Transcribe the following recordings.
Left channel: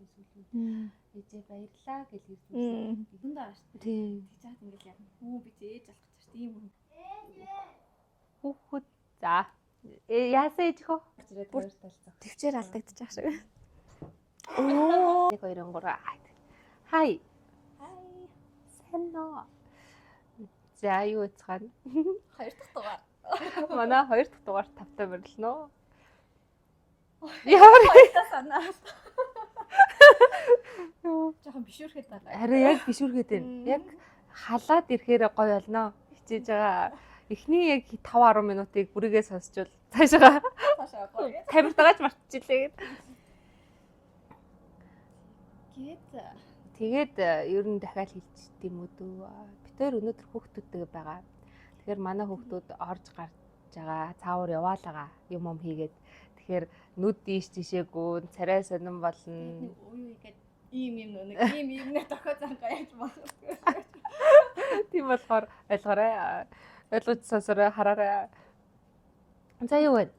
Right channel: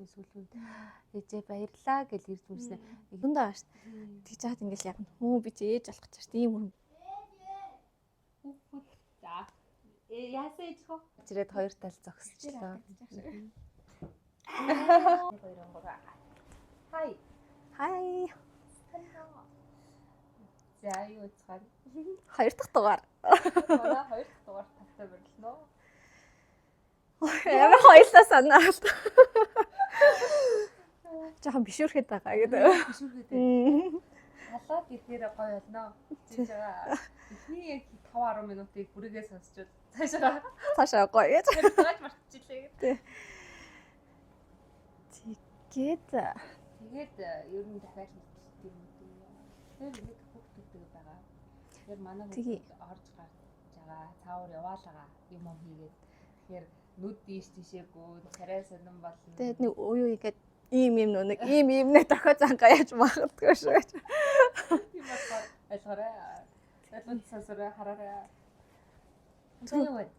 болон сүүлүүд. Ээжээ баярлаа гэж ирж үзсэн. Дундаа бааш. Тэгж хаад ингээл яг би чи ээж болох гэж байна. Тийм үү. Хүүхэд за яасан ээж хөө? Ирээд хоёр тал зогс. Төвчээр алдагдчих шиг. Оо. 1 2 3. Хай. Санаа. За юу цаана? 2 дахь дугаар. Манай 2 дахь дугаар тавтай мөрлөнө. Ямар хоёртаа санаа. Жохон бишүүрхэд байгаа. Яг бишүүрхэд байна. Яг халаад ирэхээр гоё болно. Хичээж байгаа. Эхний яг 5 10 минутыг бүрийгээ сонсчвал цаашаа гоё гэж тавирдагаж мартчихлээ гэдэг. Тэгээд ер нь дахиад хэлчих юм уу дөө. Бид өнөөдөр хүүхдүүдтэй байгаа. Тэгэхээр манай хүүхдүүд орж гарч байгаа. Цаавар яваалгаа юм хийгээд. Тэгэхээр нүд дийш тишээгүй, царай сонирн болно. Тэгээд нэг уу игээд ийм нэ дохио зангаа яаж махардгүй шүү. Тийм болохоор ойлгоорой. Ойлгож сонсорой, хараарай. За юу вэ?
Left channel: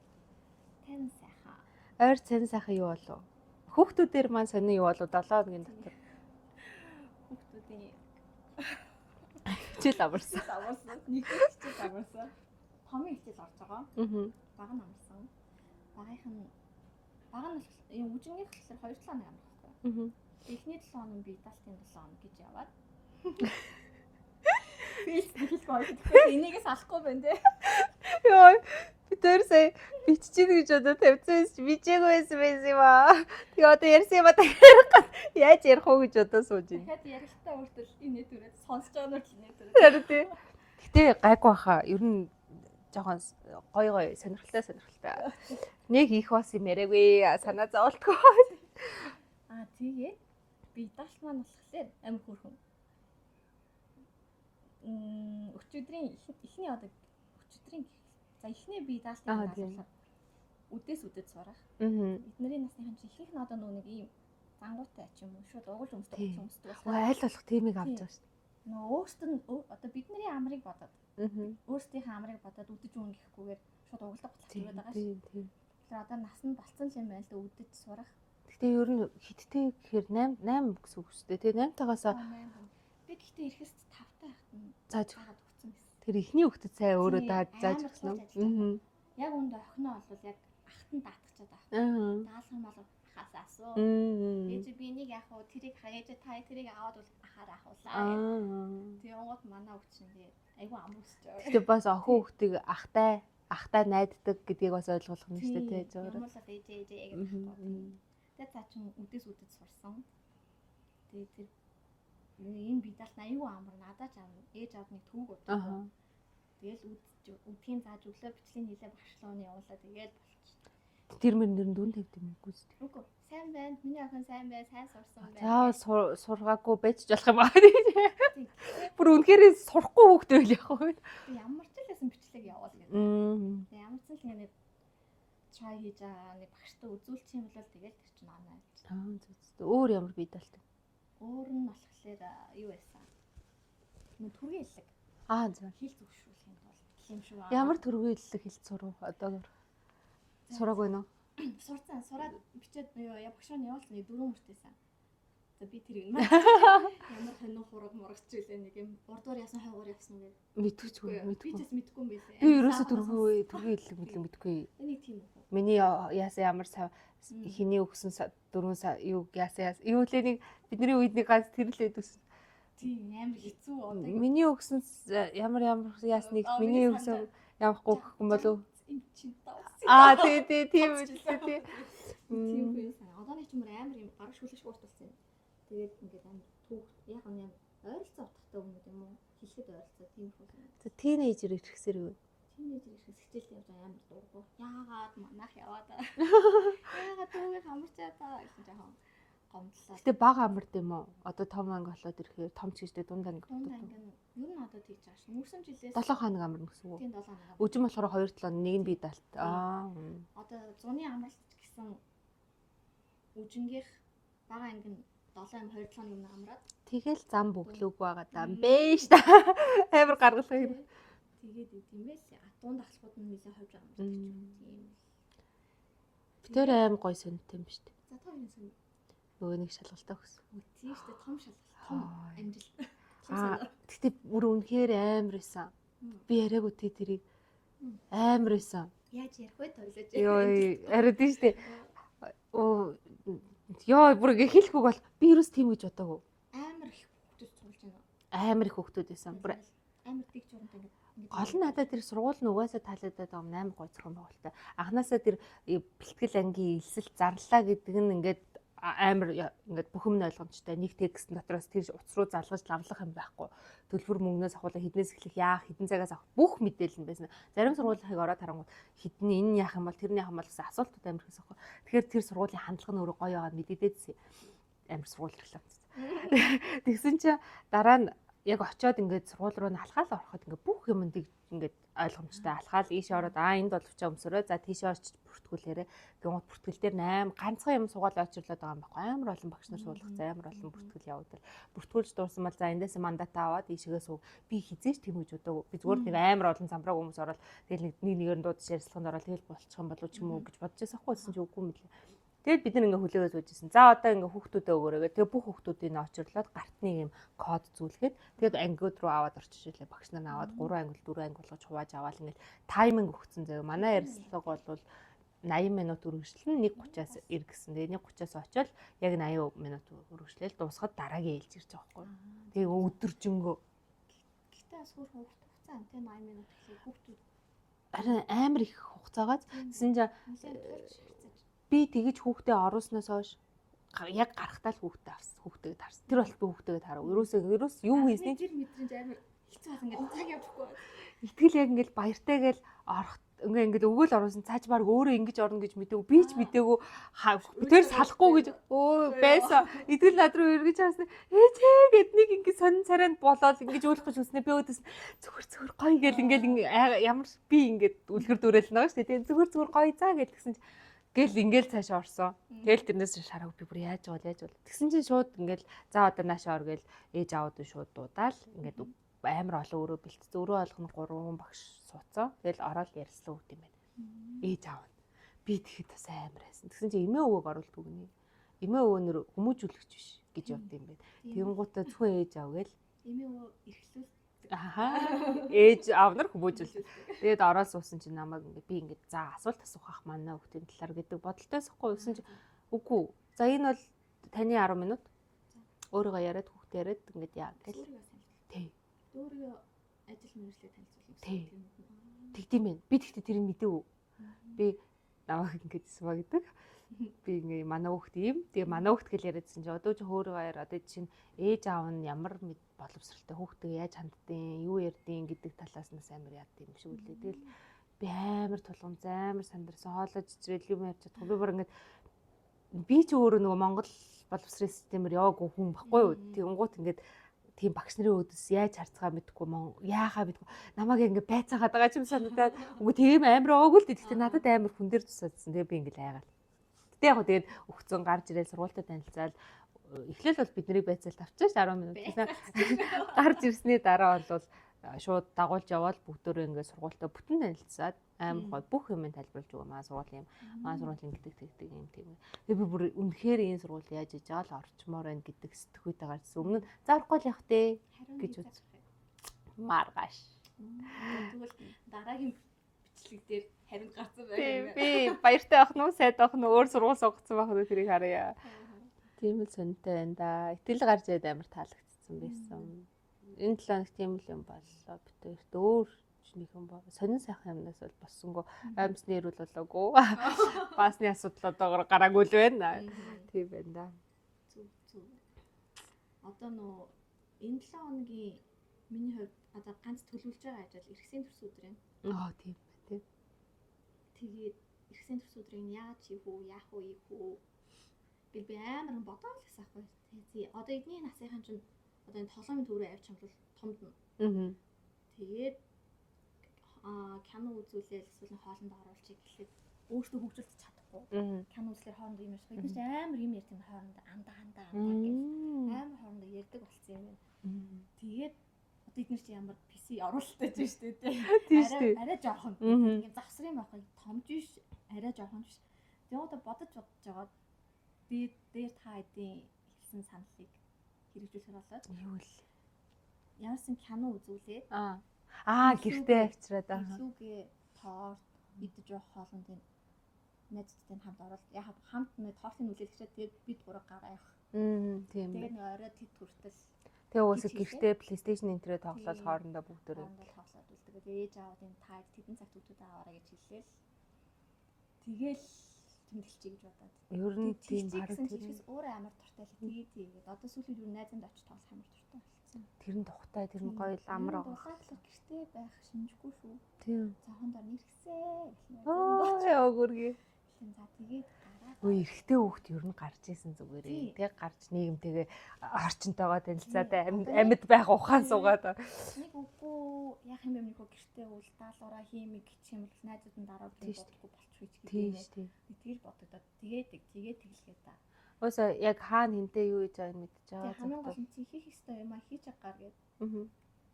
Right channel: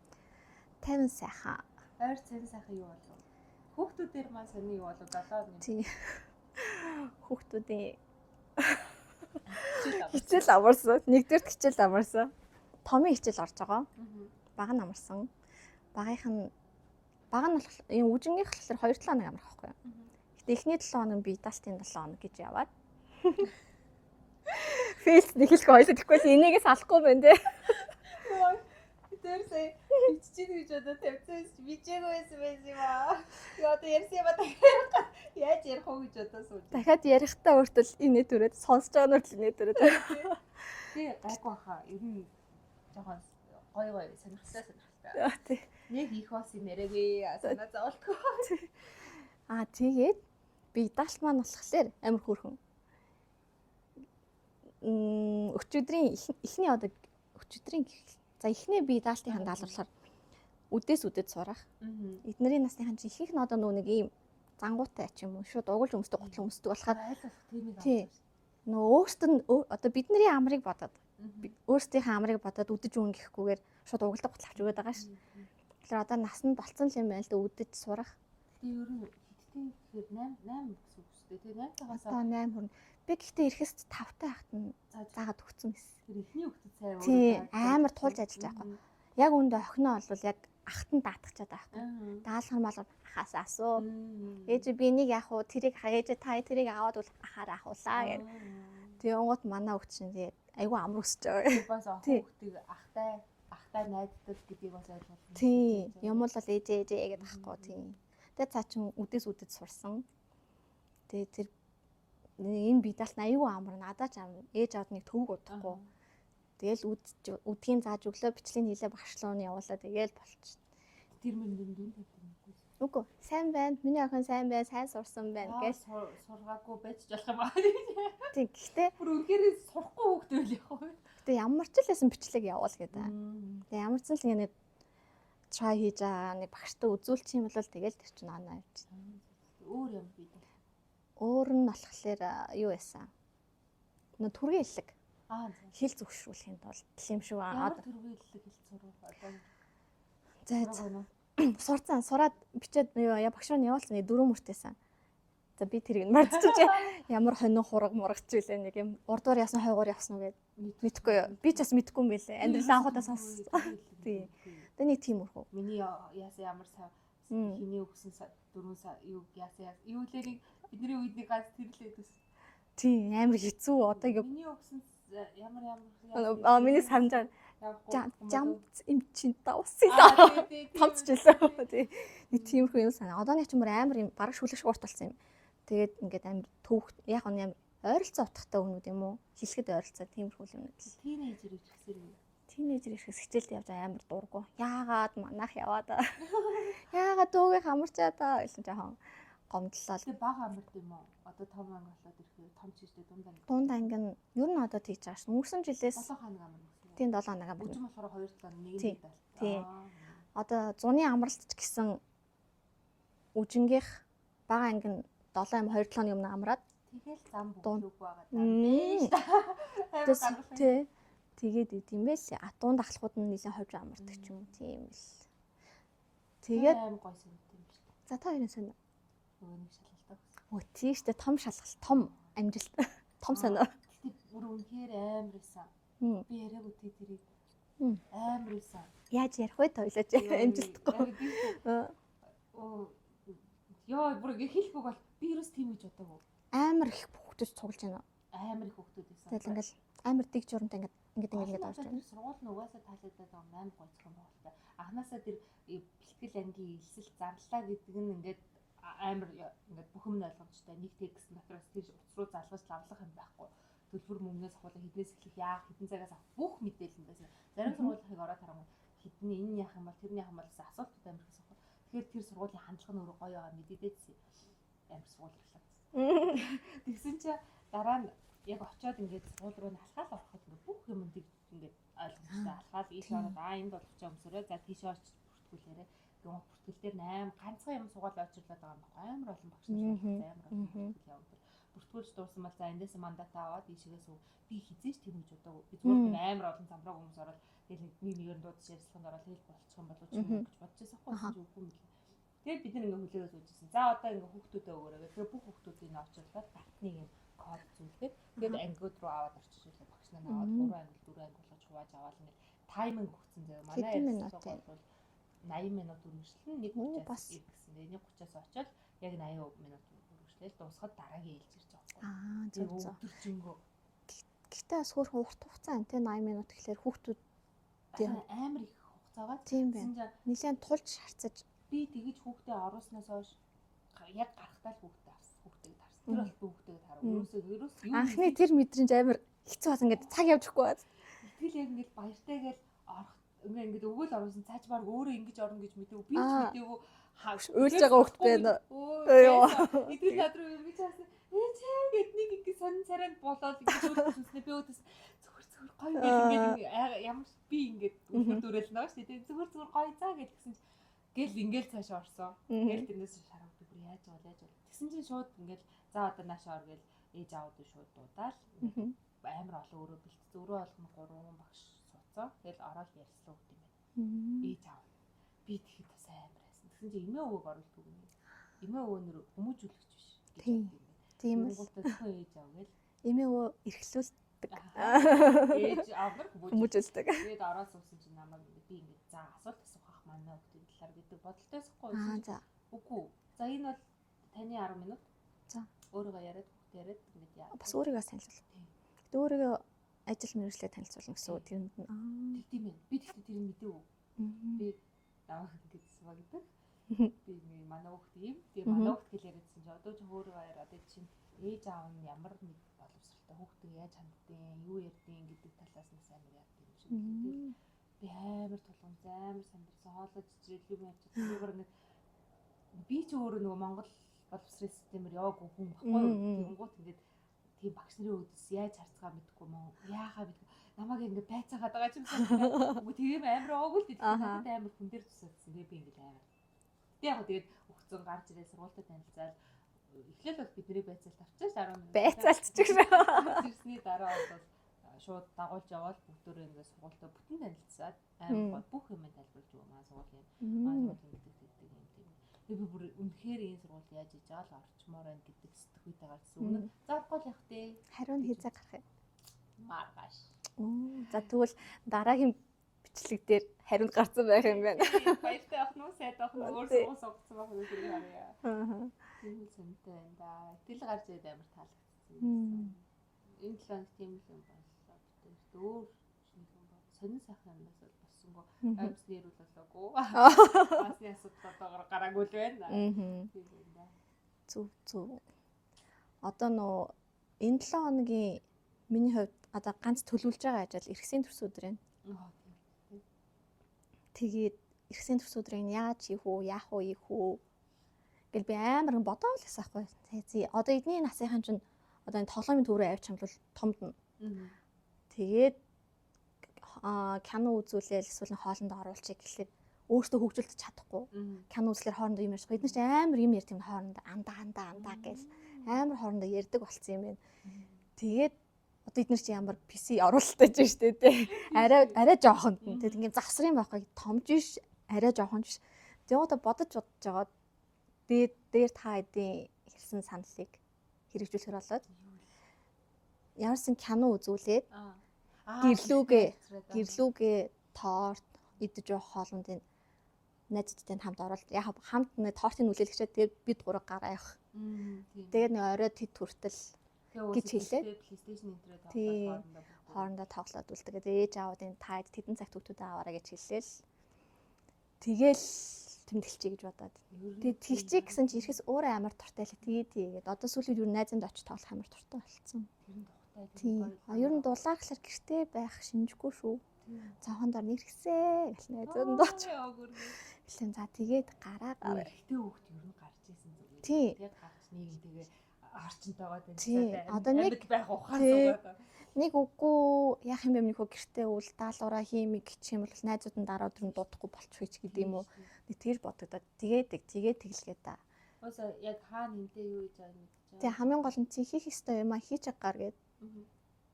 Тайван сайхан. Ойр цэн сайхан юу болов? Хүүхдүүдээр маань сони юу болов? 7 нэг. Хүүхдүүдийн хичээл амарсан. Нэгдүгээр хичээл амарсан. Томын хичээл орж байгаа. Бага нь амарсан. Бага нь болохоор энэ үжингийнх болохоор 2 7 хоног амрах байхгүй юу? Гэтэ эхний 7 хоног би дастын 7 хоног гэж яваад. Фейлс нэхэлгүй хоёлоо тэгвэл энийгээс алахгүй байна те. Йоо би тэр сая биччихин гэж одоо тавьсан бичээг байсан юм аа. Тэгээ одоо ярьсан юм аа яаж ярих уу гэж одоо сууж байна. Дахиад ярихтаа өөртөө инээ төрөөд сонсож байгаа нь инээ төрөөд. Гэтэ гайгүй баха. Ер нь жоохон гой сонирхолтой. Нэг их бас юм яриаггүй санаа зовлтгүй. Тэгээд би даалт маань болохоор амар хөөрхөн. Өчигдрийн эхний би даалтын даалгавраар үдээс сурах. Эднэрийн насныхан чи ихэнх нь одоо нэг ийм зангуутай ч юм уу шууд угуулж өмсдөг готлон өмсдөг болохоор аль болох тиймийг авч байгаа шүү. Өөртөө одоо бидний амрыг бодоод өөрсдийнхээ амрыг бодоод үдэж өгнө гэхгүйгээр шууд угуулдаг готлох өгöd байгаа шүү. Тэгэхээр одоо нас нь болцсон юм байна л да үдэж сурах. Гэтэ ер нь хиттэй гэхээр 8 гэсэн үг шүү дээ. Тэгээ 8-таагаасаа 8. Би гэхдээ ирэхээс 5-тай хахад нь заагаад өгсөн байсан. Тэр ихний хүүхдэд цай өөрөө амар туулж ажиллаж байгаа. Яг үүндээ охиноо бол яг ахтан даатгачаад байгаа. Даалгар мал ахаас асуу. Ээж би энийг яах вэ? Тэрийг ээж та тэрийг аваад бол ахаараа ахуулаа гэв. Тэгээ онгод манай хүүхд чинь тэгээд айгүй амар өсөж байгаа. Тэгээ бас охин хүүхдийг ахтай найддаг гэдгийг бас ойлгох нь шүү дээ. Юм бол ээжээ гэдэг ахгүй тийм. Тэгээ цаа чин үдээс сурсан. Тэгээ тэр энэ бидалт аюу амар надад ч амар ээж авд нэг төвөг удахгүй. Тэгэл үдгийн зааж өглөө бичлэг хийлээ багшлуу нь явуулаа тэгэл болчих. Тэр мөр дүн тавьд юм уу? Үгүй сайн байна. Миний охин сайн байна. Сайн сурсан байна. Сургаагүй байж болох юм аа. Тийм гэхдээ бүр үнэхээр сурахгүй хүүхдээ л яг хөө. Гэтэ ямар ч лсэн бичлэг явуул гэдэг. Тэгээ ямар ч л нэг try хийж байгаа нэг багштай үзүүлчих юм бол тэгэл тэр чинь оноо явж. Өөр ямар бидалт. Өөр нь болохоор юу байсан? Түргийн хэллэг. Хэл зөвшрүүлэхийн тулд юм шүү. Ямар түргийн хэллэг хэлц сурах одоогөр. Сураагүй нөө. Сурцсан, сураад бичээд багш руу явуулсан 4 мөртөөсөн. За би тэрийг мэдчихэж ямар хонин хураг мурагч байлаа нэг юм урдуур ясан хойгоор явсан уу гэд мэдчихгүй юу. Би ч бас мэдгүй юм байлаа. Амьд анхудаа түргийн хэллэг мэдгүй. Тэгээ нэг тийм үү. Миний яасан ямар хиний өгсөн 4 юу яасан юу лээ нэг бидний үед нэг ганц тэрлээд үс. Тийм амар хэцүү одоо миний өгсөн ямар яасан нэг миний санджаа явахгүй юм болов юм чин давс. Тийм тийм юм санаа. Одооний ч амар юм бараг шүлэгш урт болсон юм. Тэгээд ингээд амар төвх яг нь амар ойролцоо утгатай өгнүүд юм уу? Хэлэхэд ойролцоо тиймэрхүү юм. Тинейжер ирэхсээр үү? Тинейжер ирэхс хичээлд явж амар дургу. Яагаад манах яваад аа. Яагаад төвгөө хамарчаад аа гэсэн жоохон гомдлоо. Тэгээ бага амард юм уу? Одоо том анги болоод ирэхээр том ч гэжтэй дунд анги. Дунд анги нь ер нь одоо тийж байгаа ш. Өнгөрсөн жилээс 7 хоног амарна гэсэн үг. Тийм 7 хоног амарна. Өжим болохоор 2 7 нэг нь бидалт. Одоо зуны амралт ч гэсэн үжингийнх бага анги нь 7 2 7 хоног өмнө амраад тэгэл зам бүглүүг байгаа даа бэж та. Амар гаргалгүй. Тэгээд идэм байс. Атуун дахлахууд нь нэлээд ховж амардаг ч юм тийм л. Тэр аим гой сонт юм ба шүү дээ. За та хоёрын сонь. нөгөө нэг шалгалтаа өгсөн. Өө тийштэй том шалгалт, том амжилт, том сонио. Гэтэ бүр үнэхээр амар байсан. Би яриаггүй тэрийг амар байсан. Яаж ярих вэ тойлооч амжилт. Арай тийштэй. Ёо бүр ингээ хэлэхгүй бол би юус тийм гэж бодоагүй. Амар их хүүхдүүд цуглаж байна. Амар их хүүхдүүд байсан. Бүр амар дэг журантай ингээд гол нь надад тэр сургууль нь угаасаа таалагдаад байгаа юм амар гоцрох юм байна л та. Анханасаа тэр бэлтгэл ангийн элсэл зарлаа гэдэг нь ингээд амар ингээд бүх юм ойлгомжтой. Нэг текст дотроос тэр утас руу залгаж лавлах юм байхгүй. Төлбөр мөнгнөөс авахлаа хіднээс эхлэх яах, хідэн цагаас авах бүх мэдээлэл нь байсан. Зарим сургуулийнхыг ороод харангуй хідэн энэ яах юм бол тэрний яах юм бол гэсэн асуултууд амар их байсан. Тэгэхээр тэр сургуулийн хандлага нь өөрөө гоё байгаад мэдээдсэн. Амар сургууль рекламц. Тэгсэн чи дараа нь яг очиод ингээд сургууль руу алхаал ороход ингээд бүх юмд ингээд ойлгомжтой алхаал ийшээ ороод энд боловчаа өмсөрөө за тийшээ очиж бүртгүүлээрээ гэнэт бүртгэл дээр 8 ганцхан юм суугаад очирлоод байгаа юм байхгүй амар олон багш нар суулгах амар олон бүртгэл явагдал бүртгүүлж дууссан бол за эндээс мандата аваад ийшээс би хизээч тийм гэж бодоагүй би зүгээр нэг амар олон замбрааг хүмүүс ороод тэгэл нэгээр нь дуудаж ярилцлаганд ороод тэгэл болчих юм болов ч юм уу гэж бодож байсан хгүй гэсэн чи үгүй мэлээ. Тэгэл бид нар ингээ хүлээгээд үзсэн. За одоо ингээ хүүхдүүдэд өгөөрэй. Тэгээ бүх хүүхдүүдийг очирлоод гартны юм код зүйлгээд тэгээд ангиуд руу аваад орчиж илээ. Багш нар аваад 3 ангил 4 ангил болгож хувааж аваад ингээ тайминг өгсөн заяа. Манай ярилцлага бол 80 минут үргэлжлэн 1:30-аас ир гэсэн. Тэгээ 1:30-аас очиод яг 80 минут үргэлжлээл дуусахад дараагийн ээлж ирж байгаа байхгүй. Тэгээ өдөржингөө. Гэхдээ бас хөөрхөн урт хугацаа энэ 80 минут гэхлээр хүүхдүүд амар их хугацаагаад тэгсэн чинь нэлээд тулж харцаж би тэгэж хүүхдээ оруулснаас хойш яг гарахтаа л хүүхдэд харсан. Тэр бол би хүүхдэд харав. Ерөөс юу хийсэн тэр мэдрэмж амар хэцүү бас ингээд цаг явж өгөхгүй бат. Итгэл яг ингээд баяртайгээл орох ингээд өгөөл оруулсан цааж баг өөрөө ингэж орно гэж мэдээгүй би ч мэдээгүй үйл салахгүй гэж байсан. Итгэл над руу эргэж харсан. Ээжээ гэд нэг ингээд сонин царайнд болоод ингэж үлдэж үснэ би өөдөөс зүгээр гоё ингээд ямар би ингээд үлгэр дүүрэл байгаа шүү дээ. Зүгээр гоё заа гэдгсэн чинь гэл ингээл цаашаа орсон. Тэгэл тэрнээс шараг би бүр яаж бол. Тэгсэн чинь шууд ингээл за одоо наашаа ор гэл ээж аауд шууд дуудаал ингээд амар олон өөрөө бэлтцээ. Өөрөө олгоно 3 багш сууцсан. Тэгэл ороод ярьслаа үт юм байна. Ээж аав нь. Би тэгэхэд бас амар байсан. Тэгсэн чинь эмээ өвөөг оруулт үгний. Эмээ өвөөнөр хүмүүжүүлэгч биш гэж бодд юм байна. Тэнгуутаа зөвхөн ээж аав гэл эмээ өвөө эрхлүүлдэг. Ээж аав нар хүмүүжүүлдэг. Тэгээд ороод суусан чинь намайг ингээд би ингээд за асуулт асуух ах манай хүүхдийн талаар гэдэг бодолтой байхгүй байсан. Үгүй. За энэ бол таны 10 минут. За өөрийгөө яриад хүүхдээ яриад ингээд яа. Бас өөрийгөө танилцуул. Тий. Өөрийгөө ажил мэргэжлээ танилцуулна гэсэн тэрэнд нь. Тэгдэм байх. Би тэгтээ тэрийг мэдээгүй. Би намайг ингээд суваа гэдэг. Би ингээ манай хүүхд юм. Тэгээ манай хүүхд гэл яриадсан чинь одоо ч өөрийгөө яриад одоо чинь ээж аав нь ямар боловсралтай хүүхдээ яаж ханддیں, юу ярьдیں гэдэг талаас нь амар яад юм шиг үлээ. Тэгэл би амар тулгамж амар сандарсан хоолой жижигрэл юм ярьж чадсан. Би бүр ингээд би ч өөрөө нөгөө Монгол боловсрын системээр яваагүй хүн баггүй юу. Тэгэнгუთ ингээд тийм багш нарын өөдөөс яаж харцгаа мэдгүй яахаа мэдгүй намайг ингээд байцаагаад байгаа ч юм санагдаад үгүй тийм амар оогүй л дээ. Тэгэхээр надад амар хүн дээр тусаадсан. Тэгээ би ингээд айгаад. Гэтэ яг тэгээд өгцөн гарч ирэл сургуультай танилцаад эхлээл бол бидний байцаалт авчиж 10 минут гарч ирсний дараа бол шууд дагуулж яваад бүгдөө ингээд сургуультай бүтэн танилцаад амар бүх юм тайлбарлаж өгөө маа сургууль юм. Маа сургууль ингэдэг юм тийм. Тэгээ би бүр үнэхээр энэ сургууль яаж иж байгаа л орчмоор байна гэдэг сэтгүүтэй гарсан. Өмнө заахгүй л явах те. Хариу хийзээ гарах юм. Маргааш. За тэгвэл дараагийн бичлэг дээр хариунд гарсан байх юм байна. Би баяртай авах нь сайд авах нь өөр сургууль сонгоцсон байх нь тэрийг харъя. Тийм л сонтой байна да. Итгэл гарч ирээд амар таалагдсан байсан. Энэ 7 хоног тийм л юм боллоо. Битэрт өөр нэг юм боо. Сонин сайхан юмнаас бол боссонгүй. Амьсны эрүүл болоогүй. Басны асуудал одоогоор гараагүй л байна. Тийм байна да. Зүг. Одоо нөө энэ 7 хоногийн миний хувьд одоо ганц төлөвлөж байгаа ажил эрхсийн төрс өдөр байна. Тийм. Тэгээд эрхсийн төрс өдрийг яаж хийх үү, яах вэ, ийх үү гэл би амар бодоод л асаахгүй. Одоо эдний насынхан чинь одоо энэ тоглоомын төрөө авч хамлал томдно. Тэгээд кино үзүүлээл эсвэл хоолнд оруулчих гэхлээр өөртөө хөгжүүлж чадахгүй. Кино үзлэр хоорондоо юм ярьж. Бид нар ч амар юм ярьт юм хоорондоо андаа гэж амар хоорондоо ярьдаг болцсон юм байна. Тэгээд одоо эдгээр чи ямар PC оруулалттай ч шүү дээ. Арай жоохон. Тэгээд ингээм завсрын байхгүй томж биш, арай жоохон биш. Тэгээд одоо бодож байгаа. дээр та эдийн хэлсэн саналыг хэрэгжүүлэхээр болоод юу л ямарсан кино үзүүлээд гэрлүүгээ торт идэж явах хоолнд энэ найзтай хамт ороод яг хамт нэг тортын үлээлгчээ тэгээд бид гурав гараа явах. Тийм. Тэгээд нэг оройд хэд хүртэл тэгээ уусаа гэртээ PlayStation энтрээ тоглоод хоорондоо тоглоод үл тэгээд ээж аавд энэ таад тэдэн цагт хүүхдүүдээ аваарай гэж хэлээл. Тэгэл тэмдэглэе гэж бодоод. Ер нь тэлчихээ гэсэн чи ирэхээс өөрөө амар туртай л тэгээд одоо сүүлийн юу найзанд очиж тоглох амар туртай болсон. Тэр нь тухтай тэр нь гоё амар. Ер нь дулааглахаар гэртээ байх шинжгүй шүү. Тийм. Цахан дор нэрхсээ гэх найзанд очиж өгөргөө. Эхлэн за тэгээд гараа. Эрэгтэй хүүхд ер нь гарч исэн зүгээр. Тэг гарч нийгэмтэйгээ орчинтойгоо танилцаатай амьд байх ухаан суугаад. Нэг үгүй яах юм бэ нөхөө гэртээ үл даалгавраа хиймиг гिचх юм бол найзууд нь дараа өдөр нь дуудахгүй болчих гэж гэдэг юм уу. Нэг тэгж бодогдоод тэгээд тэглэгээ та. Өөсөө яг хаана хинтээ юу хийж байгааг мэдчихэе. Тэг хамгийн гол нь чи хийх ёстой юм а хийж агаар гээд.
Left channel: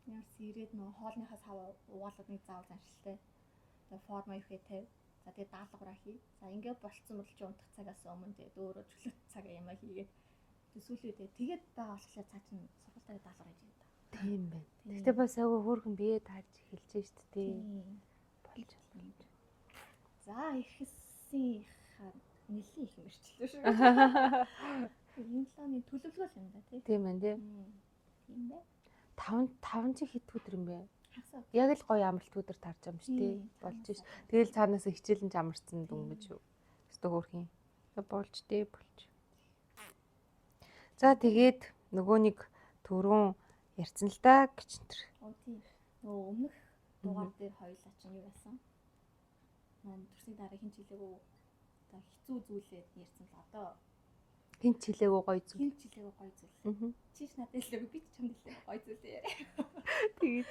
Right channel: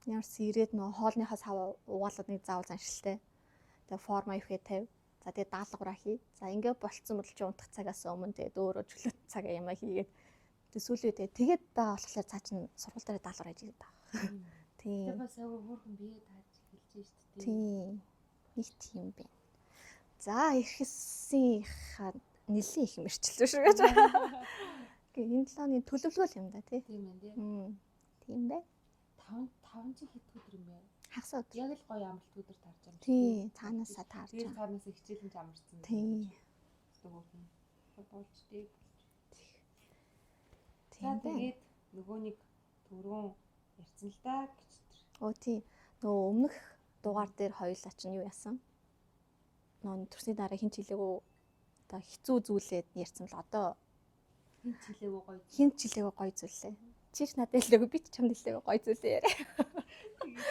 Ямарс ирээд нөө хоолныхаас хаваа угаалаад нэг заавал заншилтай. Тэгээ форма ихэхэд тавь. За тэгээ даалгавраа хий. За ингээ болцсон бол чи унтах цагаас өмнө тэгээд өөрөө чөлөөт цаг ямаа хийгээд. Тэгээ сүүлээ тэгээд байгаа болохоор цаа чин сургууль дээр даалгавар хийж идэв. Тийм байна. Гэтэ бас аягүй хөөрхөн бие тааж эхэлж штэ тийм. Ил тийм бэ. За ихэссийнхаа нэлийн их мэрчлээ шүү гэж. Энэ талааны төлөвлөгөө юм да тий. Тийм байна тий. Тийм бэ. 5 чи хэд өдөр юм бэ? Хагас өдөр. Яг л гоё амралт өдөр тарж юм чи тий. Цаанаасаа таарч. Тэгэл цаанаас хичээлэн амарсан юм гэж юу. Өстө хөөрхин. Болж тий болж. За тэгээд нөгөө нэг түрүүн ярьсан л да гэж энэ. Оо тий. Нөгөө өмнөх дугаар дээр хоёулаа чинь юу яасан? Нөгөө төрсний дараа хин жилээгөө одоо хэцүү зүйлээд ярьсан л одоо хин жилээгөө гоё зүйл. Хин жилээгөө гоё зүйлээ. Чиш надад хэлээгүй би ч чамд хэлээгүй гоё зүйлээ яриа. Тэгээд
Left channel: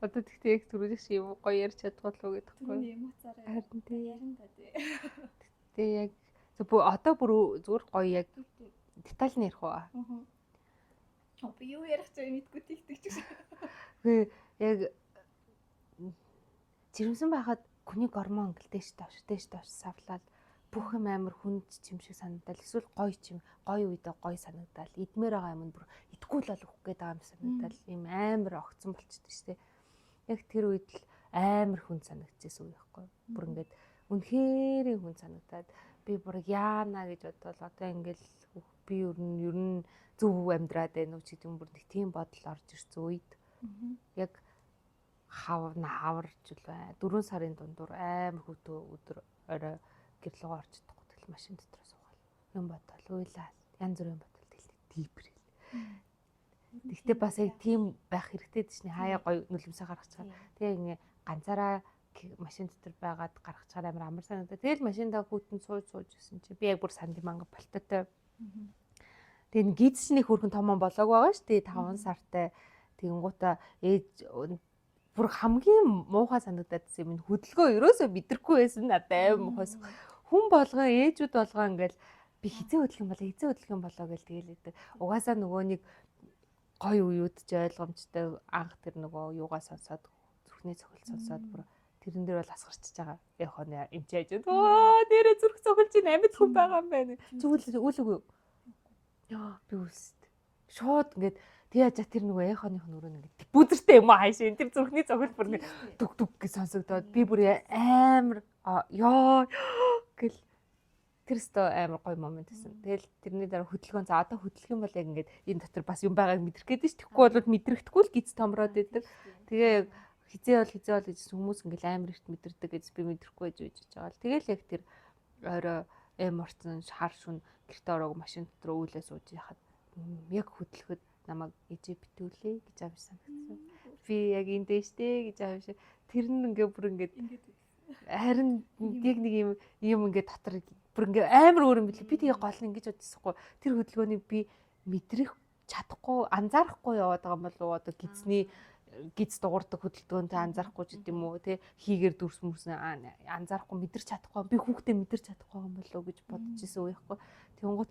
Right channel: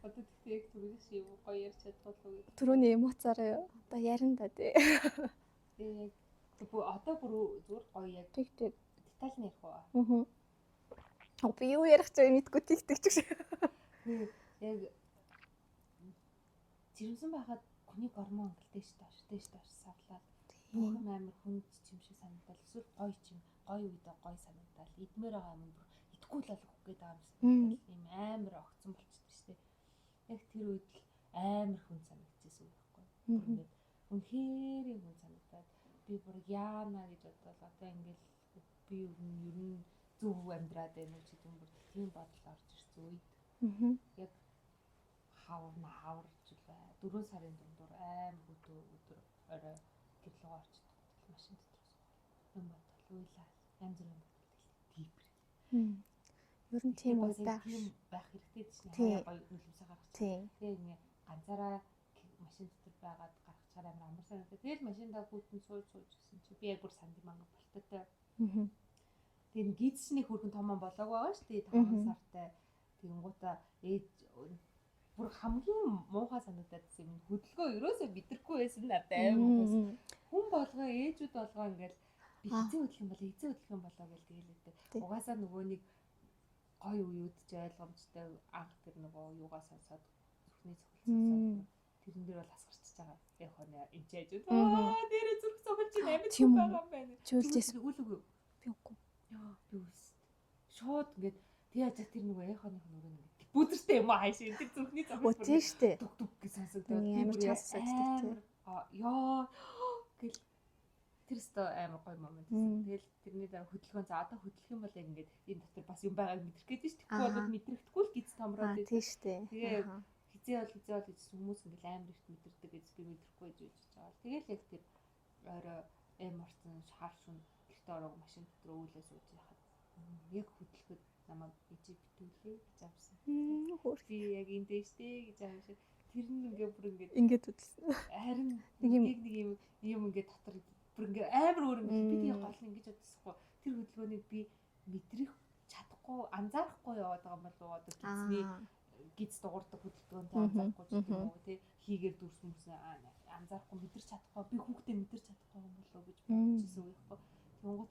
одоо тэгтээ яг түрүүний шиг юм гоё ярьж чадвал уу гэдэг. Түрүүний эмоцаараа ярина да тий. Тэгээ яг одоо бүр зүгээр гоё яг деталь нь ярих уу? Аа. Би юу ярих ч мэдгүй тэгдэг ч гэсэн. Тэгээ яг жирэмсэн байхад хүний гормон гэлдэж доош савлаад бүх юм амар хүнд чим шиг санагдал эсвэл гоё чим гоё үедээ гоё санагдал идмээр байгаа юм бүр идэхгүй л болох гээд байгаа юм санагдал ийм амар огцсон болчихдээ штэ. Яг тэр үед л амар хүнд санагдчихсэн үе байхгүй. Бүр ингээд үнэхээр хүнд санагдаад би бүр яана гэж бодвол одоо ингээл би ер нь зөв амьдраад байна уу ч гэдэг юм бүр тийм бодол орж ирсэн үед яг хаварч л бай. 4 сарын дундуур амар хөтөө өдөр орой гэрлөөгөө орж чадахгүй тэгэл машин дотор суугаал. Юм бодвол уйлаа. Янз бүрийн бодвол тэгэл дийбрэл. Ер нь тийм бас яг тийм байх хэрэгтэй дээ шнэ. Хаяа гоё нүлэмсээ гаргах цаа. Тэгээ ингээ ганцаараа машин дотор байгаад гаргах цаар амар амар санагдаа. Тэгэл машиндаа хүүтэн сууж гэсэн чи би яг бүр санд манга болтойтой. Тэгээ гидсний хөрхөн томон болоог байгаа шүү дээ 5 сартай. Тэгэнгуутаа ээж бүр хамгийн муухай санагдаад юм хөдөлгөөн ерөөсөө мэдрэхгүй байсан надад аим муухайс. Хүн болгоо ээжүүд болгоо ингээл би хизээ хөдөлгөөн болоо гэл тэгэлээдэг. Угаасаа нөгөө нэг гоё уюуд ч ойлгомжтой анх тэр нөгөө юугаа сонсоод зүрхний цохил сонсоод бүр тэрэн дээр бол асгарчж байгаа. Яг хоноо эмчээж оо нэрээ зүрх цохилж ин амьд хүн байгаа юм байна. Чүүлсэн үлгүй. Би үгүй. Яа би үлсэд. Шууд ингээд яаж тэр нөгөө яханых нүрөө ингээд бүдэртэй юм аа хаашаа тэр зүрхний цохил бүр дүг дүг гэж сонсогдоод би бүр амар яа гэл тэр өстө амар гоё момент байсан. Тэгэл тэрний дараа хөдөлгөөн за одоо хөдөлгөх юм бол яг ингээд энэ дотор бас юм байгааг мэдрэх гээд ш. Тэгэхгүй бол мэдрэхдэггүй л гиз томроод байдаг. Тэгээ хизээ бол гэж хүмүүс ингээд амар ихт мэдэрдэг гэж би мэдрэхгүй гэж үжиж байгаа л. Тэгэл яг тэр орой орцсон хар шүн гэрте ороог машин дотор үүлээ сууж яхад яг хөдөлгөхөд намайг ижи битүүлээ гэж авсан. Би яг эндээ штэ гэж авсан. Тэр нь ингээ бүр ингээд үтсэн. Харин нэг юм ингээ дотор бүр ингээ амар өөр юм бил. Би тэгээ гол нь ингэж бодсохгүй. Тэр хөдөлгөөнийг би мэдрэх чадахгүй, анзаарахгүй яваад байгаа юм болов уу? Одоо гиз дуурдаг хөдөлгөөнтэй анзаарахгүй ч гэдэм үү те хийгээр дүрс мөрсөн анзаарахгүй мэдэрч чадахгүй би хүүхдээ мэдэрч чадахгүй юм болов уу гэж бодож исэн үе байхгүй. Тэнгуут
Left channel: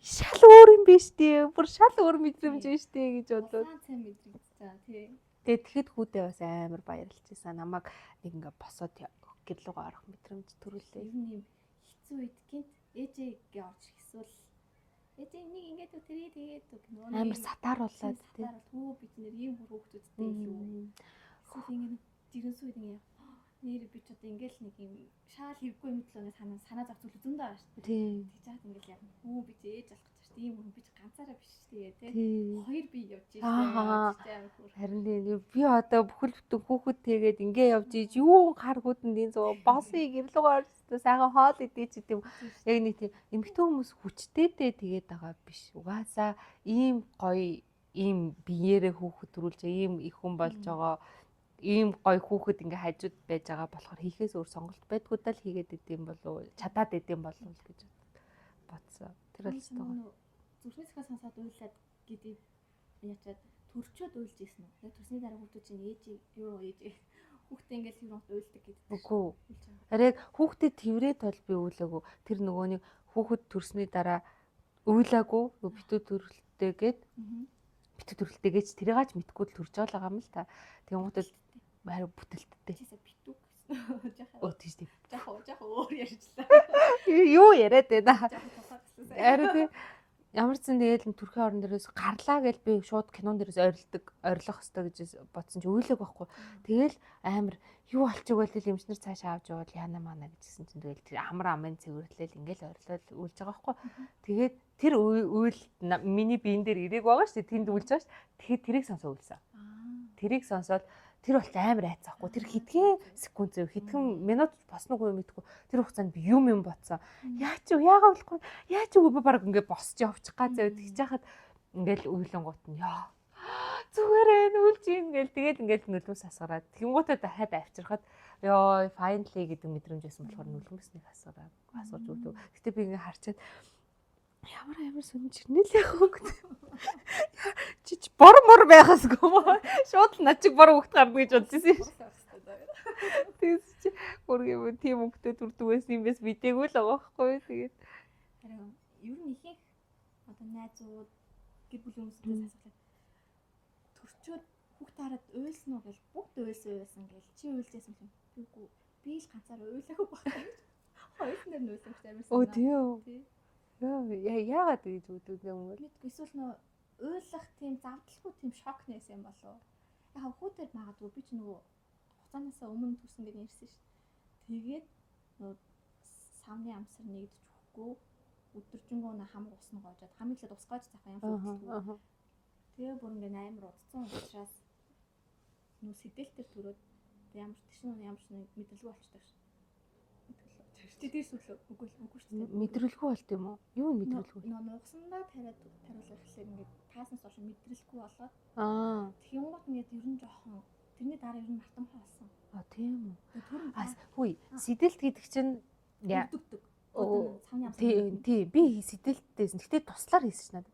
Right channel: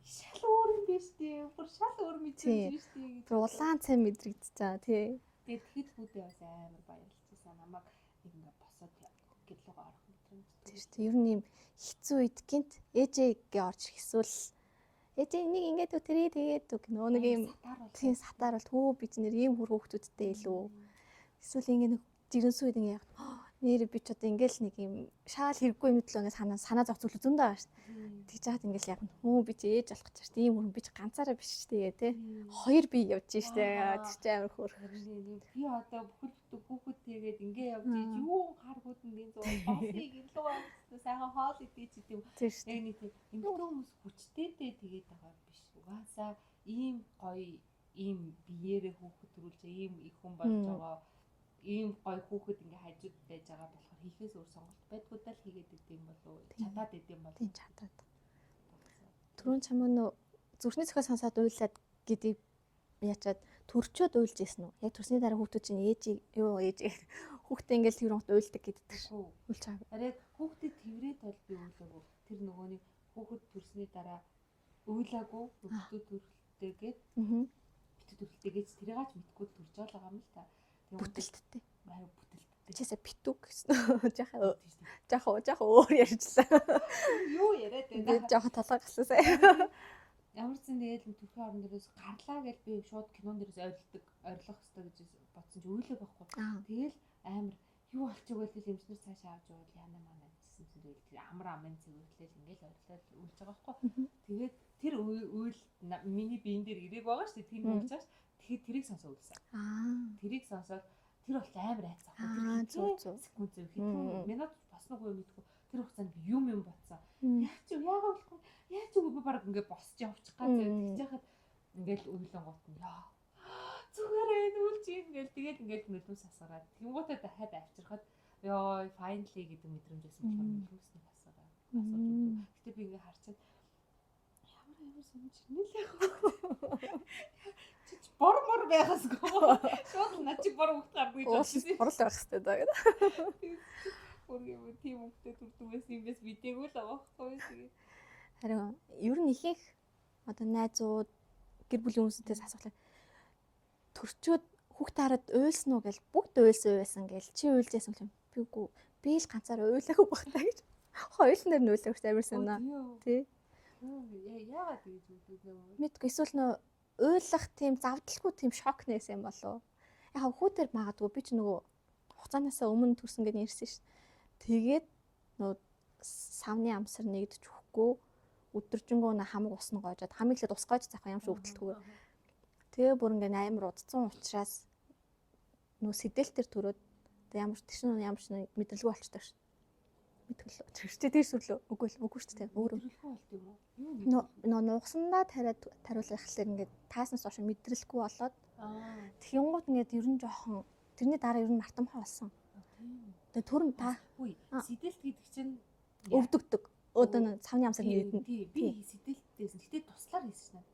шал өөр юм биш тий. Бүр шал өөр мэдрэмж биш тий гэж бодлоо. Улаан цай мэдрэгдчихсэн тий. Тэгээд тэгэхэд хүүдээ бас амар баярлж байсан. Намайг нэг ингээ босоод гэрлүүгээ орох мэдрэмж төрүүлж. Ер нь юм хэцүү үед гинт ээжээгээ орж ирэх ээжээ энийг ингээд өтөрөө тэгээд нөгөө нэг юм сатаар бол хөө би чинь ийм хүр хүүхдүүдтэй илүү эсвэл ингээд жирэнсүү үед ингээд нэр би ч одоо ингээл нэг юм шаал хэрэггүй мэтлөө ингээд санаа зовцол зөндөө байгаа шүү дээ. Тэгж яагаад ингээл яг би чи ээж болох гэж шүү дээ. Ийм хүн би чи ганцаараа биш шүү дээ тий. Хоёр би явж шүү дээ. Тэгж амар хөр. Харин би одоо бүхэл бүтэн хүүхэд тэгээд ингээ явж ийж юу харгууданд энэ зөө босыг гэрлүүгээр сайхан хоол идэж ч гэдэм. Яг нэг тийм эмэгтэй хүмүүс хүчтэйдээ тэгээд байгаа биш. Угаасаа ийм гоё ийм биеэрээ хүүхэд төрүүлж ийм их хүн болж байгаа ийм гоё хүүхэд ингээ хажууд байж байгаа болохоор хийхээс өөр сонголт байдгүй даа л хийгээд идэм болов чадаад идэм болов бодсон. Түрүүн чамаа нөө зүрхний зохиол сонсоод уйлаад гэдгийг яачаад төрчөөд уйлж ийсэн үү? Яг төрсний дараа хүүхдүүд чинь ээж хүүхдээ ингээл тэр хот уйлдаг гэдэг. Үгүй уйлж байгаа. Арай хүүхдэд тэрврээд бол би уйлаагүй. Тэр нөгөө нэг хүүхэд төрсний дараа уйлаагүй битүү төрөлтэйгээд битүү төрөлтэйгээж тэрийгаач мэдгүй л төрж байгаа юм л та. Бүтэлттэй. Харин бүтэлттэй. Чисээ битүүг гэсэн. Жаахан өөр ярьжлаа. Юу яриад байна? Жаахан толгой гассан. Харин ямар ч зэн тэгээд төрхийн орон дээрээс гарлаа гэж би шууд кинон дээрээс орилох хэрэгтэй гэж бодсон чи өөлөг байхгүй. Тэгэл амар юу болчихгүй л эмчнэр цаашаа авч явал яана мана гэжсэн чинь тэгэл тэр амар амын цэвэрлэл ингээл орилол үйлж байгаа байхгүй. Тэгээд тэр үйл миний биен дээр ирээг байгаа шүү дээ. Тэнд үйлж байгаа шүү. Тэгэхээр тэрийг сонсоо үйлсэн. Тэрийг сонсоод тэр бол амар айцаахгүй. Тэр хэдхэн секунд зөв хэдхэн минут босноогүй мэдгүй. Тэр хугацаанд би юм ботсон. Яач юу яагаад болохгүй. Яач юу би баг ингээд босч явчих га зөө тэгж яхад ингээл үйлэн гут нь яа. Зүгээрээ нүлж ийн гээл тэгээд ингээл нүлмс асгараад тэнгуутад хаад авчирхад ёо finally гэдэг мэдрэмж байсан болохоор нүлмснийг асгараад асгарч өгдөг. Гэтэ би ингээ харчаад ямар сүнж ирнэ л яг хөөгд. Чич бор мор байхасгүй. Шууд над чиг бор хөвгт гарна гэж бодчихсон. Борл байх хэрэгтэй даа гэдэг. Тэгс чи бүргэв тийм хөвгтөд үрдэг байсан юм бэс мэдээгүй л байгаа байхгүй. Тэгээд харин ер нь ихэнх одоо найзууд гэр бүлийн хүмүүсээс асуулаа. Төрчөөд хүүхд хараад уйлсан уу гэж бүгд уйлсан гэж чи уйлжсэн юм. Би үгүй би л ганцаараа уйлаагүй багтаа гэж. Хоёулын дээр нь уйлах амар санаа. Тий. Яагаад гэж үүдүүд юм бэ? Мэдгүй эсвэл нөө уйлах тийм завдалгүй тийм шок нээсэн юм болов. Яг хүүдэр магадгүй би ч нөгөө хугацаанаасаа өмнө төрсөн гэж ярьсан ш. Тэгээд нөө савны амсар нэгдэж өгөхгүй өдөржингөө хамаг усна гоожоод хамгийн ихэд ус гоож заах юм шүүхтэлгүй. Тэгээ бүр ингээ амар удцсан учраас нөө сэдэлтэр төрөөд ямар ч мэдрэлгүй болчихдог ш. Мэдгэлөө. Чи тэр сүрлөө үгүй шүү дээ. Мэдрэлгүй болд юм уу? Юу мэдрэлгүй? Нугсандаа тариулах гэхэлэр ингээд тааснаас хойш мэдрэлгүй болоод тэгэнгүүт ингээд ер нь жоохон тэрний дараа ер нь мартамхай болсон. Тийм үү. Тэгээ төрөм та хүй сэдэлт гэдэг чинь өвдөгдөг. Өөдөө цавны амсаа тийм би сэдэлттэйсэн. Гэтэ туслаар хийсэн шнаа.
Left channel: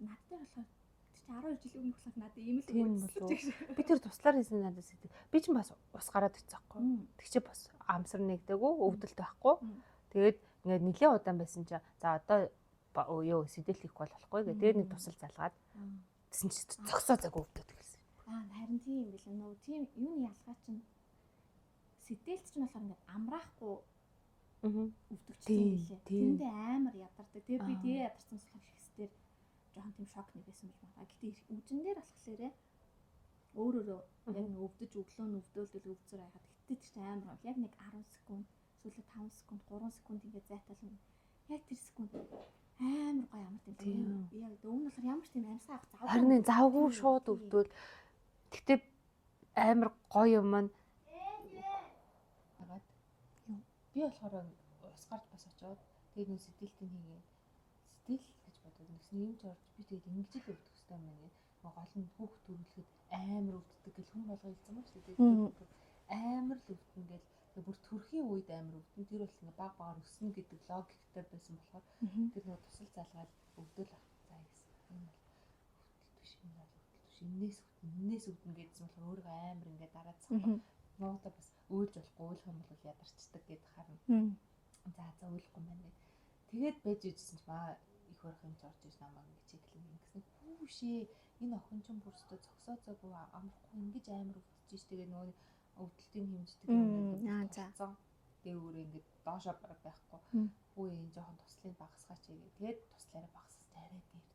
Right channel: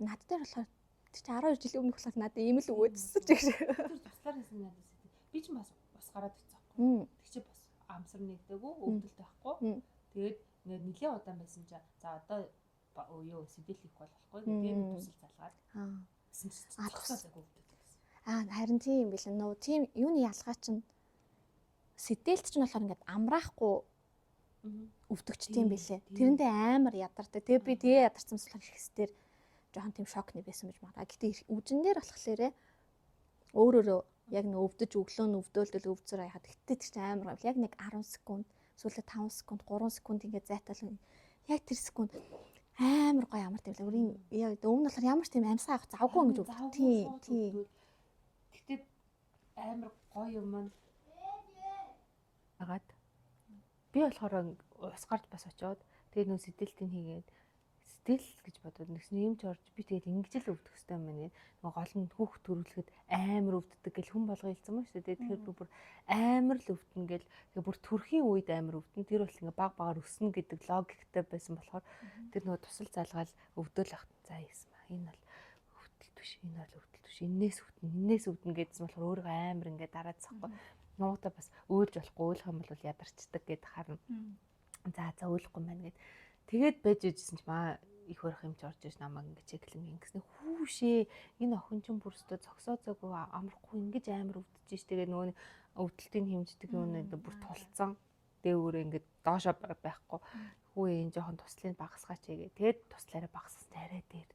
Над дээр болохоор чи 12 жилийн өмнөх болохоор надад ийм л өгөөдсөн гэж. Би тэр туслаар хийсэн надад сэдэл. Би ч бас ус гараад ирсэн байхгүй. Тэг чи бас амсар нэгдэггүй өвдөлт байхгүй. Тэгээд ингээд нэлээд удаан байсан чинь за одоо юу сэдэл хийх болохгүй гэдэг. Тэгээд нэг тусал залгаад тэгсэн чи зогсоолаагүй өвдөд гэсэн. Харин тийм юм биш нөө тийм юуны ялгаа чинь сэдэлт чинь болохоор ингээд амраахгүй өвдөгчтэй юм билээ. Тэрэндээ амар ядардаг. Тэгээд би тэгээ ядарсан болохоор ихсдэр жоохон тийм шокны байсан гэж байна. Гэхдээ үжиндээр болохлээрээ өөрөөрөө яг нэг өвдөж өглөө нь өвдөөлдөл өвцөр хаяад гэтээ тэр чинь амар яг нэг 10 секунд эсвэл 5 секунд 3 секунд ингээд зайтал яг тэр секунд амар гоё амар тийм яг өмнө болохоор ямар ч тийм амьсгаа авах завгүй шууд өвдөөл гэтээ амар гоё юм маань агаад би болохоор ус гарч бас очиод тэгээ нөө сэдэлтийн хийгээд сэдэл гэж бодоод нэгсэн юм ч орж би тэгээд ингэж л өвдөх хэрэгтэй юм байна. Гол нь хүүхд төрүүлэхэд амар өвддөг гэл хүн болго хэлсэн мөн шүү дээ. Тэгэхээр бүр амар л өвдөн гэл тэгээ бүр төрхийн үед амар өвдөн. Тэр бол ингээ баг багаар өснө гэдэг логиктэй байсан болохоор тэр нөгөө тусал залгаал өвдөөл ах за яасан ба. Энэ бол өвдөлт биш. Энэ бол өвдөлт биш. Энээс өвдөн гэдсэн болохоор өөрөө амар ингээ дараацсахгүй. Нуута бас өөлж болохгүй өөлөх юм бол ядарчдаг гэд харна. За өөлөхгүй маань гэд. Тэгээд байж ижсэн ч маа их өрх юм ч орж иж намайг ингэ чеклэн ингэснэ хүүшээ энэ охин ч бүрстөө зогсоо зөөгөө амархгүй ингэж амар өвдөж ш. Тэгээ нөгөө өвдөлтийн хэмждэг юмнууд бүр тулцсан дээгүүрээ ингээд доошоо байхгүй. Хүү энэ жоохон туслыг багасгаач гээ. Тэгээд туслаараа багасгасан арай дээр.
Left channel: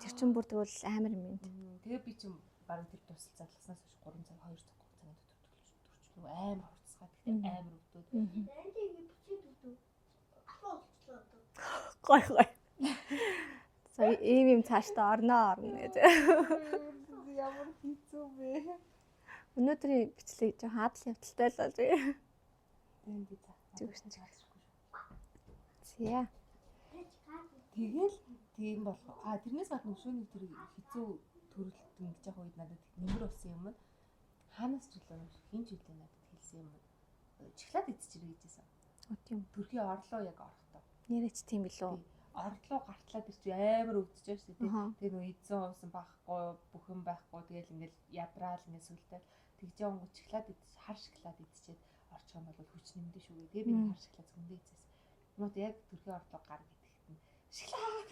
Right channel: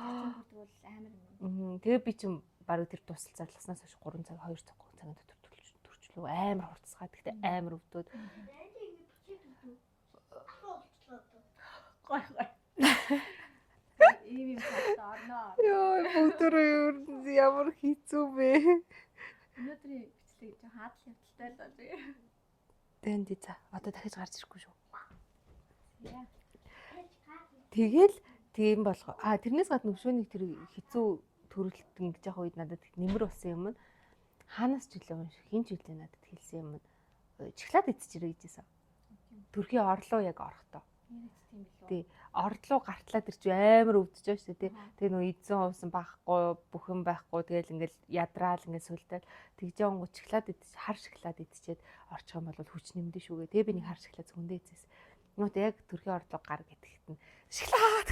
Тэр чинь бүр тэгвэл амар юм. Тэгээ би чинь баруун тэр тусал зарласнаас хойш 3 цаг 2 цаг 3 цагийн дотор төрчлөө амар хурцгаад гэхдээ амар өвдөд. Гой. За ийм цаашдаа орноо гэж. Ямар хэцүү бэ. Өнөөдрийн бичлэг жоохон хадал явдалтай л болж. Тэнд за одоо дахиж гарч ирэхгүй шүү. Зя. Тэгэл тийм болох. Тэрнээс гадна өшөөний тэр хэцүү төрөлтөн гэж яг үед надад нэмэр болсон юм. Хаанаас ч үлээ хин ч үлээ надад хэлсэн юм. Чихлаад идчихэрэй гэжсэн. Тийм. Төрхийн орлоо яг орохдоо. Нэрэж тийм билүү. Тий. Орлоо гартлаад ирч амар өвдөж байгаа шүү дээ. Тэгээ нөө эзэн хувсан байхгүй, бүхэн байхгүй. Тэгэл ингээл ядраал ингээл сүлдээл тэгж явангууд чихлаад идчих, хар шоколад идчихэд орчих юм бол хүч нэмдэ шүүгээ. Тэгээ би нэг хар шоколад зөндөө идчихсэн. Нүүт яг төрхийн орлоо гар гэтгэхэд нь шоколад.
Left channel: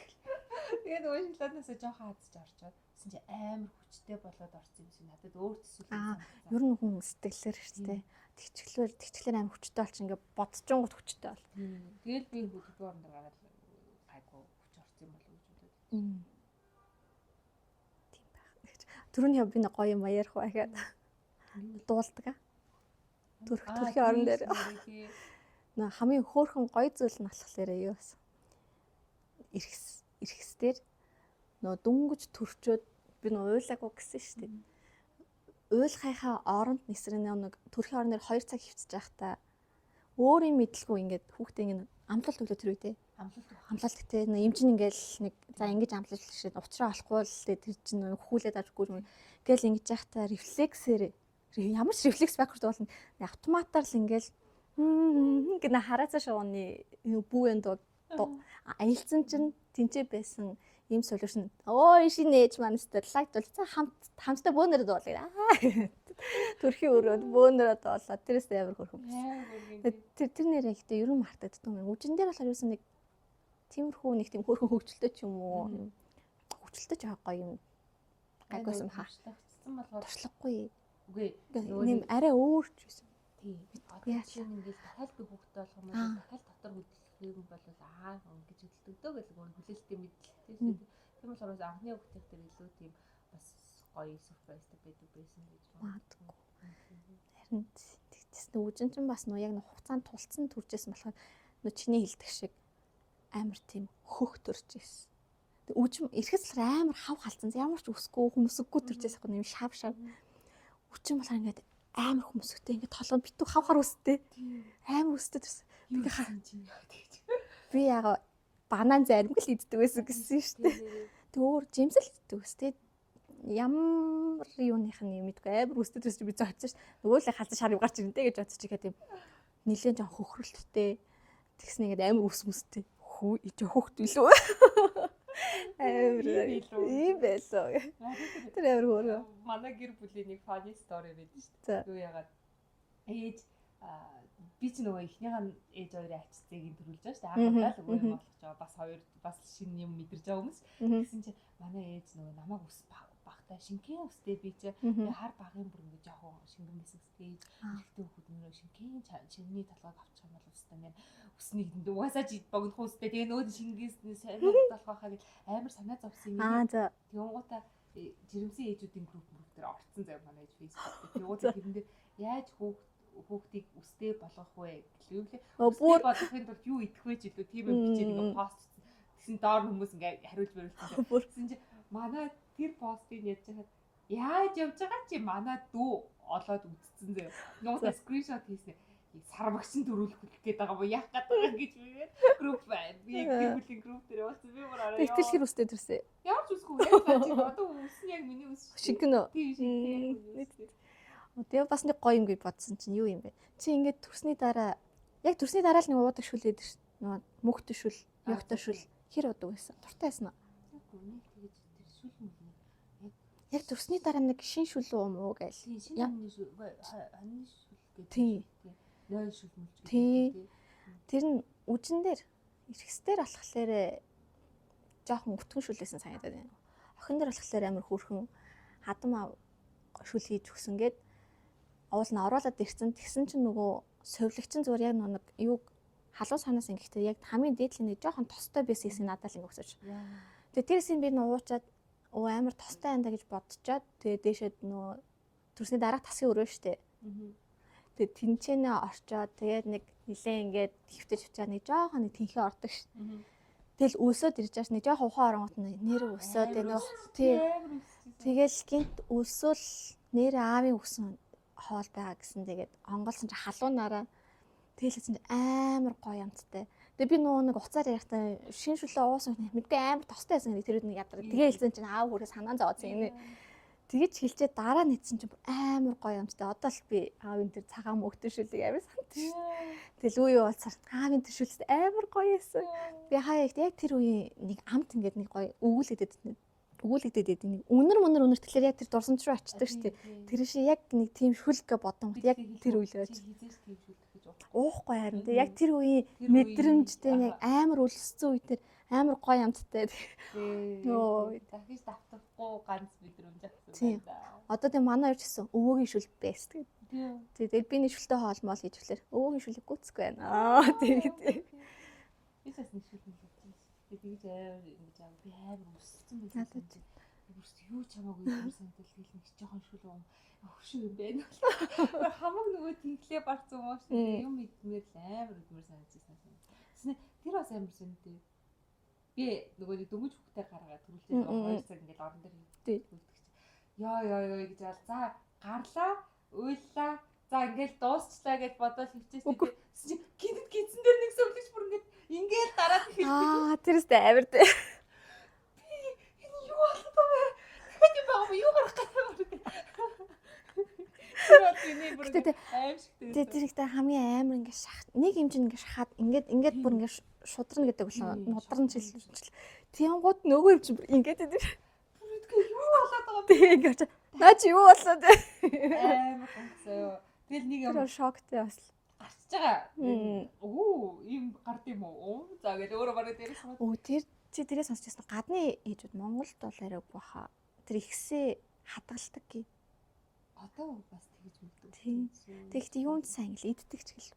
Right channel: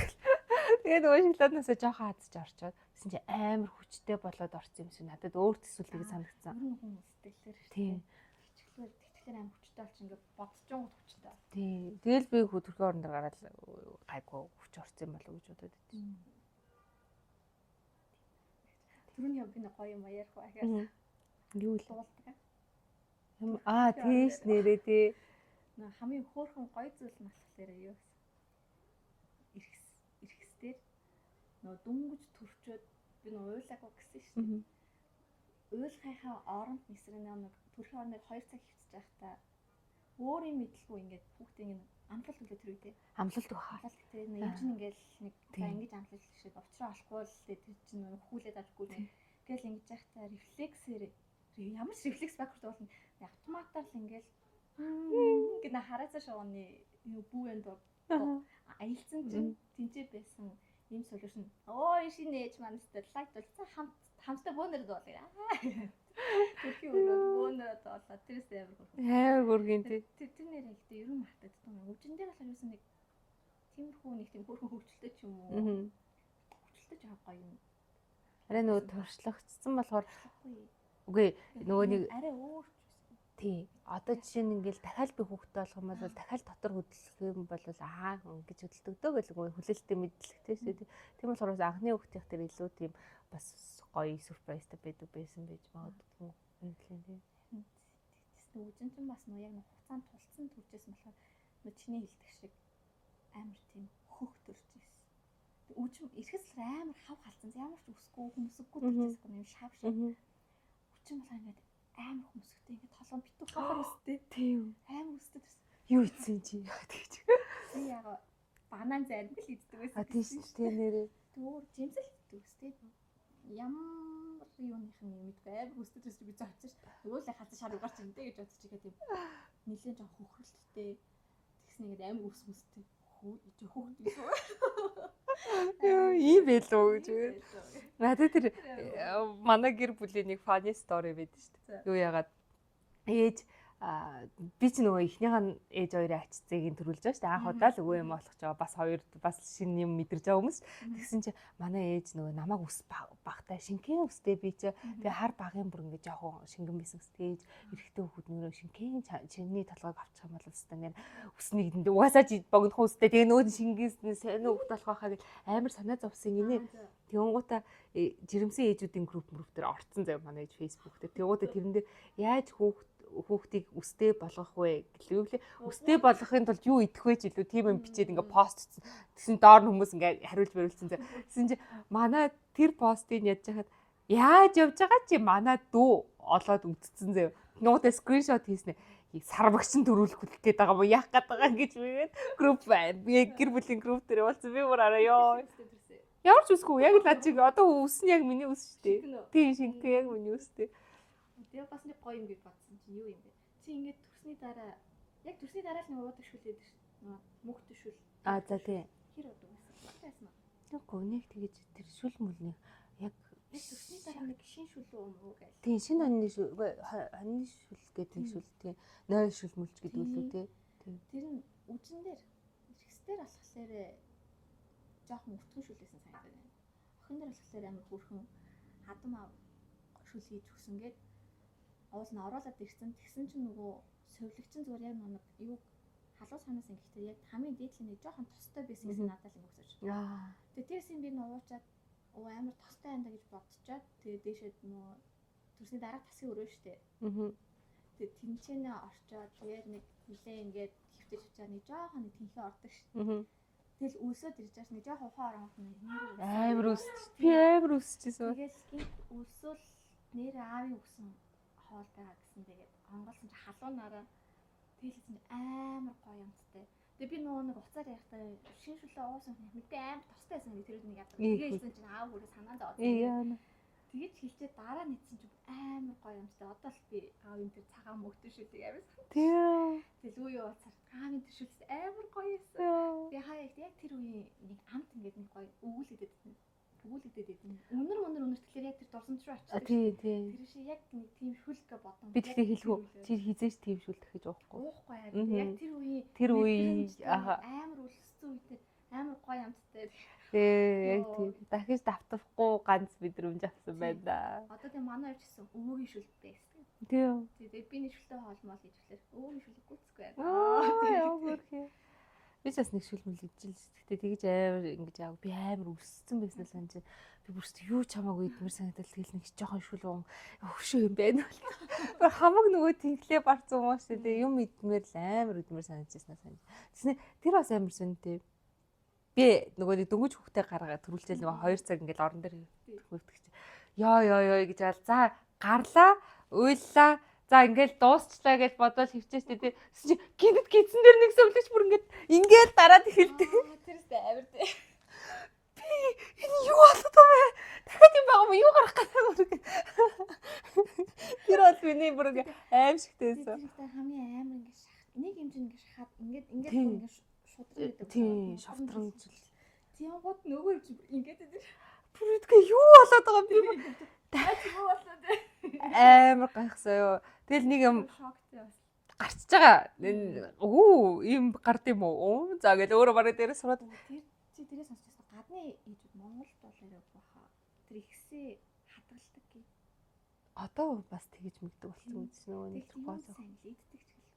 Тэгээ нөгөө шоколаднаас жоохон хадж орчоод гэсэн чи амар хүчтэй болоод орсон юм шиг надад өөр төсөлгөө санагдсан. Ер нь хүн сэтгэлээр шүү дээ. Тэгчлэр амар хүчтэй болчих ингээ бодчихгонгод хүчтэй бол. Тий. Тэгэл би төрхийн орндор гараад гайгүй хүч орсон юм болов уу гэж бодод. Тийм байх. Түрүүний би нэг гоё юм ярих байгаад юу дуулдаг. Төрхийн орндор нэрээ тий. Наа хамгийн хөөрхөн гоё зүйл нь болохоор юу вэ? Ирэхсдэр нөө дүнгэж төрчөөд би нөө уйлаагүй гэсэн шүү дээ. Уйлахынхаа оронд нисрэн нэг төрхийн орноор 2 цаг хөвцөж байхдаа өөрийн мэдлгүй ингээд хүүхдээ ингээд амлалт өглөө тэр үедээ амлалт гэдэг нэг юм чинь ингээд нэг за ингэж амлалт шээ уцраа олохгүй л тэр чинь хөхүүлээд авахгүй юм гэл ингэж байхдаа рефлексээр ямар ч рефлекс байхгүй болно автоматар л ингээд гэнэ хараацаа шууны бүүэн дуу аялцсан чинь тэнцээ байсан ийм солиушн шинэ ээж манастай лайт бол за хамтдаа бөөнөрөд дуулаа. Төрхийн өрөөд бөөнөрөд дуулаа. Тэрээс амар хөрхөн. Амар хөргөн тий. Тэр нэрээ ихтэй ерөн мартагддаг юм. Үжин дээр болохоор юусан нэг тиймэрхүү нэг тийм хөрхөн хөвгчлөлтэй ч юм уу. Хөвгчлөлтэй ч гоё юм. Арай нөгөө туршлагдсан болохоор туршлахгүй. Үгүй нөгөө нэг арай өөр ч байсан. Тий. Одоо жишээ нь ингээл дахиад би хүүхдтэй болох юм бол дахиад дотор хөдөлгөх юм бол гэж хөдөлдөгдөө гэлгүй хүлээлттэй мэдлэгтэй шүү дээ. Тийм болохоор анхны хүүхдийн тэр илүү тийм бас гоё сюрпризтэй байсан байж магадгүй. Харин тэгтээс нүжин ч бас нөө яг хугацаанд тулцсан төржсэн болохоор нөө чиний хэлдэг шиг амар тийм хөх төрж ирсэн. Тэг үжим ирэхээс л амар хав халцсан. Ямар ч өсгөө хүмүүсгүй төржсэн юм шав. Үжим болохоор ингээд амар хүмүүстэй ингээд толгойд битүү хавхар өстэй. Тийм. Амар өстэй төрсөн. Юу хийсэн чи тэгж. Би яг банан зарим л иддэг байсан гэсэн шүү дээ. Тэг өөр жимсэл иддэг өстэй. Ямар юуных нь юм идэггүй амар өстэй төрсөн би зоочсон ш. Нөгөө л халзан шар гарч ирэнтэй гэж бодчих чигээ тийм нилээн жоон хөхрөлттэй. Тэгснэ ингээд амар өсмөстэй. Хөхт билүү. Ийм байлоо. Ийм байлоо. Надад тэр манай гэр бүлийн нэг funny story байдаг шүү дээ. Юу яагаад ээж би ч нөгөө ихнийхэн ээж хоёрын ачцыг төрүүлж байгаа шүү дээ. Анх удаа л өвөө юм болох ч бас хоёр бас шинэ юм мэдэрж байгаа хүмүүс. Тэгсэн чинь манай ээж нөгөө намайг ус багтай шинкэн устэй би ч тэгээ хар багын бүр ингээд жоохон шингэн байсан гэстэй ээж эрэхтэй хөхөд нөрөө шинкэн чиний толгойг авчих юм бол өстэй нэр усны эдэнд угаасаа чи богино устэй тэгээ нөөд шингээснээ сайн уу болох байхаа гэж амар санаа зовсон юм. Тэнгуута жирэмсэн ээжүүдийн групп дээр орцсон заяа манай ээж фейсбુક дээр. Тэнгуута тэрэн дээр яаж хүүхдийг өстэй болгох вэ гэлээ. Өстэй болгохын тулд юу идэх вэ ч илүү тийм юм бичээд ингээ постцсон. Тэгсэн доор хүмүүс ингээ хариулж бариулсан. Тэгсэн чи манай тэр постыг яаж яхад яаж явж байгаа чи манай дүү олоод үтцсэн заяа. Нуута скриншот хийснэ. Сарвагчин төрүүлэх гээд байгаа юм яах гээд байгаа гэж бигээд групп байна. Би гэр бүлийн групп дээр болсон. Би бүр араа ёо. Итгэл өстэй төрсөн. Ямар ч үсгүй. Яг лаа чи одоо үс нь яг миний үс шүү. Шингэн үү? Тийм шингэн яг миний үстэй. Тэгээ бас нэг гоё юм гэж бодсон чинь юу юм бэ? Чи ингээд төрсний дараа яг төрсний дараа л нэг уудаг шүлээд ш. Нөгөө мөхтэй шүл, уудаг шүл. Хэр удаг байсан? Туртай байсан уу? Үгүй нэг тэгэж тэр шүл мөлний яг төрсний дараа нэг шин шүл уу гээл. Тийм шинэ хоньны шүл, хоньны шүл гэдэг шүл тийм. 0 шүл мөлч гэдэг тийм. Тэр нь үжин дээр ирэхсдэр болохоор жоохон өтгөн шүлээсэн санагдаад байна. Охин дээр болохоор амар хөөрхөн хадам шүл хийж өгсөн гээд уул нь оруулаад ирсэн. Тэгсэн чинь нөгөө совилогчин зүгээр яг нэг юуг халуун санаас ингэхдээ яг хамгийн дээдлийн нэг жоохон тостой байсан хэсэг надад л ингэ өсөж. Тэгээ тэрсийн би нөө уучаад амар тостой андаа гэж бодчиход тэгээ дээшэд нөө төрсний дараах тасгийн өрөө штэ. Тэгээ тэнцэнэ орчоод тэгээд нэг нилээ ингээд хөвтөж хвчаа нэг жоохон нэг тэнхээ ордог штэ. Тэгэл өсөд ирж байгаа нэг жоохон ухаан оронгот нэр өсөд амар өсчихсэн. Тэгэл гинт өсвөл нэр аавын өсөн хоол байгаа гэсэн тэгээд онголсон чи халуунаараа тэгэлсэн амар гоё амттай. Тэгээ би нөгөө нэг уцаар ярихтаа шин шүлээ уусан мэдгүй амар тостой байсан гэдэг тэр нэг ядар. Тэгээ хэлсэн чинь аав хүрээ санаан зооцсон. Тэгэж хэлчээ дараа нийцсэн чинь амар гоё амттай. Одоо л би аавын тэр цагаан мөгтөр шүлийг амар санаа. Тэгэл үе уулзаар аавын тэр шүлс амар гоё байсан. Би хаяа яг тэр үеийн нэг амт ингээд нэг гоё өгүүлэгдээд нэг үнэр тэгэхээр яг тэр дурсамж руу очдог шүү дээ. Тэр шиг яг нэг тийм шүлгэ бодон яг тэр үеэр чи хизээж тийм шүлт гэж уухгүй харин яг тэр үеийн мэдрэмжтэй нэг амар өлссөн үе тэр амар гоё амттай. Дахиж давтахгүй ганц мэдрэмж авсан байна да. Одоо тийм манай юу ч гэсэн өвөөгийн шүл байсан. Тэгээд би нэг шүлтэй хоолмол хийж өглөөр өвөөгийн шүлийг гүцэхгүй байна. Тэгээд би бас нэг шүл мэл ижил. Тэгтээ тэгж амар ингэж яав би амар өссөн байсан санаж. Би бүрст юу ч хамаагүй идмэр санагдал тэгэл нэг жоохон шүл өгшөө юм байна. Хамаг нөгөө тэнхлээ барцсан юм шүү дээ. Юм идмэр л амар идмэр санагдчихсан санаж. Тэснэ тэр бас амар сүнтэй. Би нөгөө нэг дөнгөж хүүхдээ гаргаад төрүүлчихсэн юм 2 цаг ингээл орон дээр хөвтөгч. Ёо гэж аа за гарлаа, уйллаа. За ингээл дуусчлаа гэж бодоод хөвчээстэй тий. Чи гинэд гидсэн дээр нэг сөвлөж бүр ингээд дараад эхэлдэг. Тэрстэй амар тий. Би энэ юу болоод байгаа вэ? Дахиад юм байгаа юм юу гарах гэдэг юм. Тэр бол миний бүр аимшигтэй. Тэр ихтэй хамгийн амар ингээд шахаад нэг юм чинь ингээд шахаад ингээд бүр ингээд шудран гэдэг үү? Мудран чилжил. Тэнгууд нөгөө юм чинь бүр ингээд идэв. Бүрдгээ юу болоод байгаа бэ ингэж. Таач юу болоод амар гайхсан юу. Тэгэл нэг юм шоктэй бас гарчж байгаа. Ийм гард юм уу? За гэл өөрөө барыг дээрээ сураад. Тэр чи тэрээ сонсчихсан гадны ээжүүд Монголд бол арай баха. Тэр ихсээ хадгалдаг гээ. Одоо бас тэгэж мэддэг болсон. Тэгэхдээ юунд сайн л иддэг ч гэл.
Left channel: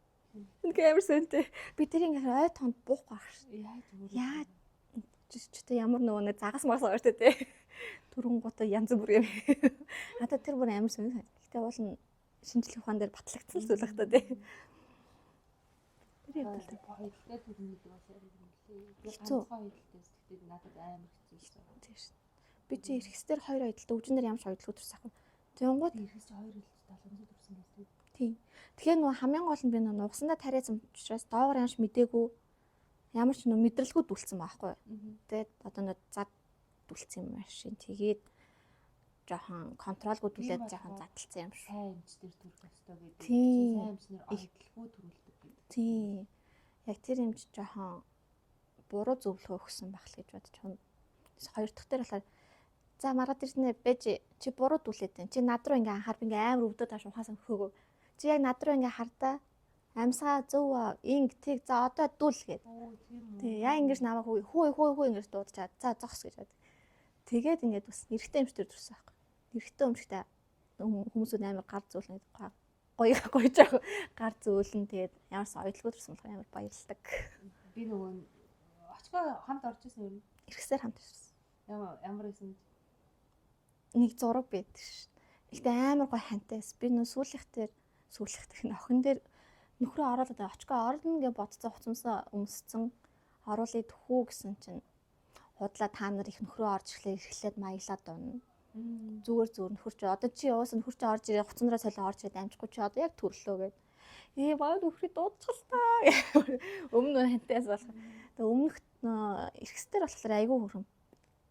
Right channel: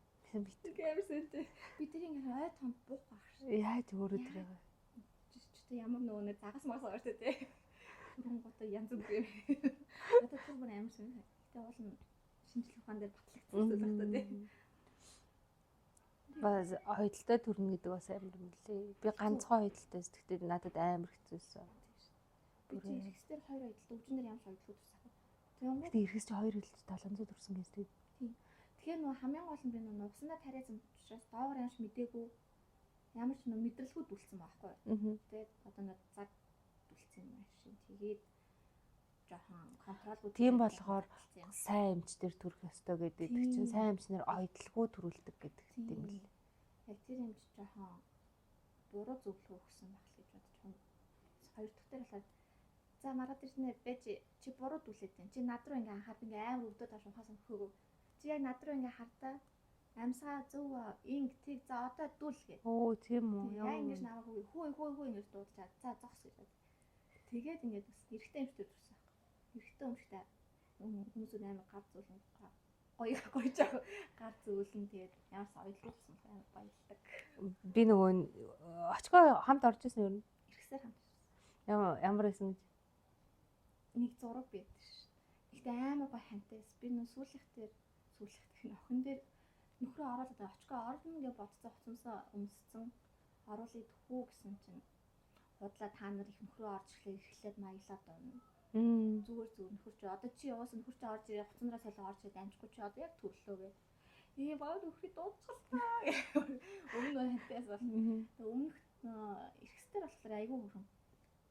Нэг амар сонтой. Би тэр ингээд ой тонд буух байх ш. Яаж өөрөө. Яаж ч ямар нөгөө нэг загас мас ортой те. Түрүүнгуудаа янз бүр юм. Надад тэр бүр амар сонь. Гэтэ уул нь шинжлэх ухаан дээр батлагдсан зүйл байх та тий. Бас ойдолтой төрнө гэдэг бас амар юм лээ. Би ганцхан ойдолтойс тэгтээ надад амар хэцүүлсэн. Тийм шүү. Би чи эргэсдэр 2 ойдолтой өвчнөр ямар ч ойдлого төрсөн ах. Тэнгууд эргэс чи 2 ойдолтой 700 төрсөн гэсэн. Тийм. Тэгэхээр нөгөө хамгийн гол нь би нөгөө нугасандаа тариасан учраас доогоор ямарч мдээгүй ямар ч нөгөө мэдрэлгүй дүлцсэн байхгүй. Тэгээд одоо нэг зад дүлцсэн юм машин. Тэгээд жоохон контролгүй төлөөд жоохон задлцсан юм. Сайн эмч дээр төрөх ёстой гэдэг чинь сайн эмчнэр ойдлого төрүүлдэг гэдэг. Тийм. Яг тэр эмч жоохон буруу зөвлөгөө өгсөн байх л гэж бодож байна. Хоёр дахь дээр болохоор за маргаад ирснэ бэж чи буруу дүлээд байна. Чи над руу ингээ анхаар би ингээ амар өвдөд тааш ухаасан хөөгөө. Чи яг над руу ингээ хардаа амьсгаа зөв инг тэг за одоо дүл гээд. Оо тийм үү. Тэг яа ингэж намайг хүү ингэж дуудчихад за зогс гэж бод. Тэгээд ингээд бас эрэгтэй эмч төр төрсөн байхгүй. Эрэгтэй эмчтэй хүмүүсүүд амар гар зөөлнө гоё жаах гар зөөлн тэгээд ямар ч ойдлого төрсөн болохоор амар баярлдаг. Би нөгөө очгоо хамт орж ирсэн юм. Эргэсээр хамт ирсэн. Ямар байсан гэж нэг зураг байдаг ш. Ихтэй амар гоё хантайс. Би нөө сүүлхтэр охин дээр нөхрөө оруулаад очгоо орно гэж бодцоо хуцамсаа өмсцэн оруулъя төхүү гэсэн чинь худлаа та нар их нөхрөө орж эхлээд маяглаад дуна. Зүгээр нөхөр чи одоо чи яваасан нөхөр чи орж ирээ хуцандраа солио орж ирээд амжихгүй чи одоо яг төрлөө гэд. Баа нөхрийг дуудчихлаа. Өмнө хантайс бол. Тэгээ өмнөх эргэсдэр болохоор айгүй хөрөм.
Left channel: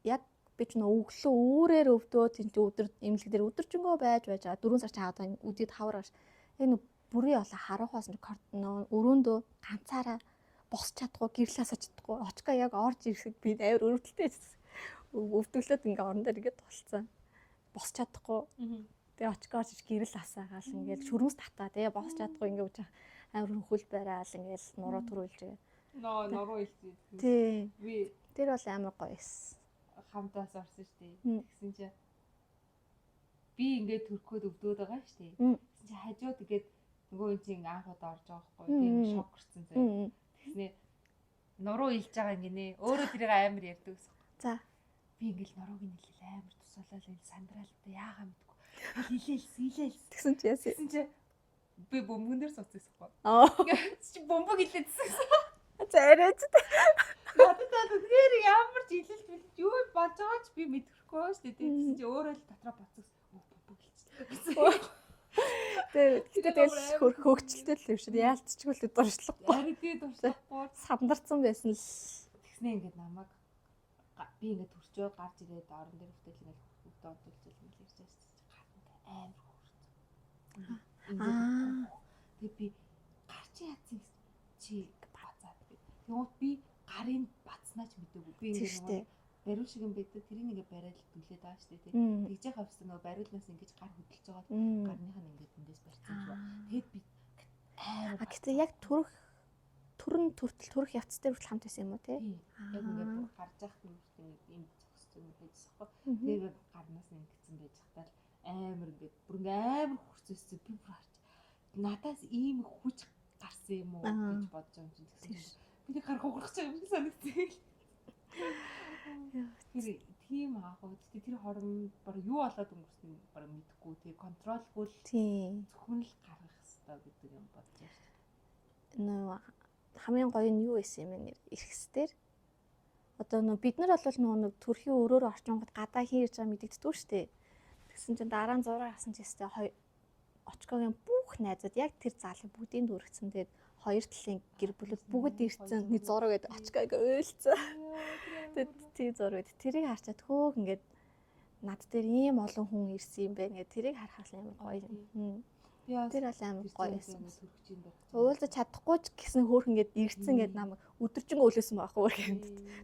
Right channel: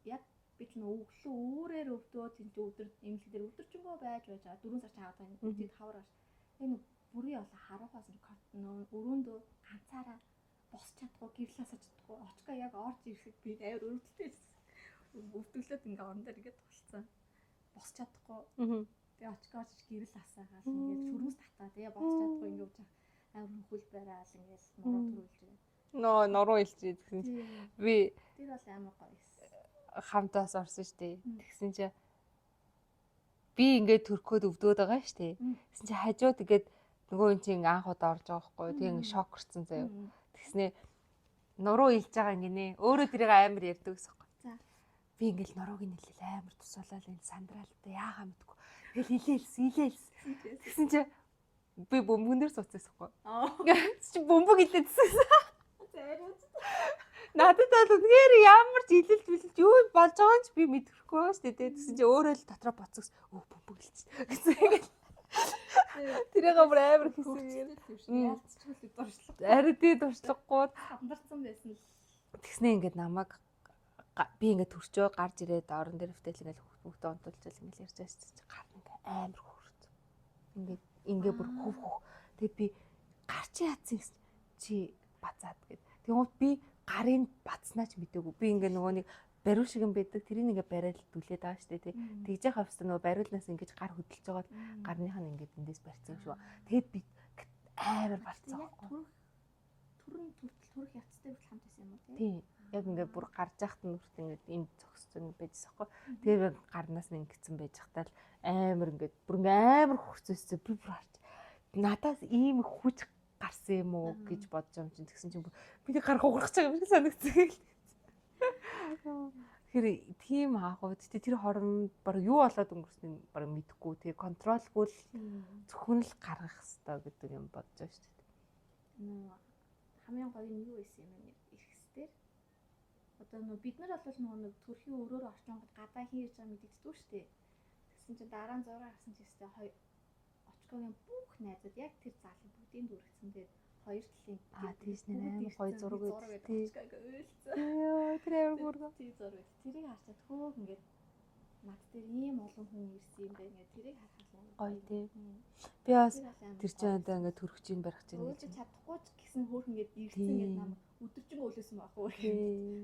Яг би ч нөө өглөө үүрээр өвдөө тэнцээ өдөр имлэг дээр өдөржингөө байж байгаа 4 сар чаад үдээд хаврагаш. Яг нөө бүрий болоо харахаас нөө өрөөндөө ганцаараа босч чадахгүй гэрлээс очдохгүй очгаа яг орж ирэхэд би амар өрөвдөлтэй өвдөглөөд ингээ орон дээр ингээд толцсон босч чадахгүй тэгээ очгаа очиж гэрэл асаагаал ингээл шүрмэс татаа тэгээ босч чадахгүй ингээ үжих амар хөл байраал ингээл нуруу төрүүлж нуруу илжээ гэсэн. Би тэр бол амар гоё эс хамтаас орсон штэ. Тэгсэн чи би ингээд төрөхөд өвдөөд байгаа шүү дээ. Тэгсэн чи хажууд ингээд нөгөө юм чинь анх удаа орж байгаа байхгүй. Тэгээ шок хүрсэн заяа. Тэгснээ нуруу илж байгаа ингэнэ. Өөрөө тэрийг амар ярьдаг гэсэн юм. За. Би ингээл нурууг нь хэлэл амар тусуулаад энэ сандраалтай яагаа мэдгүй. Илээлс. Тэгсэн чи яасан? Тэгсэн чи би бөмбөгөн дээр сууцсахгүй. Чи бөмбөг илээдсэн. За арайч. Надад тэгэхээр ямар ч илэлж юу болж байгаа ч би мэдэхгүй байна шүү дээ. Тэгсэн чи өөрөө л дотроо боцгоос бөмбөг илчихсэн. Тэр амар хөвгчлөлтэй л юм шиг яалтчгүй л дуршлахгүй. Ари тий дуршлахгүй сандарсан байсан л. Тэгснээ ингээд намайг би ингээд төрчөө гарч ирээд орон дээр втэл ингээд хүүхдээ онтуулчихвал ингээд ярьж байсан чи гар ингээд амар хөөрт. Ингээд тэгээд би гарч яатсан чи бацаад гэд. Тэгвэл би гарын бацнаач мэдээгүй. Би ингээд нөгөө нэг бариу шиг юм байдаг. Тэрийг ингээд бариад дүлээд байгаа шүү дээ тий. Тэгж яхаа хэвээр нөгөө бариулнаас ингээд гар хөдөлж байгаа гарных нь ингээд эндээс барьсан шүү. Тэгээд би амар гэтээ яг төрөн төрөх явц дээр хүртэл хамт байсан юм уу тий? Яг ингээд бүр гарч яхад нь хүртэл ингээд энд зогссон байжсэн хгүй. Тэгээд гарнаас нь ингэсэн байж хатал амар ингээд бүр амар хурцээсээ би бүр харж надаас ийм хүч гарсан юм уу гэж бодож юм чинь тэгсэн чинь би гар хугарах гэж юм шиг санагдсан. Тэгэхээр тийм аахгүй тэр хорон баг юу болоод өнгөрснгийг баг мэдэхгүй тэгээ контролгүй л зөвхөн л гаргах хэрэгтэй гэдэг юм бодож байна шүү дээ. Нөө хамгийн гоё нь юу байсан юм бэ эрхэсдэр одоо нөө бид нар бол нэг төрхийн өрөөр орчингод гадаа хийж байгаа мэдэгддэг шүү дээ. Тэгсэн чинь дараа нь зураг авсан ч гэсэн очкогийн бүх найзууд яг тэр заалын бүгдийн дүүргэсэн. Тэгээд хоёр талын гэр бүл бүгд ирсэн нэг зураг гэдэг очког ойлцсон. Тэр зураг тэрийг харчаад хөөх ингээд над дээр ийм олон хүн ирсэн юм байна гэдэг тэрийг харахад амар гоё тийм. Би бас тэр амар гоё ингээд төрөх чинь барих чинь. Уулзаж чадахгүй ч гэсэн хөөх ингээд ирсэн гэдэг намайг өдөржингөө өлөөсөн байхгүй гэдэг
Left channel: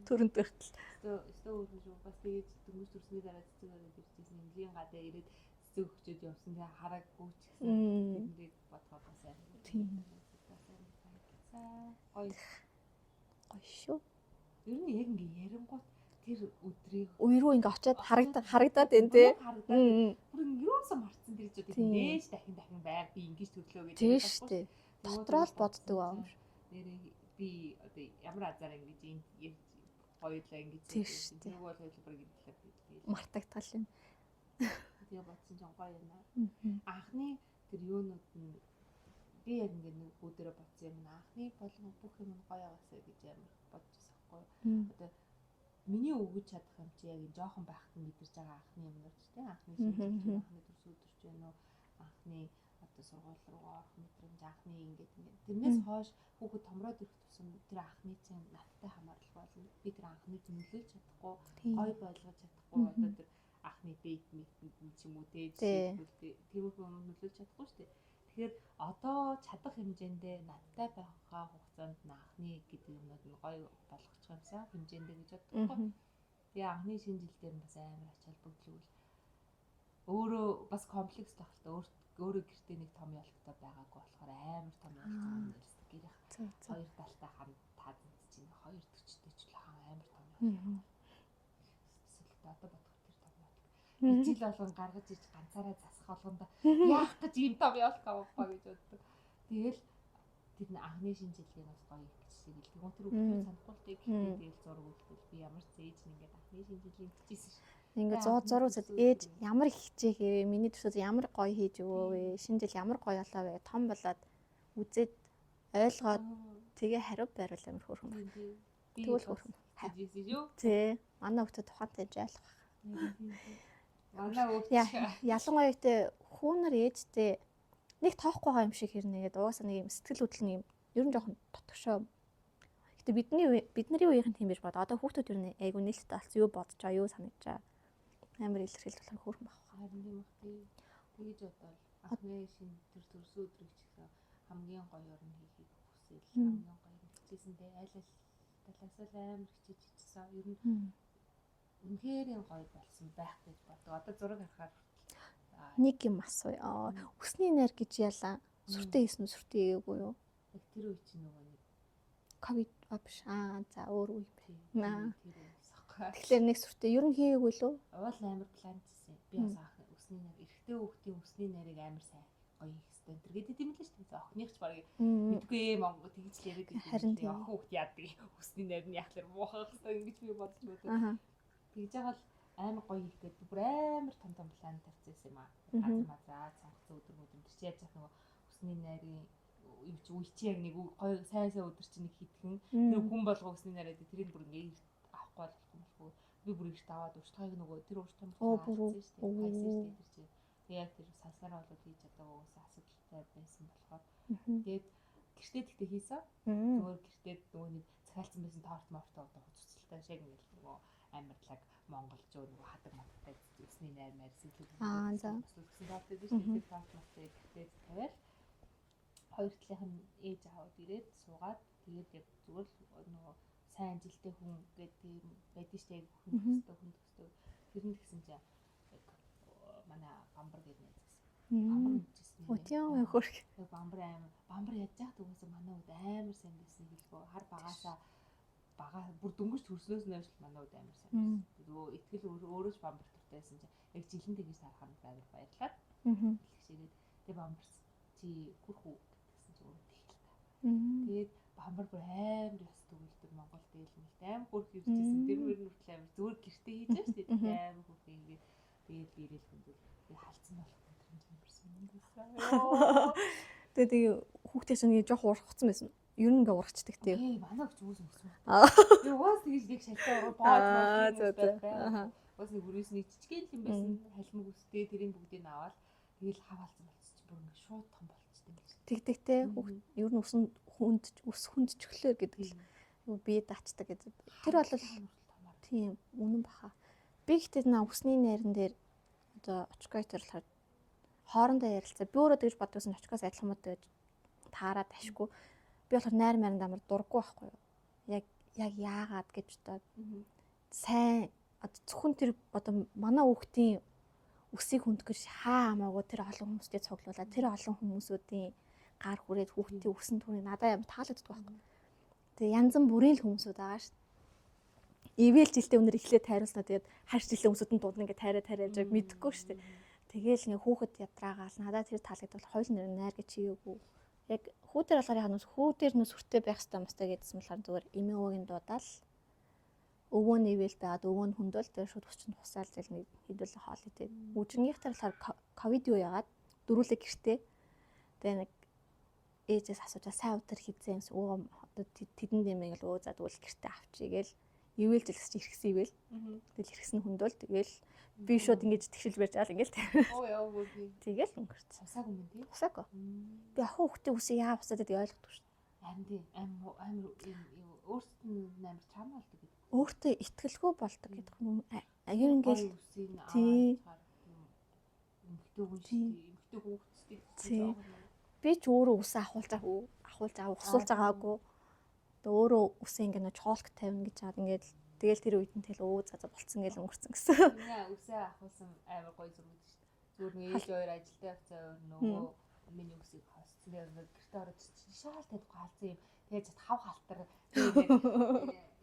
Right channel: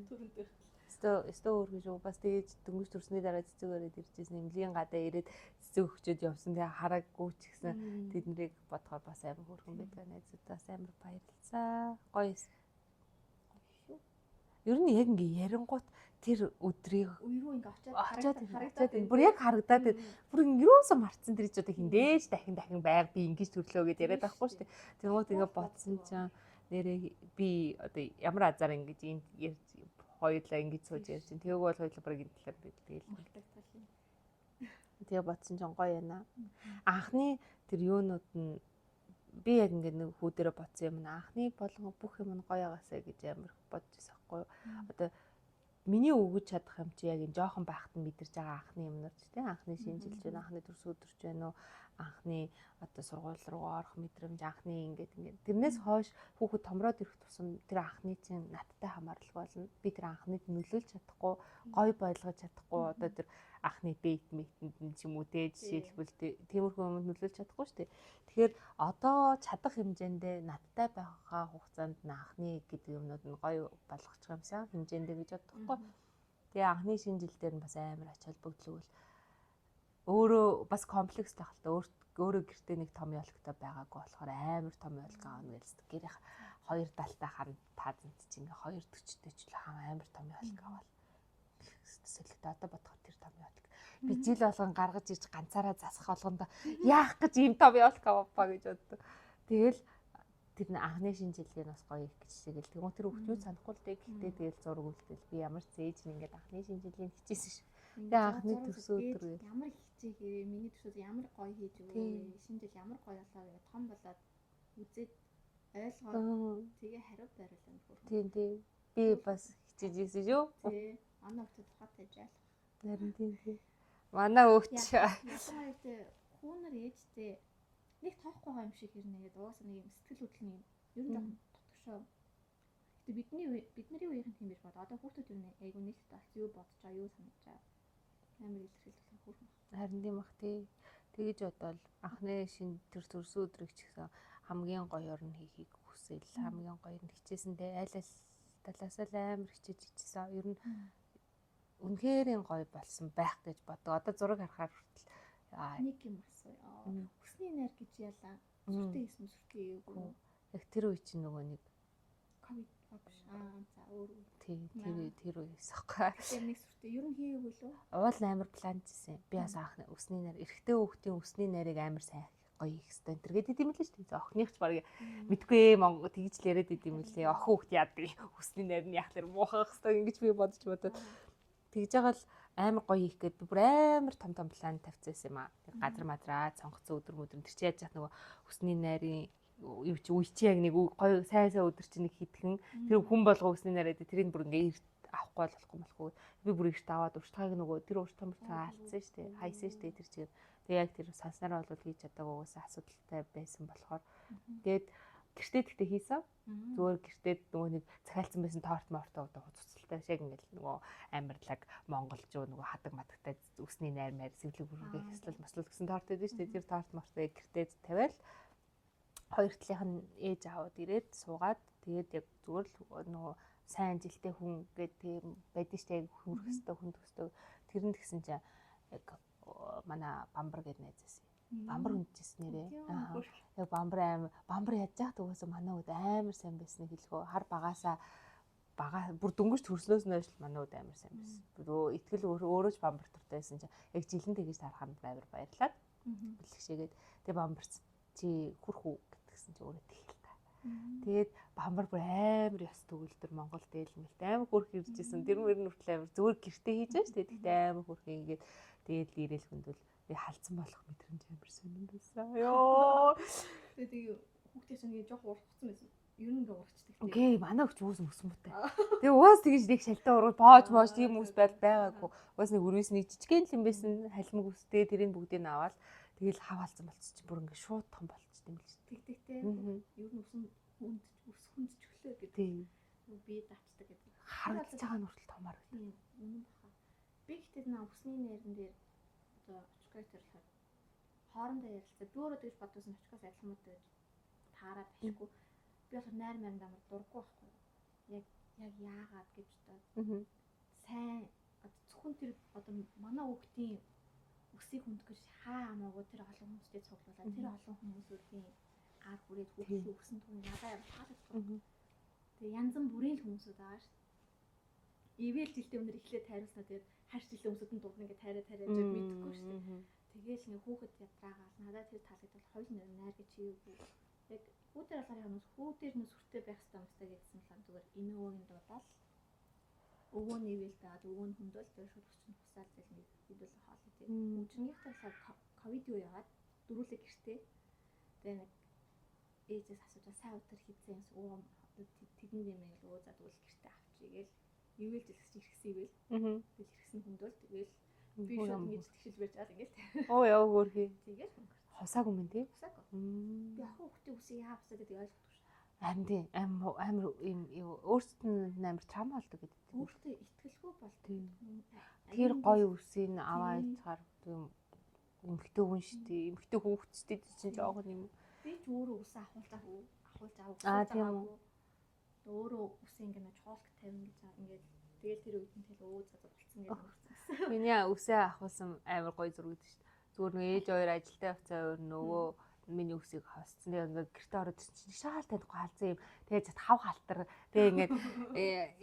төрөнд өртөл. Өстөө өөр шүү. Бас тэгээд дөнгөж төрсний дараа цэцэг өрөөд ирчихсэн эмнэлгийн гадаа ирээд цэцэг өгчөөд явсан. Тэгээ хараагүй ч гэсэн тэднийг бодгоо бас амар хөөрхөн байдаг найзуудаас амар баярлалаа. Гоё шүү. Ер нь яг ингээ ярингуут тэр өдрийг үерөө ингээ очиод харагдаад байна тий. Харагдаад байна. Бүр юусоо марцсан тэр ч одоо хиндээж дахин байг би ингэж төрлөө гэж яриад байхгүй шүү дээ. Тэгээд боддог. Нэрээ би одоо ямар азар ингэж энд хоёулаа ингэж сууж байсан. Тэвэг бол хоёулаа баг энэ талаар байдаг. Мартагдтал юм. Тэгээ бодсон ч гоё яана. Анхны тэр юунууд нь би яг ингэ нэг хүү дээрээ бодсон юм. Анхны болгон бүх юм нь гоё байгаасаа гэж амар бодож байсан байхгүй юу. Одоо миний өгөж чадах юм чи яг энэ жоохон байхад нь мэдэрч байгаа анхны юмнууд ч тийм анхны шинжилж байна, анхны төрс өдөрч байна уу, анхны одоо сургууль руу орох мэдрэмж, анхны ингээд тэрнээс хойш хүүхэд томроод ирэх тусам тэр анхны чинь надтай хамаарлах болно. Би тэр анхныг нөлөөлж чадахгүй, гоё байлгаж чадахгүй одоо тэр анхны бейт мэтэнд ч юм уу те жишээлбэл тиймэрхүү юмд нөлөөлж чадахгүй шүү дээ. Тэгэхээр одоо чадах хэмжээндээ надтай байгаа хугацаанд анхны гэдэг юмнууд нь гоё болгочих юмсан хэмжээндээ гэж бодохгүй. Тэгээ анхны шинэ жил дээр нь бас амар ач холбогдлол өөрөө бас комплекс байх л та өөрөө гэртээ нэг том ялгтай байгаагүй болохоор амар том ялгаа юм байлсдаг. Гэрийн хоёр далтай харан таазанд чинь 240-тэй ч л амар том ялгаа бол. Эсвэл одоо бодоход тэр том ялгаа. Би жил болгон гаргаж иж ганцаараа засах болгондоо яах гэж ийм том ялгаа аваа гэж боддог. Тэгэл тэр анхны шинэ жилийн бас гоё их гिचсээгэл тэгвэл тэр хүмүүс санахгүй л дээ. Гэхдээ тэгэл зураг үлдээл би ямар ч зээж ингээд анхны шинэ жилийн хичээсэн ш. Ингээд зураг ээж ямар хичээх вэ? Миний төсөөс ямар гоё хийж өгөө вэ? Шинэ жил ямар гоё болоо вэ? Том болоод үзээд ойлгоод тэгээ хариу байруул амар хөөрхөн. Тийм. Би бас хичээжсэн шүү. Тий. Манай хүүхдэд тухайтай жаалах. Тийм. Манай хүүхд ялангуяа ихтэй хүүнэр ээжтэй нэг тоохгүй байгаа юм шиг хэрнэгээд угаасаа нэг юм сэтгэл хөдлөл нэг юм ер нь жоохон тотгошоо. Гэтэ бидний үеийнхэн тийм биш бод. Одоо хүүхдүүд ер нь айгу нээлттэй болсон. Юу бодож байгаа, юу санаж байгаа. Амар илэрхийлж болох хөөрхөн баг. Харин тийм бах тий. Тэгэж бодвол анхны шинэ тэр төрсөн өдрийг ч гэсэн хамгийн гоёор нь хийхийг хүсээл хамгийн гоё нь хичээсэндээ аль талаасаа л амар хичээж хийчихсэн. Ер нь үнэхээр гоё болсон байх гэж боддог. Одоо зураг харахаар нэг юм асууя. Өсний нэр гэж ялаа. Сүртэй хийсэн үү, сүртэй хийгээгүй юу? Яг тэр үе чинь нөгөө нэг ковид биш. За өөр үе. Тэр үеэс ахгүй. Тэгэхээр нэг сүртэй ер нь хийгээгүй лөө. Уул амар планчсэн. Би бас анх өсний найр эрэгтэй хүүхдийн өсний найрыг амар сайн гоё их хэвээр энэ гэдэг юм л шүү дээ. Охиных ч баг мэдгүй Монгол тэгж л яриад идэв юм лээ. Охин хүүхд яадаг өсний найр нь яах тэр муухай хэвээр ингэж би бодож тэгж байгаа л амар гоё их гээд би бүр амар том план тавьчихсан юм аа. Газар мадраа цонгоцсон өдөр мөдөр тэр чи яаж яах нөгөө өсний найрын юу чи үе чи яг нэг гоё сайн өдөр чи нэг хитгэн тэр хүн болго өсний найраа тэрийг бүр ингээ авахгүй болохгүй би бүр ихт аваад уртгааг нөгөө тэр урт том хаалцсан шүү дээ хайсан шүү дээ тэр чи тэг яг тэр санснараа бол хийж чадаагүй уусаа асуудалтай байсан болохоор тэгээд гэртээ тэгтээ хийсэн зүгээр гэртээ нөгөө нэг захиалцсан байсан торт мортоо одоо хуццалтай шиг ингээл нөгөө амарлаг монголчуу нөгөө хадаг мадагтай өсний найр маяг сэвлэг бүрдээ бослол гэсэн торт байдаг шүү дээ тэр торт мортыг гэртээ тавиал хоёр талынх нь ээж аваад ирээд суугаад тэгээд яг зүгээр л нөгөө сайн жилтэй хүн гэдэг байдаг шүү дээ хүн төстэй тэр нь тэгсэн чинь яг манай бамбар гэдэг найзаас бамбар хүндэжсэн нэрээ яг бамбар яаж яах төгөөс манай үед амар сайн байсан хэлгөө хар багаасаа бага бүр дөнгөж төрслөөс нь ажил манай үед амар сайн байсан бүр итгэл өөрөө ч бамбар тавтайсэн чинь яг жилэн тэгэж тараханд байвар баярлаад бэлгшээгээд тэгээ бамбарч чи хүрхүү гэсэн чи өөрөө тэгэл та тэгээд бамбар бүр амар ёс төгөлдөр Монгол дээлмэлт амар хөрх иржсэн тэр мөр нүртэл амар зүгээр гэртээ хийж байгаа шүү дээ тэгээд амар хөрх ингээд тэгээд ирээл хүндэл би халдсан болох мэдрэмж амар сонирхсан ёо тэгээд хүүхдээс нэг жоох урахцсан байсан ер нь ингээ урагчдаг тийм окей манай өгч үүс мөсмөтэй тэгээд уус тэгж нэг шалтгаан ураг боож тийм хүмүүс байгаагүй уус нэг өрөөс нэг жижигэн юм байсан халимг үстэй тэрийг бүгдийг нь аваад тэгэл хав халдсан болчих чи бүр ингээ шууд том болчихсон юм л тэгдэгтэй ер нь ус хүндчихлээ гэдэг л бие даачдаг гэдэг тэр бол хаана хүртэл томаар тийм үнэн баха би гэхдээ наа усны найран дээр одоо очкойтер болохоор хоорондоо ярилцаа би өөрөө тэгж боддогсон очкоос адилхан мод гэж таараад ашгүй би болохоор найр маранд амар дурггүй байхгүй юу яг яагаад гэж бодоод сайн одоо зөвхөн тэр одоо манай хүүхдийн үсийг хүндгэж хаа хамаагүй тэр олон хүмүүстэй цуглуулаад тэр олон хүмүүсүүдийн гар хүрээд хүүхдийн өсөн түүний надад амар таалагддаг байхгүй тэгээ янз бүрийн л хүмүүсүүд байгаа шүү ивэл жилдээ өнөр эхлээд тайруулснаа тэгээд хар жилдээ хүмүүсүүд нь дуудна ингээ тайраад яг мэдэхгүй шүү дээ тэгээл ингээ хүүхэд ядраагаал надад тэр таалагдвал хоёул нэр найр гэж чийгээгүй яг хүүдэр болохоор яг нь хүүдэр нь сүртэй байх хэрэгтэй юмстай гэдсэн болохоор зүгээр эмээ өвөгийн дуудаал өвөө нь ивэл байгаад өвөө нь хүндэл тэр шууд хүчинд тусаал зэл нэг хэдүүлээ хоол идээ үжигнийхтэй болохоор ковид юу яагаад дөрүүлээ гэртээ тэгээ нэг ээжээс асуучаа сайн өдөр хийзээ юмс өө тэдэнд нэмээ гэл өө за тэгвэл гэртээ авчий гээл ивэл жилс чи хэрэгсэн ивэл тэгэл хэрэгсэн хүндөл тэгэл би шууд ингэж тэгшил барьж аал ингээл оо яа гөрхий тэгэл өнгөрч хусаагүй мэн тий хусаагүй би ах хүүхдээ үсээ яа хусаад гэдэг ойлгохгүй шүү амин тий амар өөртөө нь амар трама болдог гэдэг өөртөө итгэлгүй болдог гэдэг юм аяар гоё үсийг аваад цаар тийм эмхтэй хүн шүү дээ эмхтэй хүүхдтэй чинь жоох юм би ч өөрөө үсээ ахуулж усуулж байгаагүй өөрөө үсээ ингээ нөө чоолк тавина гэж хаад ингээд тэгэл тэр үед нь тэл өө за болцсон гэж өнгөрцөн гэсэн. Миний үсээ ахуулсан амар гоё зураг гэдэг шүү дээ. Зүгээр нэг ээж хоёр ажилдаа явцаа өөр нөгөө миний үсийг хасцсан. Тэгээ ингээд гэртээ ороод шаал таахгүй халзсан юм. Тэгээ чад хав халтар тэгээ ингээд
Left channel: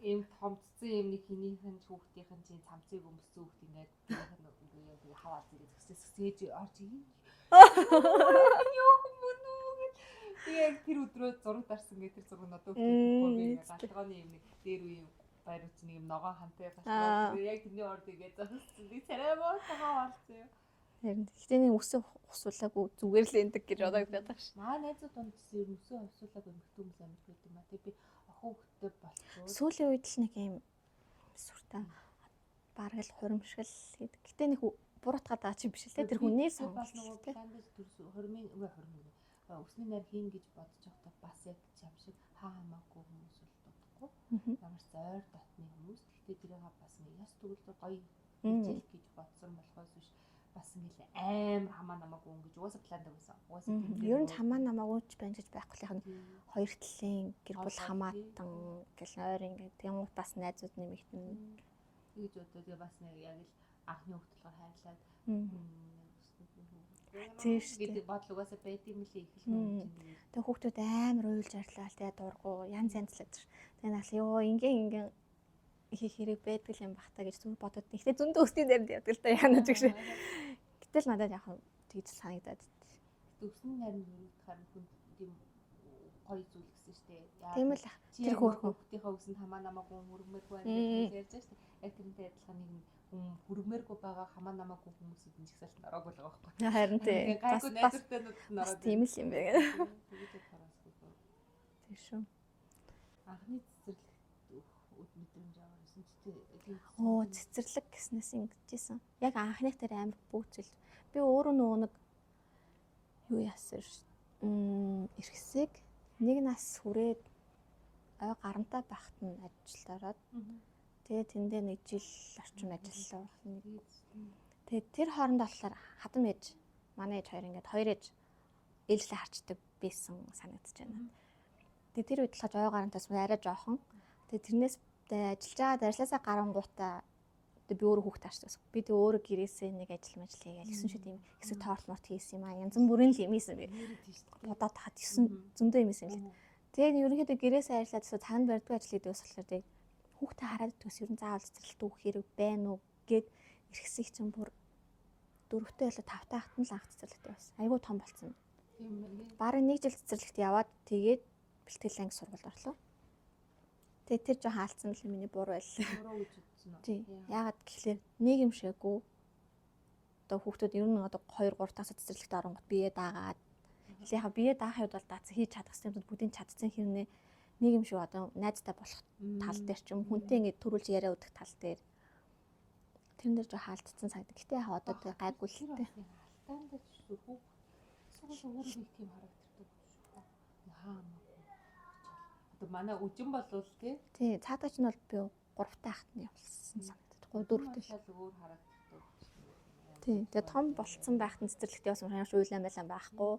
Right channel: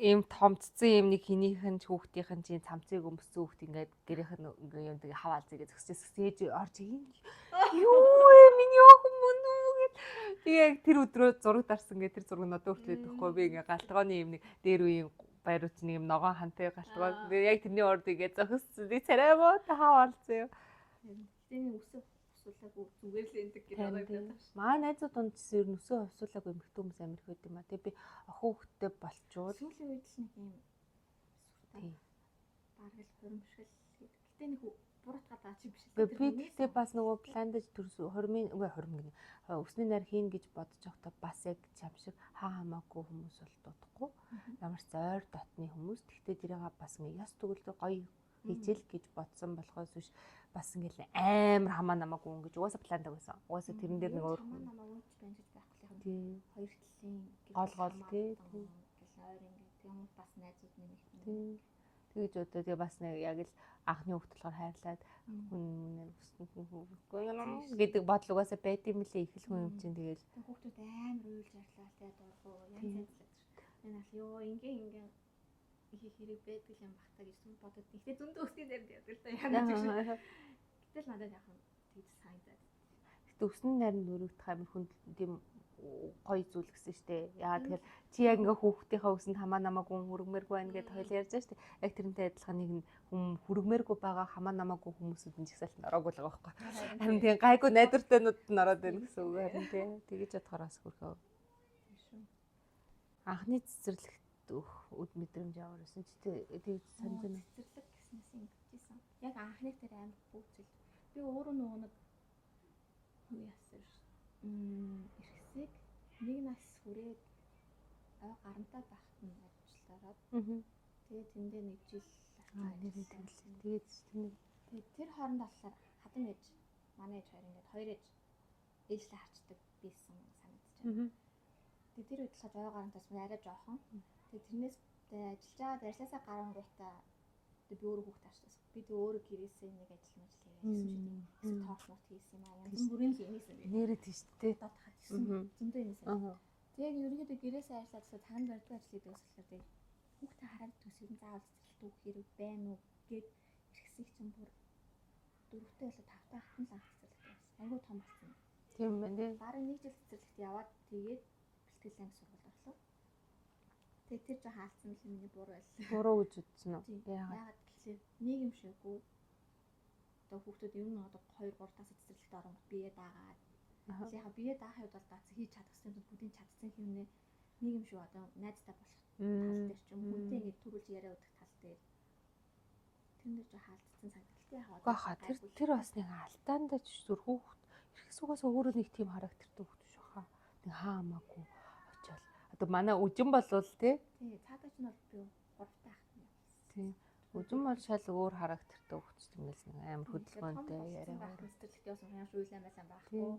ийм томцсон юм нэг хинийхэн ч хүүхдийнхэн чинь цамцыг өмссөн хүүхд ингээд гэрийнх нь ингээд юм тэгээ хав халзыг зөксөж ээж орж ийм миний охин мөн яг тэр өдрөө зураг дарсан гэ тэр зураг надад өгчөөхгүй би ингээ галтгооны юм нэг дээр үеийн баярууч нэг юм ногоон хантай галтгоо яг тэрний орд игээ зохиссон би царайгаа тахаа олцсон юм харин гэхдээ нэг үсээ усуулаагүй зүгээр л эндэг гэж бодоод байдаг ш. Маа найзууд донд ер нь үсээ усуулаагүй эмэгтэй хүмүүс амир их байдаг юм а. Тэгээ би охин хүүхдтэй болчихвол сүүлийн үед л нэг юм сүртэй бараг л хуримшгал гэдэг. Гэтэ нэг буруутгаад байгаа чи биш л тэр хүнээс бас нөгөө пландж төрс 20 гэнэ өсний найр хийн гэж бодож байхдаа бас яг чам шиг хаа хамаагүй хүмүүс бол дутхгүй. Ямар ч ойр дотны хүмүүс. Тэгтээ тэрийг бас нэг яс төгөлдөр гоё хичээл гэж бодсон болохоос биш бас ингээл амар хамаа намаагүй ингэж угаасаа пландаг байсан. Угаасаа тэрэн дээр нөгөө хамаа намаагүй ч байж байхгүй юм. Хоёр талын гэр бүл хамаатан гэл ойр ингээд тийм бас найзууд нэмэгдэн. Тэгж одоо тэгээ бас нэг яг л анхны хүүхд болохоор хайрлаад гэдэг бодлогоосоо байд юм лээ их л хүн чинь тэгээд. Тэгээ хүүхдүүд амар уйлж арлаа тэгээ дургу янз л байдаг ш. Тэгээ нас ёо ингийн их хэрэг байдаг юм бах та гэж зүг бодоод ихтэй зөндөө өсний дайранд явдаг л та яана ч гэж. Гэтэл надад яг тэгж санагдаад. Гэтэ өсний дайранд өрөвдөх амар хүн тийм гоё зүйл гэсэн шүү дээ. Яг чи яг хүүхдийнхээ өсөнд хамаа намаагүй хүргмээргүй байна гэж ярьж байгаа шүү дээ. Яг тэрнтэй адилхан нэг хүн хүргмээргүй байгаа хамаа намаагүй хүмүүсүүд нь жигсаалт ороогүй л байгаа байхгүй. Харин тийм гайгүй найзартайнууд нь ороод байна юм байна. Тэгэж бодохоос хүрхөө. Тийм шүү. Анхны цэцэрлэгт өд мэдрэмж яваарсан ч тийм цэцэрлэг гэснээс ингэжсэн. Яг анхных дээр амар бүүцэл. Би өөрөө нөгөө нэг юу яасан ш. Эрхсэг нэг нас хүрээд ой гарамтай байхад нь ажилд ороод тэгээ тэндээ нэг жил орчим ажилласан болсон. Тэгээд тэр хооронд болохоор хадам ээж манай ээж хоёр ингээд хоёр ээж ээлжлээ харчдаг байсан санагдаж байна. Тэгээд тэр үед болохоор ой гарантаас арай жоохон. Тэгээд тэрнээс ажиллаж байгаа дарслаасаа гарангуудаа би өөрөө хүүхд тааштай. Би тэг өөрөө гэрээсээ нэг ажил хийгээл гэсэн шүү дээ. Хэсэг тоолморт хийсэн юм аа. Янз бүрийн л юм ийсэн би. Нэрэд тийш дээ. Одоо тахад 9 зөндөө юм ийсэн л. Тэгээд ерөнхийдөө гэрээсээ ажиллаад цагаанд барьдаг ажил хийдэг болохоор тэг хүүхдээ хараад төс ер нь заавал цэцэрлэгт өгөх хэрэг байна уу гэд эрхсэх чинь бүр 4-тэй болоо 5-тай хатан л анх цэцэрлэгт байсан. Айгуу том болсон. Тийм байна тий. Бараг 1 жил цэцэрлэгт яваад тэгээд бэлтгэл анги сургуульд орлоо. Тэгээ тэр жоохон хаалцсан л миний буруу байлаа. Буруу гэж үзсэн үү? Яагаад гэхлээр нэг юм шиггүй. Одоо хүүхдүүд ер нь одоо 2-3 тагс цэцэрлэгт оронгот бие даагаад. Яхаа бие даахын үед бол дац хийж чадсан юмуд бүгдийг чадсан хэрнээ нэг юм шиг одоо найзтай болох тал дээр ч юм хүнтэй ингэ төрүүлж яриа өгөх тал дээр. Тэрэн дээр жоохон хаалцсан санагдав. Гэтэ яхаа одоо гайгүй тэр бас нэг алдаандаа ч зүр хүүхд ихсгээс өөрөө нэг тийм характертай хүүхд шүү хаа. Нэг хаамаагүй. Одоо манай үжин болвол тий цаатаач нь бол би 3-тай ахт нь явуулсан. 4 шал өөр характертай хүүхд юм байсан амар хөдөлгөөн. Тэгээ том болцсон байхад нь цэцэрлэгт явсан хаяаш уйлан байлаа байхгүй.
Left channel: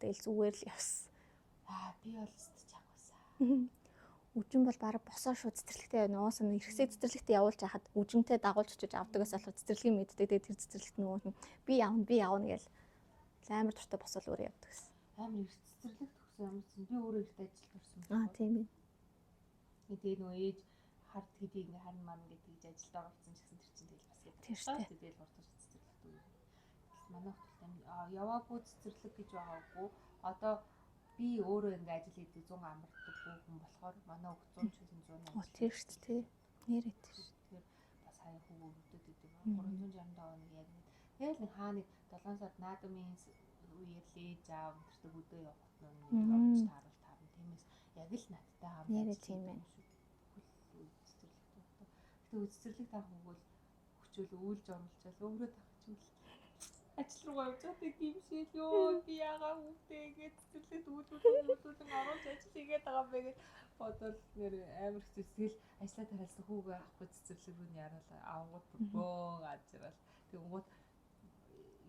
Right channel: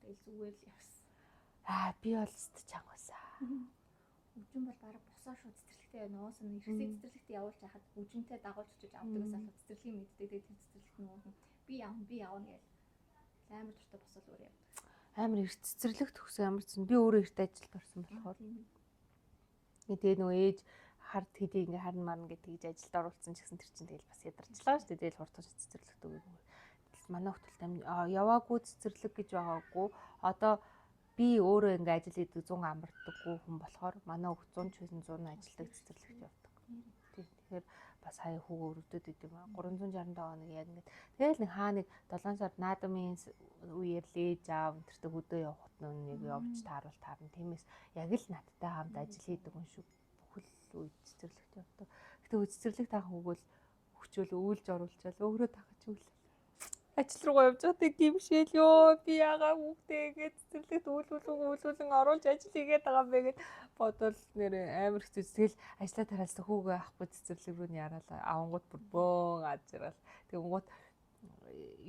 Тэгэл зүгээр л явсан. Би бол өстөж чангасан. Үжин бол бараг босоо шүү цэцэрлэгтээ явна. Уусан ихсээ цэцэрлэгтээ явуулж хахад үжинтэй дагуулж очиж авдагаас болоод цэцэрлэгийн мэддэг. Тэгээ тэр цэцэрлэгт нөгөө би явна гээл амар дуртай босоод өөр явдаг гэсэн. Амар эрт цэцэрлэгт төгсөн амарсан. Би өөрөө эрт ажилд орсон байна. Тийм ээ. Тэгээ нөгөө ээж хард хэдий ингээ харна марна гэж тэгж ажилд оруулсан ч гэсэн тэр чинь тэгэл бас ядарчлаа шүү дээ. Тэгэл хурдтай цэцэрлэгт өгөөгүй. Манай хөтөлт яваагүй цэцэрлэг гэж байгаагүй. Одоо би өөрөө ингээ ажил хийдэг 100 амарддаггүй хүн болохоор манай хөх 100 ч 100 ажиллаж цэцэрлэг явдаг. Нэрэт. Тэгэхээр бас хаяа хүүг өрөвдөд идэв юм. 367 хоног яг ингэ. Тэгэл нэг хаа нэг 7 сард наадамын үеэр л ээж аав өнтертэй хөдөө явахт нэг явж таарна. Тиймээс яг л надтай хамт ажил хийдэг юм шүү. Бүхэл үед цэцэрлэгт явдаг. Гэтэ цэцэрлэг таах хүүгөл хүчөөл өвлж оруулчаал өөрөө тахаж өглөө. Ажил руугаа явж байгаа тийм гимшээл ёо би ягаа хүүхдээ гэж цэцэрлэгт үүлүүлэн оруулж ажил хийгээд байгаа юм бэ гэд бодвол нэр амар хэцүү. Тэгэл ажлаа тараалсан хүүгээ авахгүй цэцэрлэг рүү яраалаа авангууд бүр бөөн ажрал. Тэгэнгүүт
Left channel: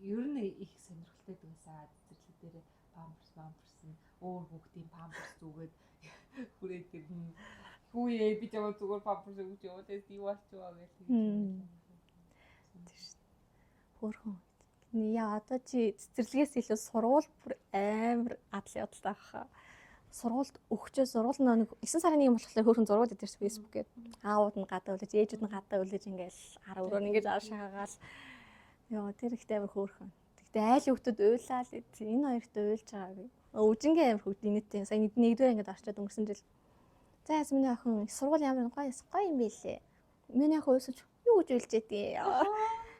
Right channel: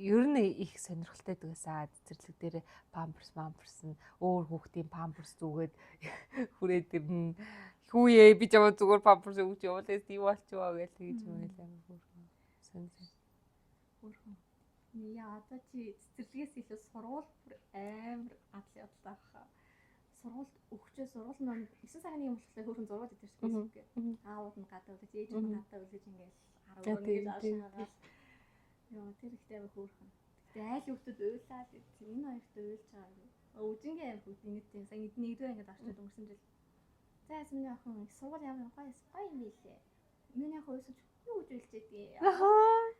ер нь их сонирхолтой дагсаа цэцэрлэг дээр памперс нь өөр хүүхдийн памперс зүгээд хүрээд ирнэ. Хүүе би жаа зүгээр памперс өгч явуулаа тийм болчихоо гэж тэгж юм хэлээ. Хөөрхөн. Яа одоо чи цэцэрлэгээс илүү сургууль бүр амар адал явдалтай баха. Сургуульд өгчөө сургууль нэг 9 сарын 1 болохоор хөөрхөн зургууд идэж фэйсбүүкээр аауд нь гадаа үлээж ээжүүд нь гадаа үлээж ингээл 10 өрөө ингэж аашаагаал. Йоо тэр ихтэй амар хөөрхөн. Тэгтээ айл хүүхдүүд уйлаа л энэ хоёрт уйлж байгаа би. Үжингийн амар хүүхд инээдтэй. Сая нэгдүгээр ингээд орчоод өнгөрсөн жил. За ясмины охин сургууль ямар гоё юм бэ лээ. Миний охин уйлсаж юу гэж уйлж ядгийг.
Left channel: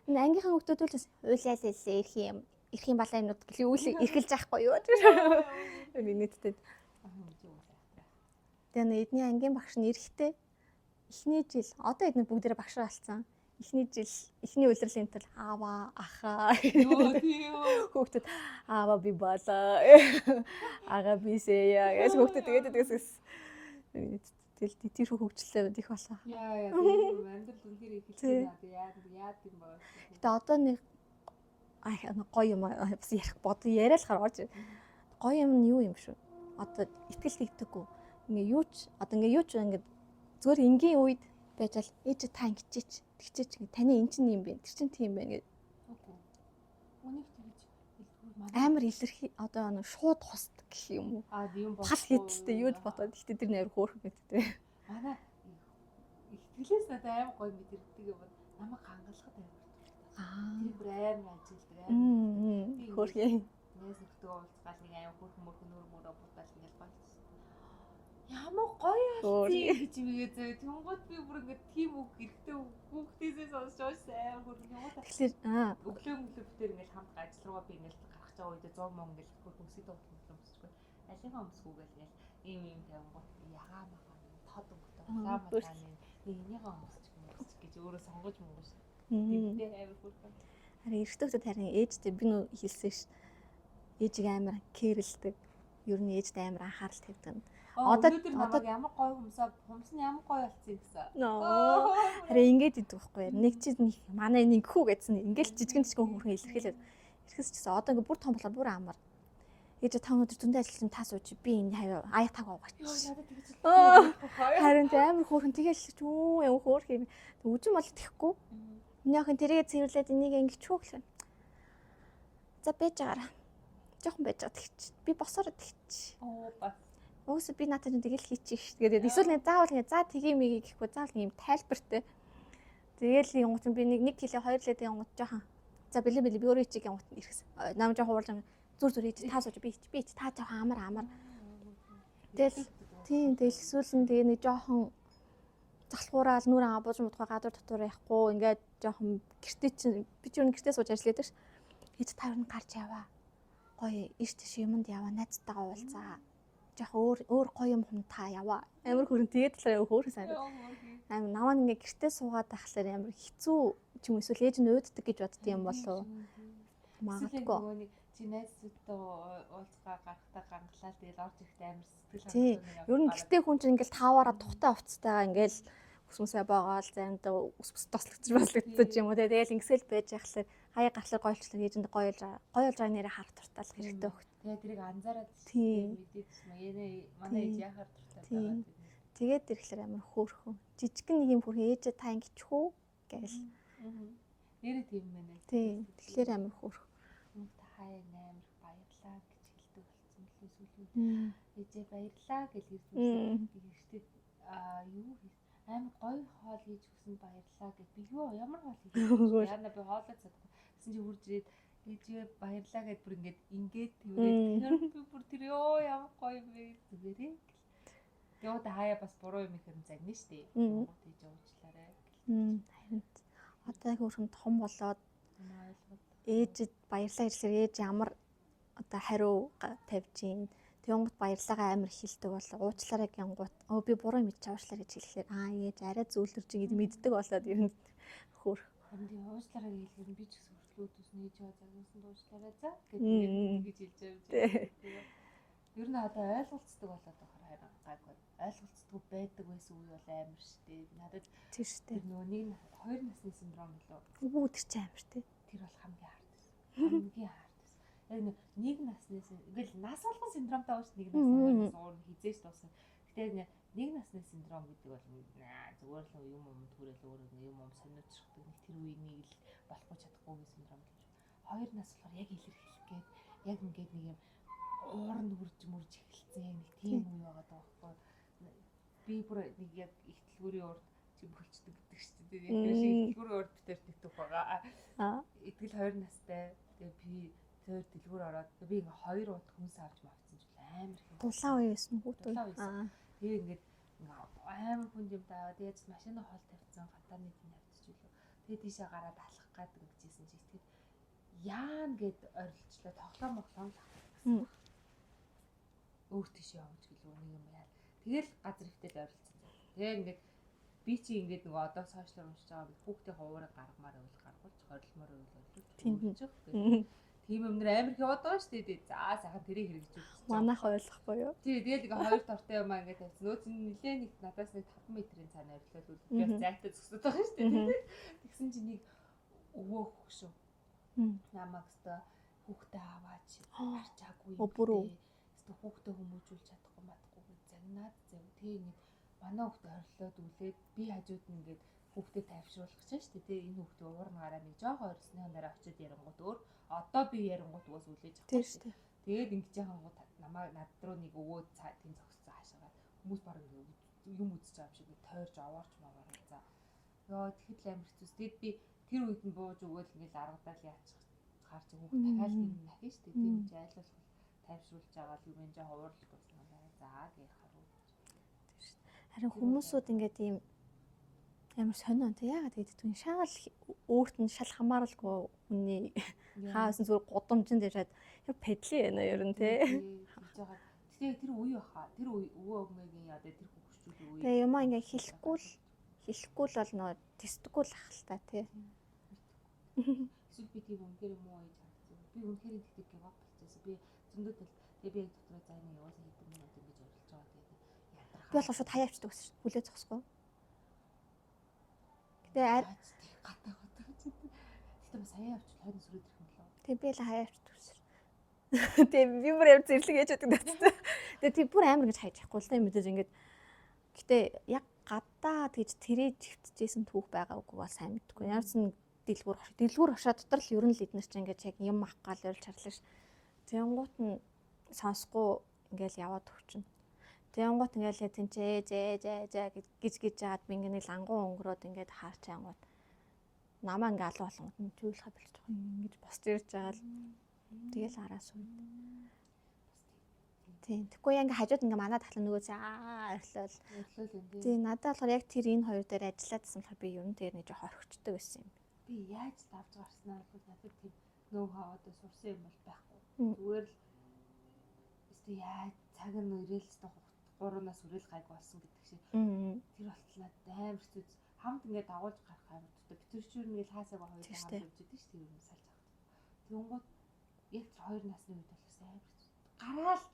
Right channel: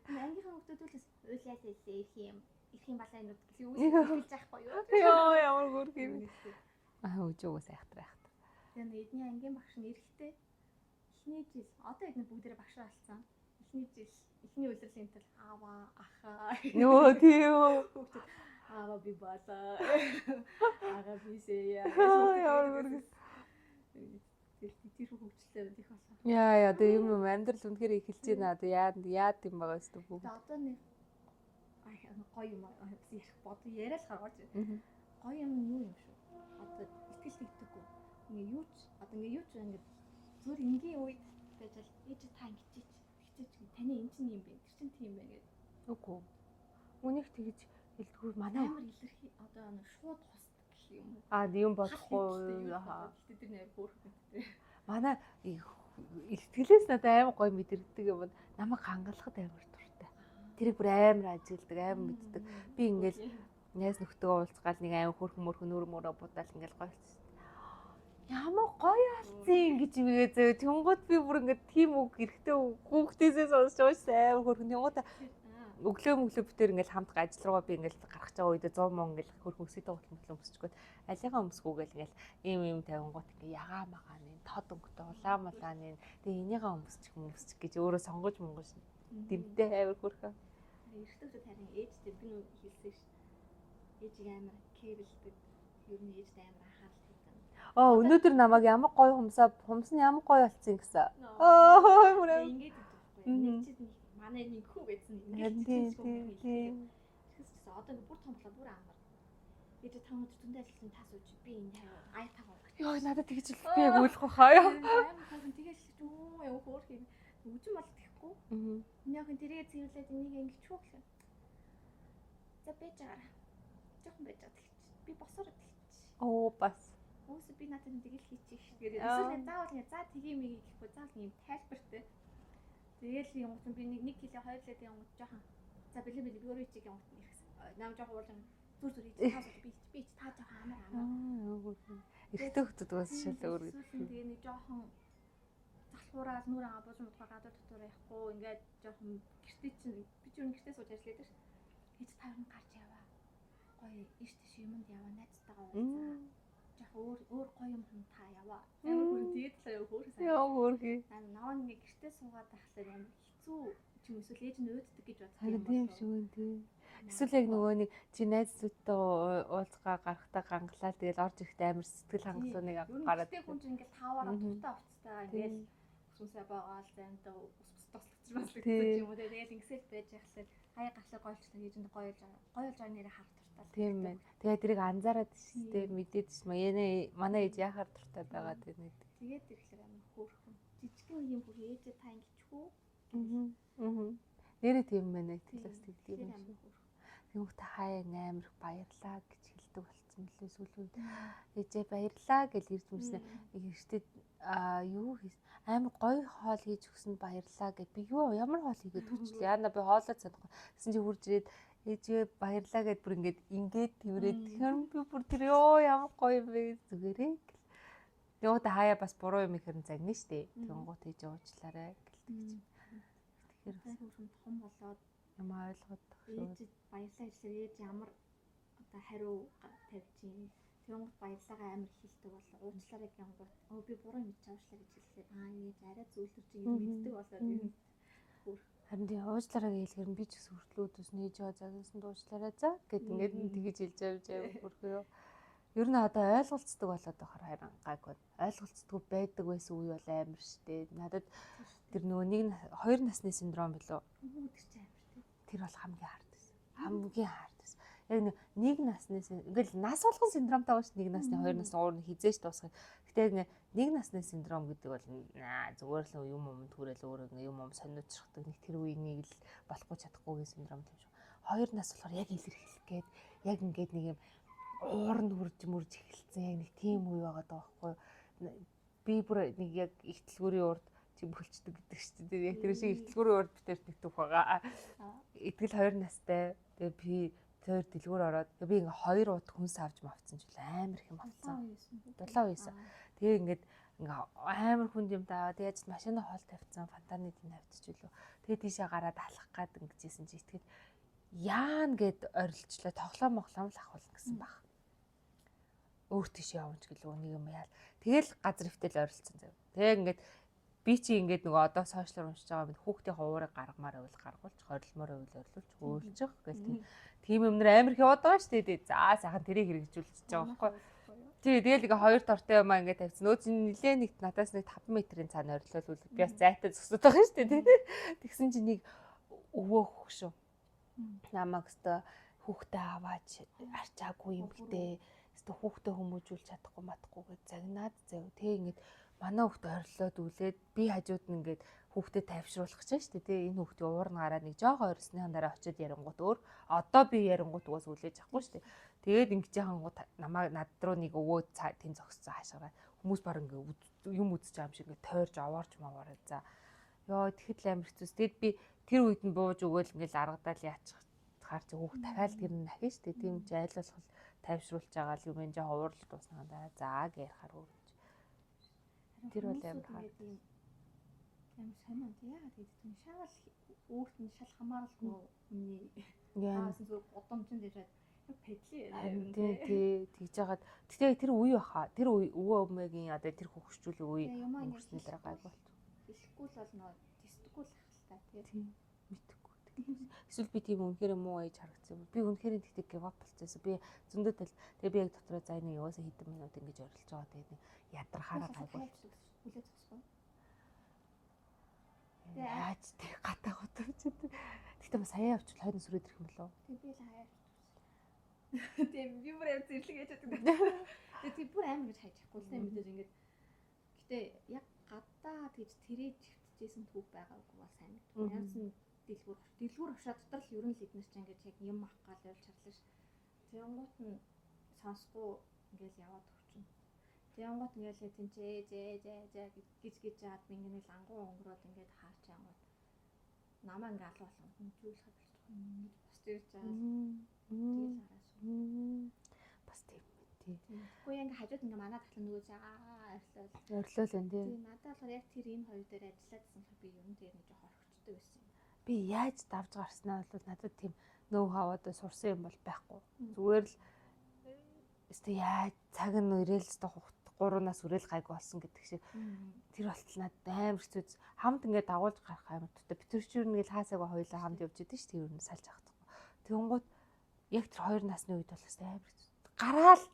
Энэ ангийнхан хүүхдүүд үлээс уйлаа л лээ ирэх юм балаа юмнууд гэлээ үйл эргэлж яахгүй юу. Ямар хөөрхөн инээдтэй. Өжөөгөө сайхтрах. Тэгээ нэг эдний ангийн багш нь эрэхтэй. Эхний жил одоо эдний бүгдээрээ багш болсон. Эхний жил эхний улирлын тал аава ахаа ёо тийм хүүхдүүд аава би балаа ага бисэя гэж хүүхдүүд тэгээд тэгэл тэр хөгжлөө их болоо. Яа тийм юм амьдрал үнэхээр их хэлж байна. Одоо яад юм байгаа шүү дээ. Тэгээ одоо нэг гоё юм бас ярих бод яриалахаар орж гоё юм нь юу юм шүү. Одоо итгэл тэгдэггүй. Ингээ юу ч одоо ингээ юу ч ингээ зүгээр энгийн үед байж л ээж та ингэчээч тэгчээч таны эн чинь юм бэ тэр чинь тийм байна гэдэг. Үгүй. Үнийг тэгж илтгэр манай амар илэрхий одоо нэг шууд хусдаг гэх юм уу. юм Хал болохгүй. хийдтэй юу бодоод ихтэй тэр нэр хөөрхөн гэдтэй. Манай ихтгэлээс надад амар гоё мэдэрдэг юм. Намайг хангалахад амар дуртай. Тэрийг бүр амар ажигладаг, амар мэддэг. Би ингээд найз нөхдөдөө уулзгаал нэг амар хөөрхөн мөрхөн нүүр мөрөө будаал ингээд гоё. Ямар гоё алцیں۔ Гэж игээ зөө. Тэнгууд би бүр ингээд тийм үг эрэхтэй хүүхдээсээ сонсч уушсан амар хөөрхөн. Тэнгууд өглөө мөглөө битэр ингээд хамт ажил руугаа би ингээд гарах чагаа үедээ 100 мөн ингээд хөөрхөн өсөд тоглоом өсчгөө. Алийнхаа өмсгүүгээл ингээд ийм тавингууд ингээд ягаа магаа тод өнгөтэй улаамааны тэгээ энийгээ өмсчих гэж өөрөө сонгож монгож дэмдээ амар хөрхөө. Харин эрэгтэй хүмүүс харин ээжтэй би нөө хэлсэн ш. Ээжийг амар кэрлдэг. Ер нь ээжтэй амар анхаарал тавьдаг. Өнөөдөр намайг ямар гоё хумс нь ямар гоё болсон гэсэн. Харин ингэж идэг байхгүй. Нэг чи манай нэгхүү гэдсэн. Ингээл жижигэн хөрхөн илэрхийлээд. Ирэхээс ч гэсэн одоо ингээ бүр том болоо бүр амар. Ээж та өнөөдөр зөндөө ажилласан та сууж би энэ хаваа ая таг аваач. Йоо надад тэгж л ойлгох хаяа. Харин амар хөөрхөн тэгэл чүү юм хөөрх юм. Үжим бол тэхгүй. Минийхэн тэргээ цэвэрлээд энийг ингэ чүү гэх юм. За бэж байгаараа. Жохон байж байгаа тэгч. Би босороо тэгч. Бас. Өөсө би надад тэгэл хийчих ш. Тэгээд эсвэл заавал за тгий мэгийг гэхгүй заавал юм тайлбартай. Тэгэл юм гот би нэг кило 2 лэд юм гот жохон. За бэлээ би өөрөө ичиг юм гот ирсэн. Нам жохон уурлаа. Зүр ээж та сууж би та жоохон амар. Тэгэл хөтдөг байсан. Тэгэл эсвэл тэгээ нэг жоохон залхуураал нүрэн абууж мутгаа гадуур дотор яахгүй ингээд жоохон гэртээ чинь би ч гэртээ сууж ажилладаг ш. Ээж та юу гарч яваа. Гоё ийш тийш юмд яваа найзтайгаа уулзаа. Жоохон өөр гоё юм та яваа. Амар хөрөн тэгээд л хөөрхөн сайн. Амар наваа ингээд гэртээ суугаад байхлаар амар хэцүү ч юм эсвэл ээж нь өөддөг гэж бодд юм болов. Эсвэл яг нөгөө нэг чи найзуудтай уулзгаа гарахтаа гангалаа тэгэл орж ирэхдээ амар сэтгэл хангалуун нэг авах. Ер нь гэртээ хүн чинь ингээл тааваараа тухтай хувцастайгаа ингээл өсмөсөө боогоол заримдаа өсмөс тослогч юм уу тэгэл ингэсэл байж яхахлаар хаяа гарахлаар гойлчлаа ээжэнд гоё болж байгаа нэрээ харах туртаа л хэрэгтэй баг. Тэгээ тэрийг анзаараад тийм мэдээдс манай ээж яхаар туртаа байгаа тийм. Тэгээд ирэхлээр амар хөөрхөн. Жижигэн нэг юм хүрхэн ээжээ та ингэчихүү гэл. Нэрээ тийм байна. Тэгэхээр амар хөөрхөн. Юу та хаяа амар баярлаа гэж хэлдэг болсон мөлий сүүлүүд. Ээжээ баярлаа гэж ирж үзсэн. Ихтэй юу хийс амар гоё хоол хийж өгсөнд баярлаа гэд би юу ямар хоол хийж өгсөн яана би хоолоо чадахгүй гэсэн чи хурж ирээд ээжээ баярлаа гэд бүр ингээд тэрээд тэр би бүр тэр ёо ямар гоё бэ зүгээрээ гэл юу та хаяа бас буруу юм ихэрн загна штэ нөгөө тийж уучлаарай гэл одоо хөрхөн том болоод юм ойлгоод ээжэд баярлаа гэхэлэр ээж ямар одоо хариу тавьж ийн Тэнгууд баярлагаа амар хилдэг болоо уучлаарай гингууд би буруу мэдчих уучлаарай гэж хэлэхээр ээж арай зөөлрч ингэж мэддэг болоод ер нь хөөр харин тийм уучлаарай хэлэхээр би ч гэсэн хүртлүүд нээж байгаа загнасан уучлаарай за гэдэг ингэж хэлж авч байгаа. Ер нь одоо ойлголцдог болоод байгаа харин гайгүй ойлголцдог байдаг байсан үе бол амар штэ надад тэр нөгөө нэг 2 насны синдром билүү тэр чинь амар тий тэр бол хамгийн хард байсан хамгийн хард яг нэг насны ингээл нас болгон синдромтай байна ш нэг насны 2 насны уур нь хизээж дуусах. Гэтэ нэг насны синдром гэдэг бол зүгээр л юм төрөл өөрөө юм сониучрахдаг нэг тэр үеийг л болохгүй чадахгүйгийн синдром тийм шүү. 2 нас болохоор яг илэрхийлэх гээд яг ингээд нэг юм уур нь мөрж эхэлсэн нэг тийм үе байгаа даахгүй. Би бүр нэг яг ихтлгүүрийн урд чи бөлчдөг гэдэг шүү дээ. Яг тэр шиг ихтлгүүрийн урд битэр тэгтүх байгаа. Итгэл 2 настай. Тэгээ би тэр дэлгүүр ороод би ингээ 2 удаа хүнс авч мавцсан ч амар их юм байна. Дулаан үе байсан уу? Дулаан үе байсан. Тэгээ ингээ амар хүнд юм даа. Тэгээд машины хоол тавьсан, фантаны дин авчиж үлээ. Тэгээд тийшээ гараад алах гад ингэжсэн чи итгэл яан гэд орилчлаа тоглоом моглоом л авах гэсэн баг. Өөр тийш явж гэлөө нэг юм яа. Тэгэл газар өвтөл орилцсан зав. Тэгээ ингээд би чи ингээд нөгөө одоо сошиал уншиж байгаа бид хүүхдийн уурыг гаргамаар байвал гаргуулж хорилмоор байвал орлуулж өөрчих гэх тийм юмнэр амар их яваад байгаа шүү дээ. За сайхан тэрийг хэрэгжүүлж байгаа. Манайх ойлгохгүй юу? Тий, тэгэл ингээ 2 дортой юм аа ингээ тавьсан. Нөөц нилээ нэг надаас нэг 5 метрийн цаана орилуулвал би бас зайтай зөксөд байгаа шүү дээ. Тэгсэн чинь нэг өвөө хөгшөө. Намайг өстө хүүхдээ аваач арчаагүй юм дээ. Өстө хүүхдээ хүмүүжүүлж чадахгүй матахгүй гэж загнаад зав. Тэг ингээ манай хүүхд ойрлоод үлээд би хажууд нь ингээд хүүхдэд тайвшруулах гэж шүү дээ. Тэгээ энэ хүүхдийн уурн гараад нэг жоохон ойрсны дараа очиод ярингууд өөр одоо би ярингууд уус үлээж авахгүй шүү дээ. Тэгээд ингэж яхангууд намайг над руу нэг өвөө тэн зогсцоо хашаараад хүмүүс баг ингээ юм үзэж байгаа юм шиг ингээ тойрж аваарч маваарай за. Йоо тэгэхэд л амар хэцүүс. Тэгэд би тэр үед нь бууж өгөөл ингээл аргадаал яачих хаар чи хүүхд дахиад гэр нь ахиж шүү дээ. Тийм ч айлуулах тайвшруулж байгаа л юм энэ жоо уурал дууснаадаа за гэрхаар үү. Харин хүмүүсүүд ингээд ийм ямар сонио тэ яагаад гэдэг шаал өөрт нь шал хамааралгүй хүний хаасан зүгээр гудамжинд ирээд яг педли байна ер нь тэ тэгж яагаад тэгтээ тэр үе баха тэр өвөө өмгийн одоо тэр хөвгчүүл үе тэгээ юм ингээд хэлэхгүй л бол нөө тестгүй л ах л та тэ мэдхгүй эсвэл би тийм үнэхээр муу ээж харагдсан би үнэхээр тэгтээ гивап болчихсон би зөндөө тал тэгээ би яг дотроо за нэг яваасаа хэдэн минут ингэж орилж байгаа тэгээд ядрахаа би шууд хаяавчдаг гэсэн шүү хүлээ зогсохгүй тэгээ яаж тэг гатаа готовч тэгтээ бас хаяа авчвал хойно сүрээд ирэх юм болов тэг би л хаяавчдаг гэсэн тэг би бүр ямар зэрлэг ээж байдаг тэг тийм бүр амар гэж хайж яахгүй л тэ мэдээж ингэж гэтээ яг гадаа тэгж тэрэж хөвтөжсэн түүх байгаагүй бол сайн мэдгүй ямар ч дэлгүүр хашаа дотор л ер нь л эднэр чинь ингэж яг юм авах гал өрл чарлаа ш тэнгуут нь сонсохгүй ингээл яваад өгчнө тэнгуут ингээл тэнцээ зээ гэж жаад би ингээ нэг лангуу өнгөрөөд ингээд хаарч ангууд намаа ингээ алуу болгонд нь зүйлхэ болж байгаа юм ингэж босч ирж байгаа л тэгэл араас уу бас тийм тэггүй ингээ хажууд ингээ манаа татлаа нөгөө өрлөөл энэ тийм надад болохоор яг тэр энэ хоёр дээр ажиллаадсан болохоор би ер нь тэр нэг жоо хорхочтой байсан юм би яаж давж гарснаа бол надад тийм нөө хаваад сурсан юм бол байхгүй зүгээр л өстө яаж цаг нь ирээл өстө 3-наас үрээл гайг болсон гэдэг шиг тэр болтол надад амар хэцүү хамт ингээд дагуулж гарах амар тутаа би тэр чинь ингээл хаасаагаа хоёулаа хамт явж идэв шүү дээ ер нь салж авах. Тэгэнгүүт яг тэр 2 насны үед бол өстө амар хэцүү гараал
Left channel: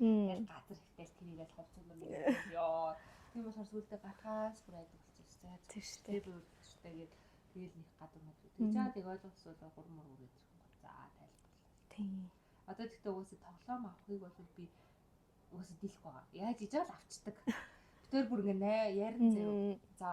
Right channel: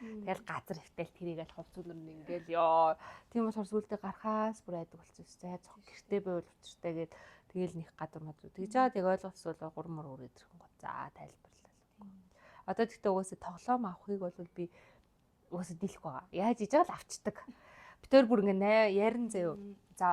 яг газар хөвтөл тэрийг аль хувцуулна гэдэг ёо тийм болохоор сүултээ гарахаас бүр айдаг болчихсон. За тэгштэй байвал учиртай гээд тэгэл нэг гадар мод. Тэгж жаад яг ойлгоцсон бол 3 мөр өрөөд ирэх юм гоо. За тайлбарлал. Тийм. Одоо тэгтээ угаасаа тоглоом авахыг бол би угаасаа дийлэх байгаа. Яаж иж байгаа л авчдаг. Битээр бүр ингээ ярин заяа. За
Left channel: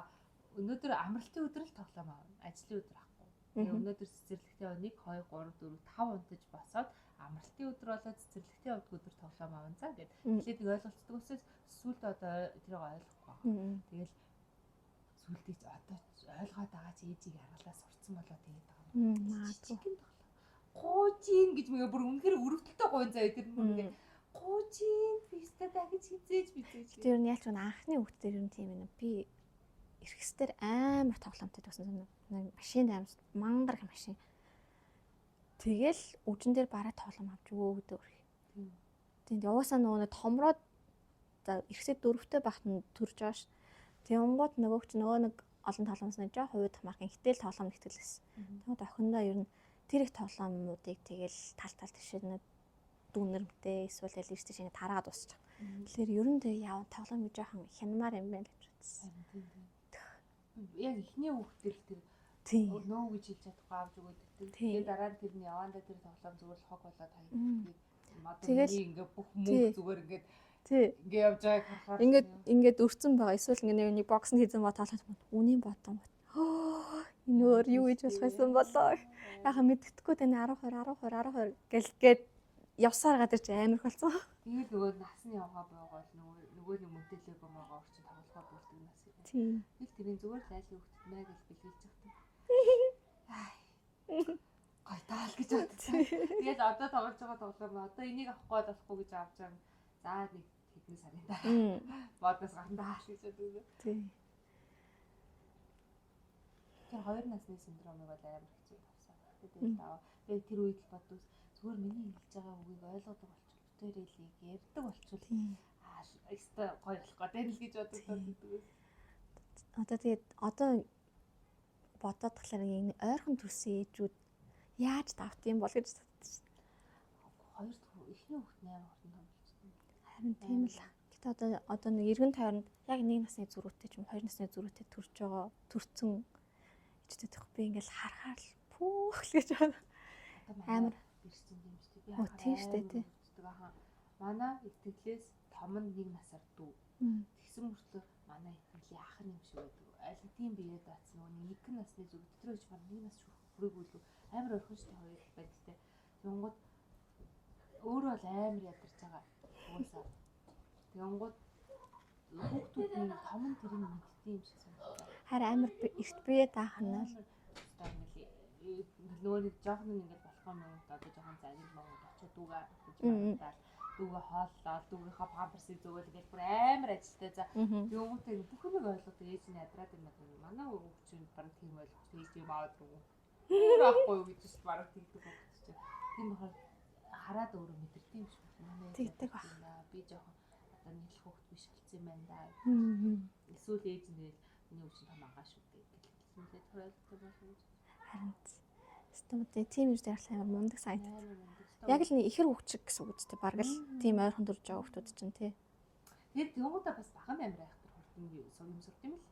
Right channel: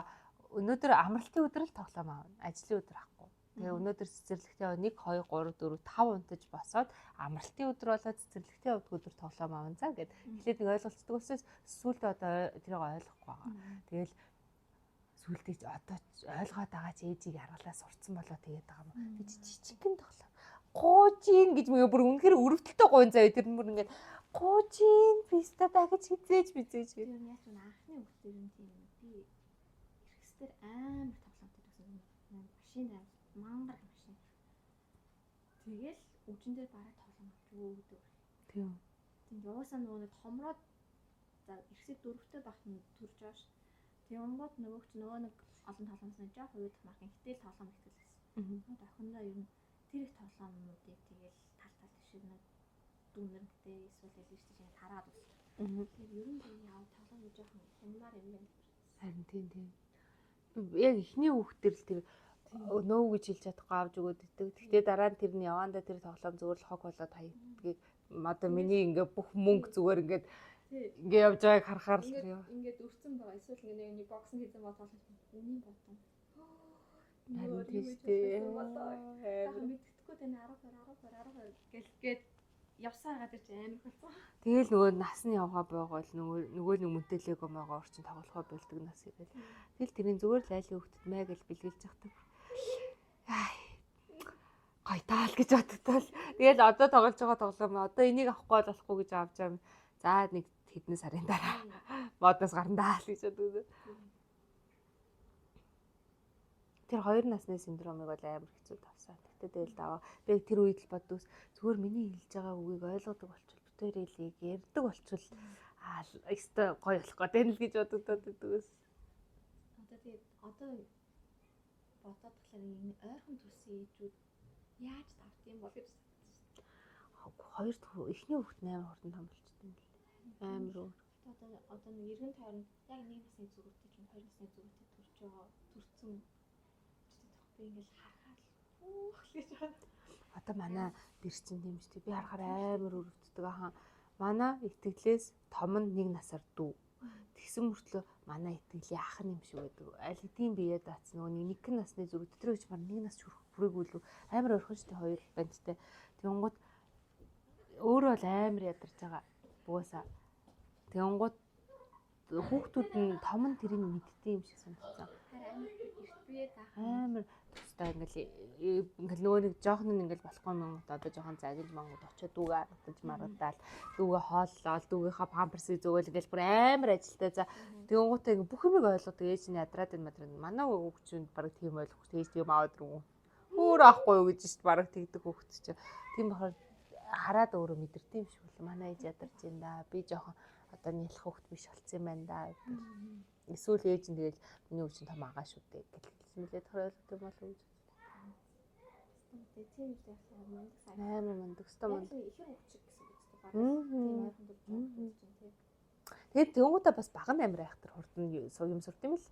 өнөөдөр амралтын өдөр л тоглоом аавна. Ажлын өдөр авахгүй. Тэгээ өнөөдөр цэцэрлэгтээ 1 2 3 4 5 унтаж босоод амралтын өдөр болоод цэцэрлэгтээ өдөр тоглоом аавна за гэд. Тэгэхээр нэг ойлголцдог учраас сүүлдээ одоо тэрийг ойлгохгүй байгаа. Тэгэл сүүлдээ одоо ойлгоод байгаа ч ээжийг аргалаа сурцсан болоо тэгээд байгаа юм. Жижигхэн тоглоом. Гуужин гэж мгээ бүр үнэхээр өрөвдөлтөй гуйн заяа тэр бүр ингээ гуужин писта дахиж хизээж бизээж. Тэр нь ялч анхны хүүхдээр юм тийм ээ би эрхэстэр амар тоглоомтой байсан юм. Машин амар мангар машин. Тэгэл үжин дээр бараа тоглоом авч өгөө гэдэг үргэлж. Тийм. Тэнд яваасаа нөгөө томроод за эрхэсээ 4-тэй багт нь төрж байгаа ш. Тэнгууд нөгөө нэг олон тоглоомс нэг жоо хувид хамаархан ихтэл тоглоом нэгтгэлсэн. Тэгээд охиндоо ер нь тэр их тоглоомнуудыг тэгэл тал тишээд нэг дүүнэрмтэй эсвэл ирсэн шинэ тараад дуусчих. Тэгэхээр ер нь тэг яав тоглоом жоохон хянамаар юм байна гэж бодсон. Харин тийм. Яг ихний хүүхдэр л тэр нөө гэж хэлж чадахгүй авч өгөөд өгдөг. Тэгээд дараа нь тэрний явандаа тэр тоглоом зүгээр л хог болоод хаягдгийг одоо миний ингээ бүх мөнгө зүгээр ингээд ингээ явж байгааг харахаар ингээд өрцөн байгаа. Эсвэл ингээ нэг бокснд хийсэн ба тоглоод үнийн ботон. Энэ өөр юу гэж болсон болоо. Яхаа мэддэхгүй таны 12 гэлгээд явсаар гадар чи амар болсон. Тэгэл нөгөө насны явгаа байгаа л нөгөө нэг мөнтөлөөгөө байгаа орчин тоглохоо болдог нас ирээ. Тэгэл тэрийн зүгээр л айлын хөвгтд мэй гэж бэлгэлж явдаг. Гой таал гэж бодсон. Тэгэл одоо тоглож байгаа тоглоом одоо энийг авахгүй болохгүй гэж авч байгаа. За нэг хэдэн сарын дараа модноос гарандаа л гэж боддог. Тэр 2 насны синдромыг бол амар хэцүү тавсан. Тэгтээ тэгэл даваа. Би тэр үед л боддог. Зүгээр миний хэлж байгаа үгийг ойлгодог болчихвол битээр хэлийг ярьдаг болчихвол өстой гоё болох гэдэг л гэж боддог. Одоо тэгээд одоо бодоод тахлаар энэ ойрхон төрсэн ээжүүд яаж давт юм бол гэж бодсон. Хоёр эхний хүүхэд 8 хурдан том болчихсон. Харин тийм л. Гэтэ одоо нэг эргэн тойронд яг 1 насны зүрхтэй ч юм 2 насны зүрхтэй төрж байгаа төрцөн ээжтэй би ингээл харахаар л пүүх л гэж байна. Одоо манай бэрсэн юм шүү дээ. Би харахаар амар өвддөг ахаа. Манай итгэлээс том нь 1 насаар дүү. Тэгсэн мөртлөө манай итгэлийн ах юм шиг байдаг. Аль хэдийн биеэ даацсан нөгөө нэг насны зүрх дотроо ч баг нэг нас хүрэх бүрээгүй л амар орхон штэ хоёр бандтай. Тэнгууд өөрөө бол амар ядарч байгаа. Угаасаа. Тэнгууд хүүхдүүд нь том нь тэрийг мэддэг юм шиг санагдсан. Харин амар эрт бие таахна. Амар тустай ингээл нөгөө нэг жоохон нь ингээл болохгүй юм одоо жоохон загил монгод очиод дүүгээ аргаж магадаал дүүгээ хооллол дүүгийнхаа памперсыг зөөгөл ингээл бүр амар ажилтай за тэгэнгүүтээ ингээ бүх юмыг ойлгодог ээж нь ядраад энэ мадраа манай хүүхчүүд баг тийм ойлгох ээж тийм аваад руу өөр ахгүй юу гэж шүү баг тэгдэг хүүхч чинь тийм бахаар хараад өөрөө мэдэрдэг юм шиг байна манай ээж ядарч юм да би жоохон одоо нялх хүүхд биш болцсон юм байна да эсвэл ээж нь тэгэл миний өвчин том агаа шүү дээ гэж хэлмэлээ тохиолддог юм болов уу харин стомтэй тийм юм дээр амар мундаг сайн амар мундаг яг л нэг ихэр хөвчг гэсэн үг үстэй баг л тийм ойрхон дурж байгаа хүмүүс чинь тий. Тэгээд тэгвэл бас баг амар айхтар хурдан юм сурт юм л.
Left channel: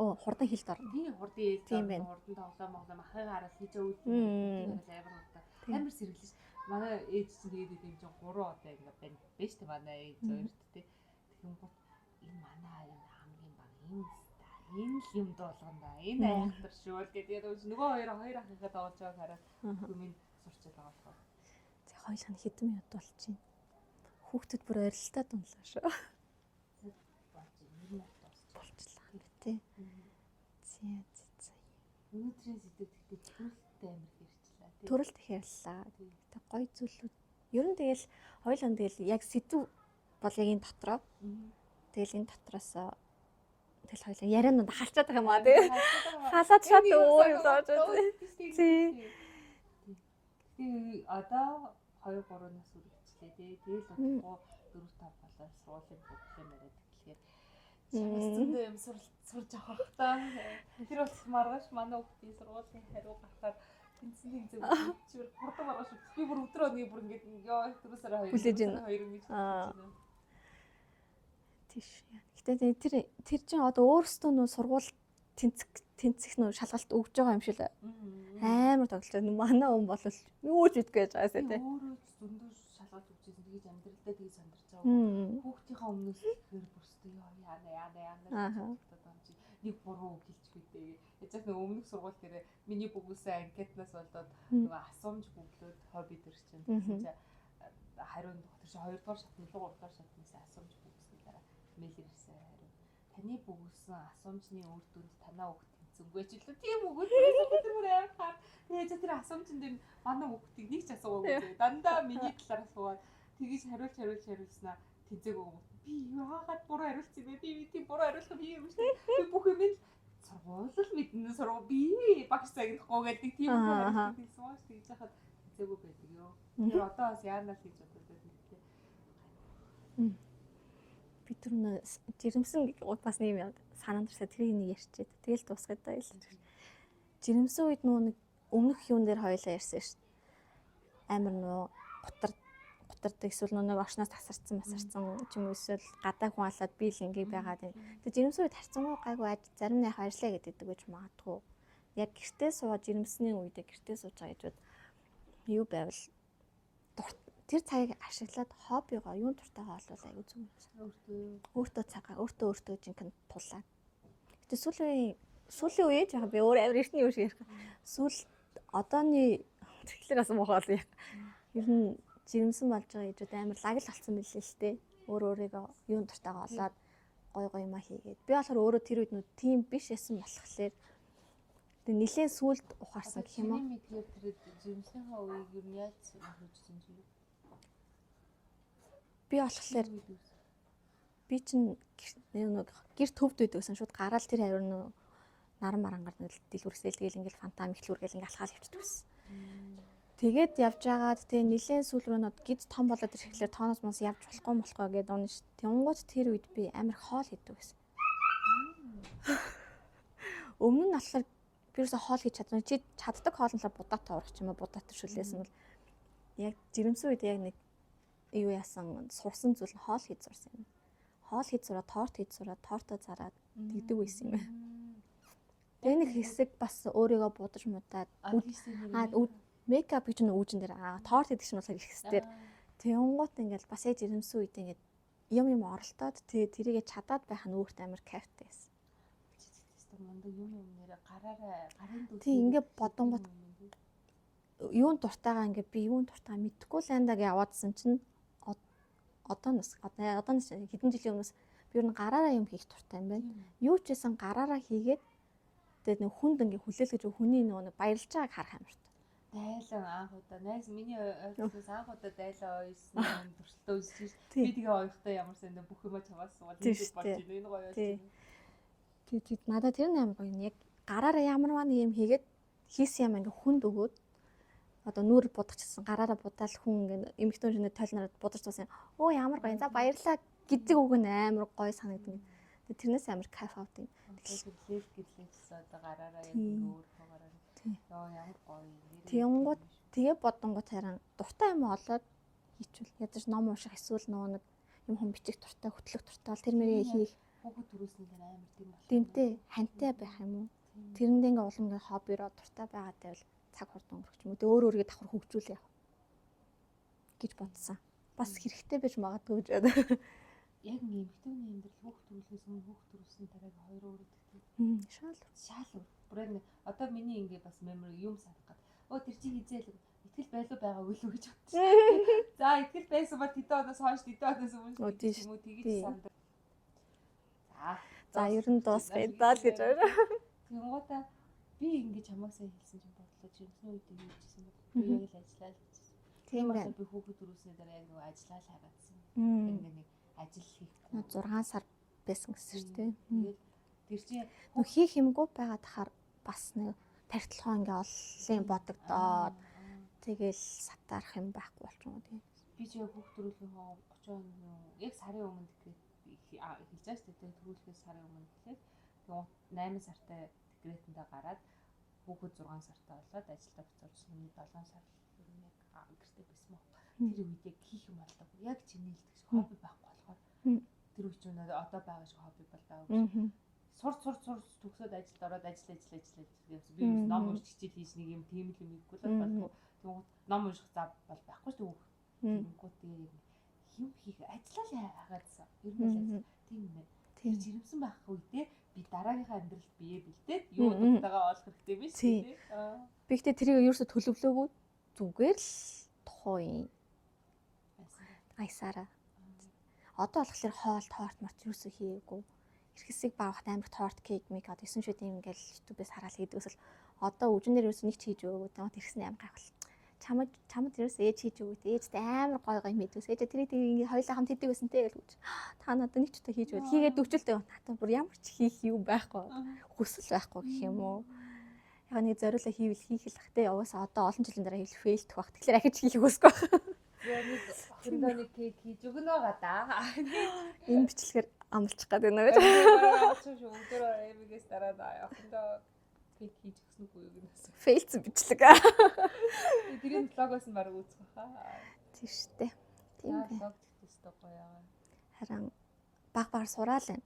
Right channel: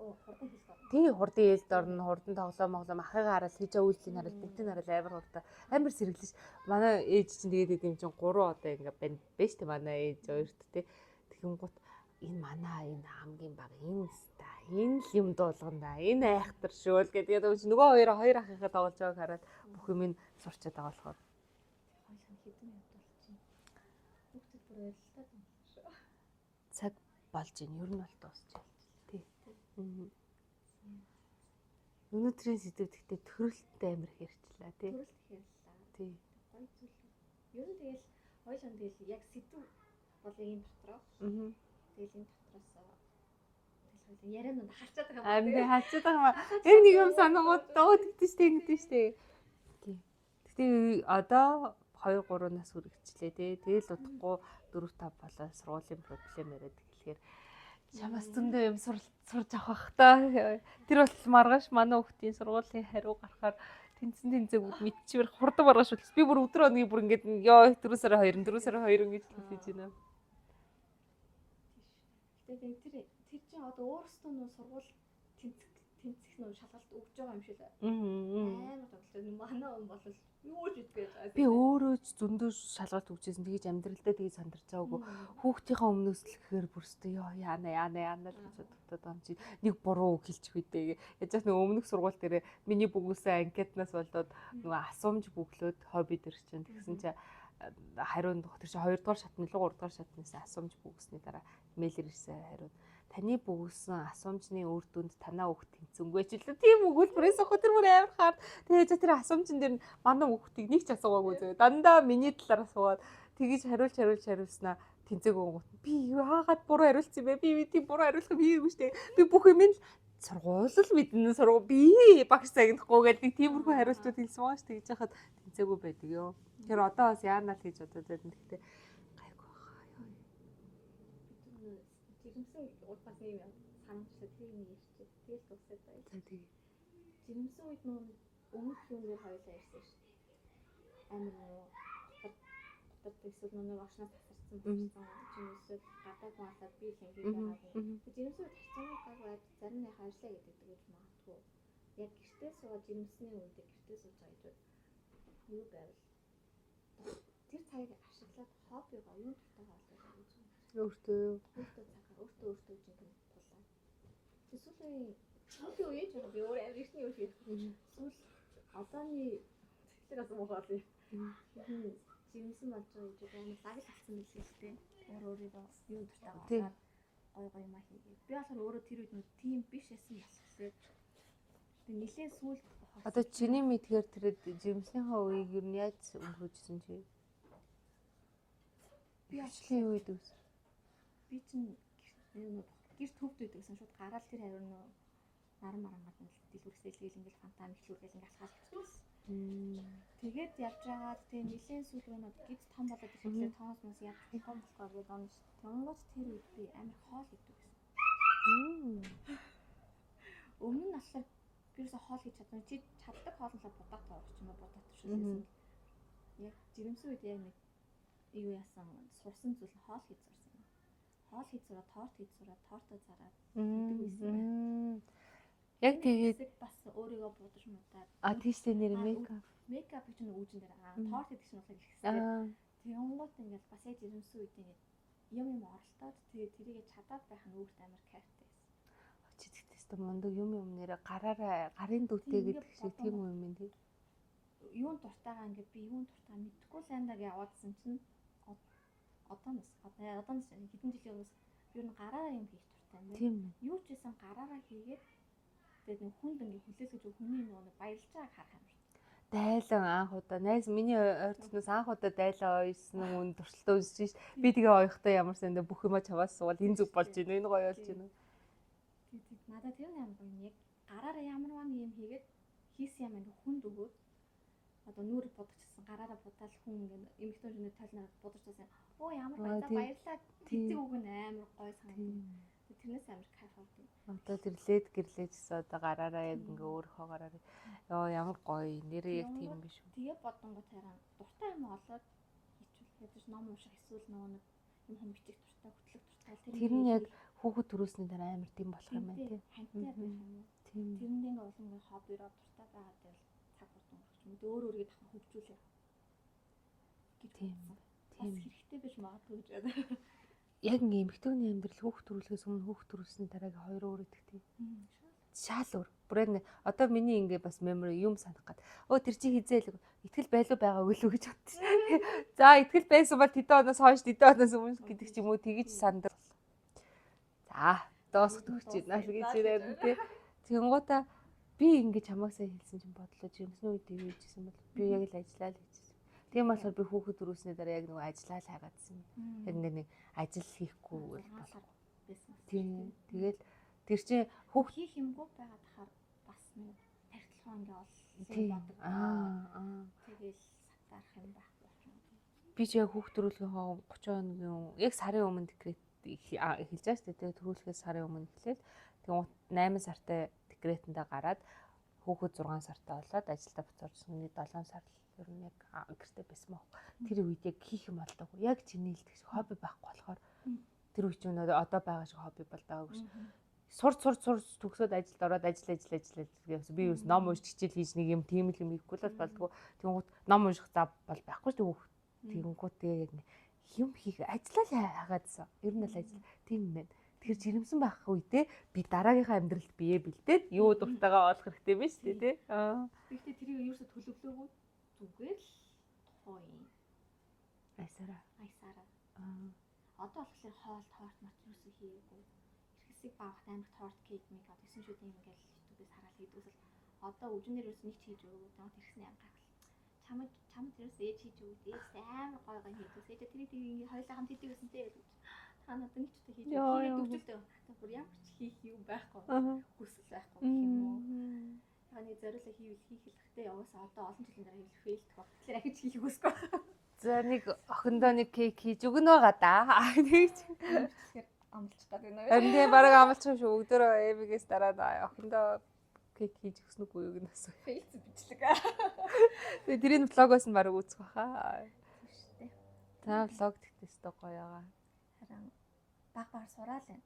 Оо хурдан хилд орно. Тий хурдан хилд орно хурдан тоглоом ахыгаа хараад хийж үүлдэн хараад бүгдийг хараад амар хурдан амар сэргэлж манай ээж чинь тэгээд юм чинь 3 одоо ингээ байна биш тий манай ээж хоёрт тий. Тэгэнгუთ энэ манай энэ хамгийн баг энэ энэ л юм дуулганда энэ айхтар шүү л гэдэг нөгөө хоёр ахыгаа тоглож байгааг хараад бүх юм сурчаад байгаа болохоор тэг хоёулаа хэдэн минут болчих. Хүүхдүүд бүр ойрлолтой дунлаа шүү. Цаг болж ийн ер нь бол дуусчлаа. Тий. Өнөөдрийн сэдв гэхдээ төрөлттэй амар хэрчлээ тий. Төрөлт хэрэллээ. Тий. Тэг гоё зүйлүүд. Ер нь тэгэл хоёулаа тэгэл яг сэдв бол яг энэ дотроо. Тэгэл энэ дотроос тэгэл хоёулаа ярианууд халчаад байгаа юм аа тий. Халчаад байгаа юм аа. Хасаад энэ юм санагдаад тийм тий. Тэгтээ одоо 2 3 нас хүрэгчлээ тий. Тэгэл удахгүй 4 5 болоо сургуулийн проблем яриад эхлэхээр чамаас зөндөө юм сурж авах бах та. Тэр бол маргааш манай хүүхдийн сургуулийн хариу гарахаар тэнцэг мэдчихвэр хурдан маргааш үлдсэн. Би бүр өдөр өний бүр ингээд ёо 4 сарын 2 4 сарын 2 ингэж хэлж байна. Тийш. Гэтэ тэр чинь одоо өөрсдөө нөө сургууль тэнцэх нөө шалгалт өгж байгаа юм шиг л амар тоглож байна. Манай хүн бол юу ч идэх гэж байгаасаа. Би өөрөө ч зөндөө шалгалт өгчээсэн. Тэгэж амьдралдаа тэгэж сандарч байгаагүй. Хүүхдийнхээ өмнөөс л гэхээр бүрстөө ёо яана гэдэг юм чи нэг буруу үг хэлчих үедээ. Яаж ч нэг өмнөх сургууль дээр миний бүгөөсөө анкетнаас болоод нөгөө асуумж бүглөөд хобби дээр чинь тэгсэн чи хариунд тэр чи 2 дугаар шатны 3 дугаар шатнаас асуумж бүгсний дараа мэйлэр ирсэн хариунд таны бүгсэн асуумжны үр дүнд танаа хүүхд тэнцэнгүй ч л тийм өгүүлбэрээс өдөр бүр амар хаад тэгээд тэр асуумжин дээр манай хүүхдийг нэг ч асуугаагүй зөө дандаа миний талаар асуугаад тэгэж хариулснаа тэнцээгүй гот би яагаад буруу хариулсан бэ би тийм буруу хариулах хийгээгүй шүү дээ би бүх юм л сургууль л мэднэ сургууль би багш загнахгүй гэдэг тийм бүх хариултууд хэлсэн байгаа шүү тэгж яхад тэнцээгүй байдаг ёо тэр одоо бас яанаа л хийж бодоод байна гэхдээ гайгүй түрнэ жирэмсэн бас нэг юм санаанд ирсэ тэрийг нэг ярьчихэд тэгэл дуусгаад байл. Жирэмсэн үед нэг өмнөх юун дээр хоёлаа ярьсан шүү дээ. Амар гутардаг эсвэл нэг оршноос тасарсан ч юм уу эсвэл гадаа хүн алаад би л ингээ байгаад байна. Тэгээ жирэмсэн үед харцангуй гайгүй зарим нэг баярлаа гэдэг гэж магадгүй. Яг гэртээ суугаад жирэмсний үедээ гэртээ сууж байгаа гэж юу байвал тэр цагийг ашиглаад хоббигоо юун дуртайгаа олвол аягүй зүг. Өөртөө цагаа өөртөө жинхэнэ тулаа. Гэтэ сүүлийн үеэ яг би өөр амар эртний үе шиг ярих. Сүүл одооны тэгэхээр бас муухай бол яг ер нь жирэмсэн болж байгаа ээжүүд амар лагл болсон мэлээ л дээ. Өөрийгөө юун дуртайгаа олоод гой юма хийгээд. Би болохоор өөрөө тэр үед тийм биш байсан болохоор тэг нилээн сүулт ухаарсан. Одоо чиний мэдгээр тэр жирэмснийхээ үеийг ер нь яаж өнгөрөөжсөн чи? Би болохоор би чинь гэр төвд байдагсан шууд гараал тэр хавир наран марангаар дэлгүрсэл тэгэл ингээл фантам ихлүүр гэл ингээл алхаал хөвчдөгсөн. Тэгээд явж байгаад тэгээ нилээн сүүл рүү гид том болоод ирэхлээр тооноос мос явж болохгүй гэдэг унш. Тэнгууд тэр үед би амар хоол хийдэг байсан. Өмнө нь болохоор би юусе хоол хийж чадсан. Чи чаддаг хоолнолоо будаатай урах ч юм уу будаатай шүлээсэн бол яг жирэмсэн үед яг нэг юу яасан сурсан зүйл хоол хийж сурсан юм. Хоол хийж сураад торт хийж сураад тортоо зараад тэгдэг байсан юм байна. Яг нэг хэсэг бас өөрийгөө будаж муудаад тийшээ нэр мейкап гэж нэг үүжин дээр торт хийдэг чинь болохоор их хэсгээр. Тэнгуут ингээл бас яг жирэмсэн үед ингээд юм оролдоод тэрийгэ чадаад байх нь өөрт амар кайфтай байсан. Чи тэгтээс мундаг юм нэрэ гараараа гарын дүүтэй ингээ бодон юм тий. Юун дуртайгаа ингээ би юун дуртай мэдхгүй л андаа гэж яваадсан чинь одооноос хэдэн жилийн өмнөөс би ер нь гараараа юм хийх дуртай юм байна. Юу ч гэсэн гараараа хийгээд тэгээд нэг хүнд ингээ хүлээлгэж хүний нэг баярлж байгааг харах амар. Дайлан анх удаа найз миний ойролцоогоос анх удаа дайлан ойсон хүн туршилтаа үзэж ш. Би тэгээ ойхтой ямар сандаа бүх юма чаваас суул хийдэг болж байна. Энэ гоё болж байна. Тэгээд надад тэр амар гоё юм. Яг гараараа ямар юм хийгээд хийсэн юм ингээ хүнд өгөөд одоо нүүр будагчсан гараараа будаал хүн ингээ эмхтэн шинэ тойлнороо будаж тусан. Оо ямар гоё. За баярлаа гэдэг үг нь амар гоё санагдав. Тэрнээс амар кайф авдаг. Гэрлээд одоо гараараа яг ингээ өөрөө гараараа ёо ямар гоё нэрээ тэгээ бодонгууд харин дуртай юм олоод хийчихвэл ядаж ном унших эсвэл нэг юм хүм бичих дуртай хөтлөх дуртай тэр мэрийг хүүхэд төрөөсний дараа амар тийм болох юм. Тэмтэй хантай байх юм уу? Тэрэнд ингээ улам ингээ хоббироо дуртай байгаатай бол цаг хурдан өнгөрөх юм уу? Тэгээ өөр өөргөө давхар хөгжүүлээ гэж бодсон. Бас хэрэгтэй байж магадгүй гэж бодоо. Яг ингээ эмэгтэйний амьдрал хүүхд төрүүлэхээс өмнө хүүхд төрүүлсний дараагийн 2 өөр идэгтэй. Шал өөр. Бүрэн одоо миний ингээ бас memory юм санах гад. Өө тэр чи хизээл итгэл байлуу байгаа үгүй л гэж бодсон. За итгэл байсан бол тэдэн оноос хойш тэдэн оноос өмнө гэдэг юм уу тэгэж сандар. За ер нь дуусгая гэж байна. Тэнгуудаа би ингээ чамайг сайн хэлсэн чинь бодлоо жимсний үед ийжсэн бол би яг л ажиллаа л гэж. Тийм болохоор би хүүхэд төрүүлсний дараа яг нэг ажиллаа л хагаадсан. Яг нэг ажил хийхгүй 6 сар байсан гэсэн шүү дээ. Тэгээд тэр чинь хүү хийх юмгүй байгаа тахаар бас нэг тархилгоо ингээ оллын бодогдоод тэгэл сатаарах юм байхгүй болчихгоо тийм. Би ч яг хүүхд төрүүлгийн 30 хоногийн яг сарын өмнө декрет эхэлж байгаа шүү дээ. Тэгээд төрүүлэхээс сарын өмнө эхлээд тэгээд 8 сартай декретэндээ гараад хүүхэд 6 сартай болоод ажилдаа буцаажсэн. Нэг 7 сар ер нь яг гэртээ байсан мөн. Тэр үед яг хийх юм болдог. Яг чиний хэлдэг шиг хобби байхгүй болохоор тэр үе чинь одоо байгаа шиг хобби болдог гэж. Сурч төгсөөд ажилд ороод ажил гэсэн. Би юу ном уншиж хичээл хийж нэг юм тийм л юм хийхгүй л болдгоо. Тэнгууд ном унших зав бол байхгүй шүү дээ. Тэнгууд тэгээ яг юм хийх ажиллаа л хагаадсан. Ер нь л ажил тийм юм байна. Тэгэхээр жирэмсэн байх үедээ би дараагийнхаа амьдралд бие бэлдээд юу дуртайгаа олох хэрэгтэй биш тий. Би ихтэй тэрийг ерөөсө төлөвлөөгүй зүгээр л тухайн айсараа. Одоо болохоор хоол торт март юусоо хийгээгүй. Ирхэсийг баахт амар торт кейк мик одоо 9 шүд юм ингээл YouTube-ээс хараад хийдгээс л одоо өжнөр юусоо нэг ч хийж өгөөгүй. Тэгээд ирсэн амар гайхал. Чамд юусоо ээж хийж өгөөд ээжтэй амар гой мэдвэс. Ээж тэрийг ингээ хоёулаа хамт хийдэг байсан те гэж. Та надад нэг ч удаа хийж өгөөд хийгээд өгчөлтэй. Надад бүр ямар ч хийх юм байхгүй. Хүсэл байхгүй гэх юм уу. Яг нэг зориулаа хийвэл хийх л хахтай яваасаа одоо олон жилийн дараа хийх фейлдэх баг. Тэгэхээр ахиж хийх үсгүй байх. За нэг охиндоо нэг кейк хийж өгнө байгаа да. Энэ бичлэгээр амлчих гээд байна гэж. Би бараг амлчих шүү. Өдөр эвигээс дараад охиндоо кейк хийж өгсөн үгүй юу гэнэс. Фейлц бичлэг. Тэгээ тэрийн влогоос нь бараг үүсэх баха. Тийм штэ. За влог тэгтэстэй гоё байгаа. Харин баг сураал байна.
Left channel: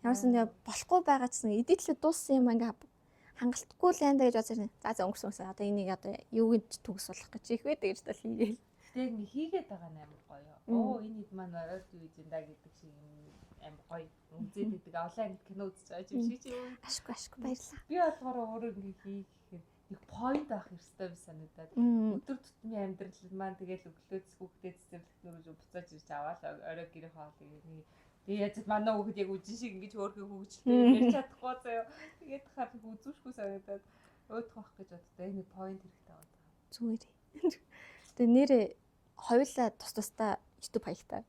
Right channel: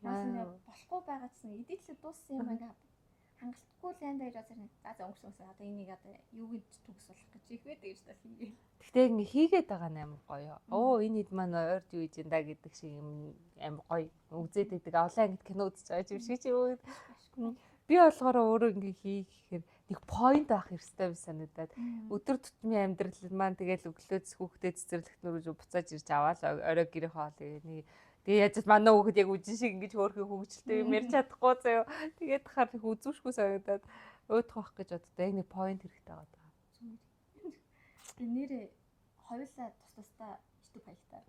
Ямарсан нэг болохгүй байгаа гэсэн эдитлээ дууссан юм ингээ хангалтгүй л энэ гэж бодсон. За өнгөрсөн. Одоо энийг одоо юуг нь төгс болох гэж их байдаг гэж тал хийгээл. Гэтэ ингээ хийгээд байгаа нь амар гоё. Оо энэ хэд маань ойрд юу хийж энэ гэдэг шиг юм амар гоё. Үзээд байдаг. Олон ангид кино үзэж байгаа юм шиг чи юу. Ашгүй баярлаа. Би болохоор өөрөө ингээ хийх гэхээр нэг point авах хэрэгтэй би санагдаад. Өдөр тутмын амьдрал маань тэгэл өглөөс хүүхдээ цэцэрлэгт нөрөж буцааж ирж аваад орой гэрээ хоолыг нэг тэгээ яаж манай хүүхэд яг үжин шиг ингэж хөөрхөн хөвгчлээ юм ярьж чадахгүй заяа. Тэгээд хахаар их үзүүшгүй санагдаад өөдөх байх гэж боддоо яг нэг point хэрэгтэй байгаа даа. Зүгээр. Тэгээ нэрээ хоёулаа тусдаа YouTube хаягтай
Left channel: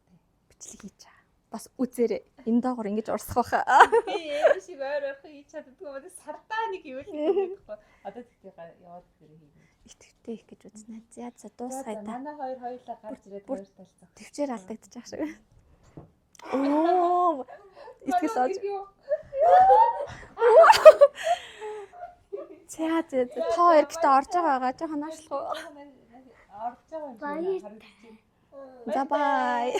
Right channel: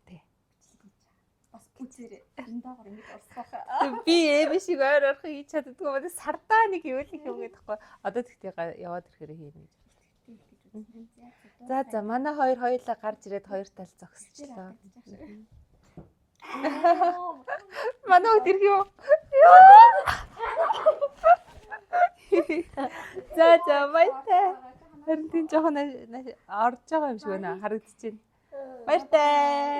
бичлэг хийж байгаа. Бас үзээрэй. Энэ доогоор ингэж урсах байхаа. Би эми шиг ойр орох хийж чаддгүй байна. Сардаа нэг юу л юм гэдэгхгүй. Одоо тэгтээ яваад ирэхээр хийнэ. Итгэвтэй их гэж үзнэ. За дуусгая. За манай хоёулаа гарч ирээд хоёр тал зогсож. Төвчээр алдагдчих шиг. Оо. Манай өдөр юу? За орж байгаа. Жохон орж байгаа юм шиг байна. Харагдчихэв. Бай бай.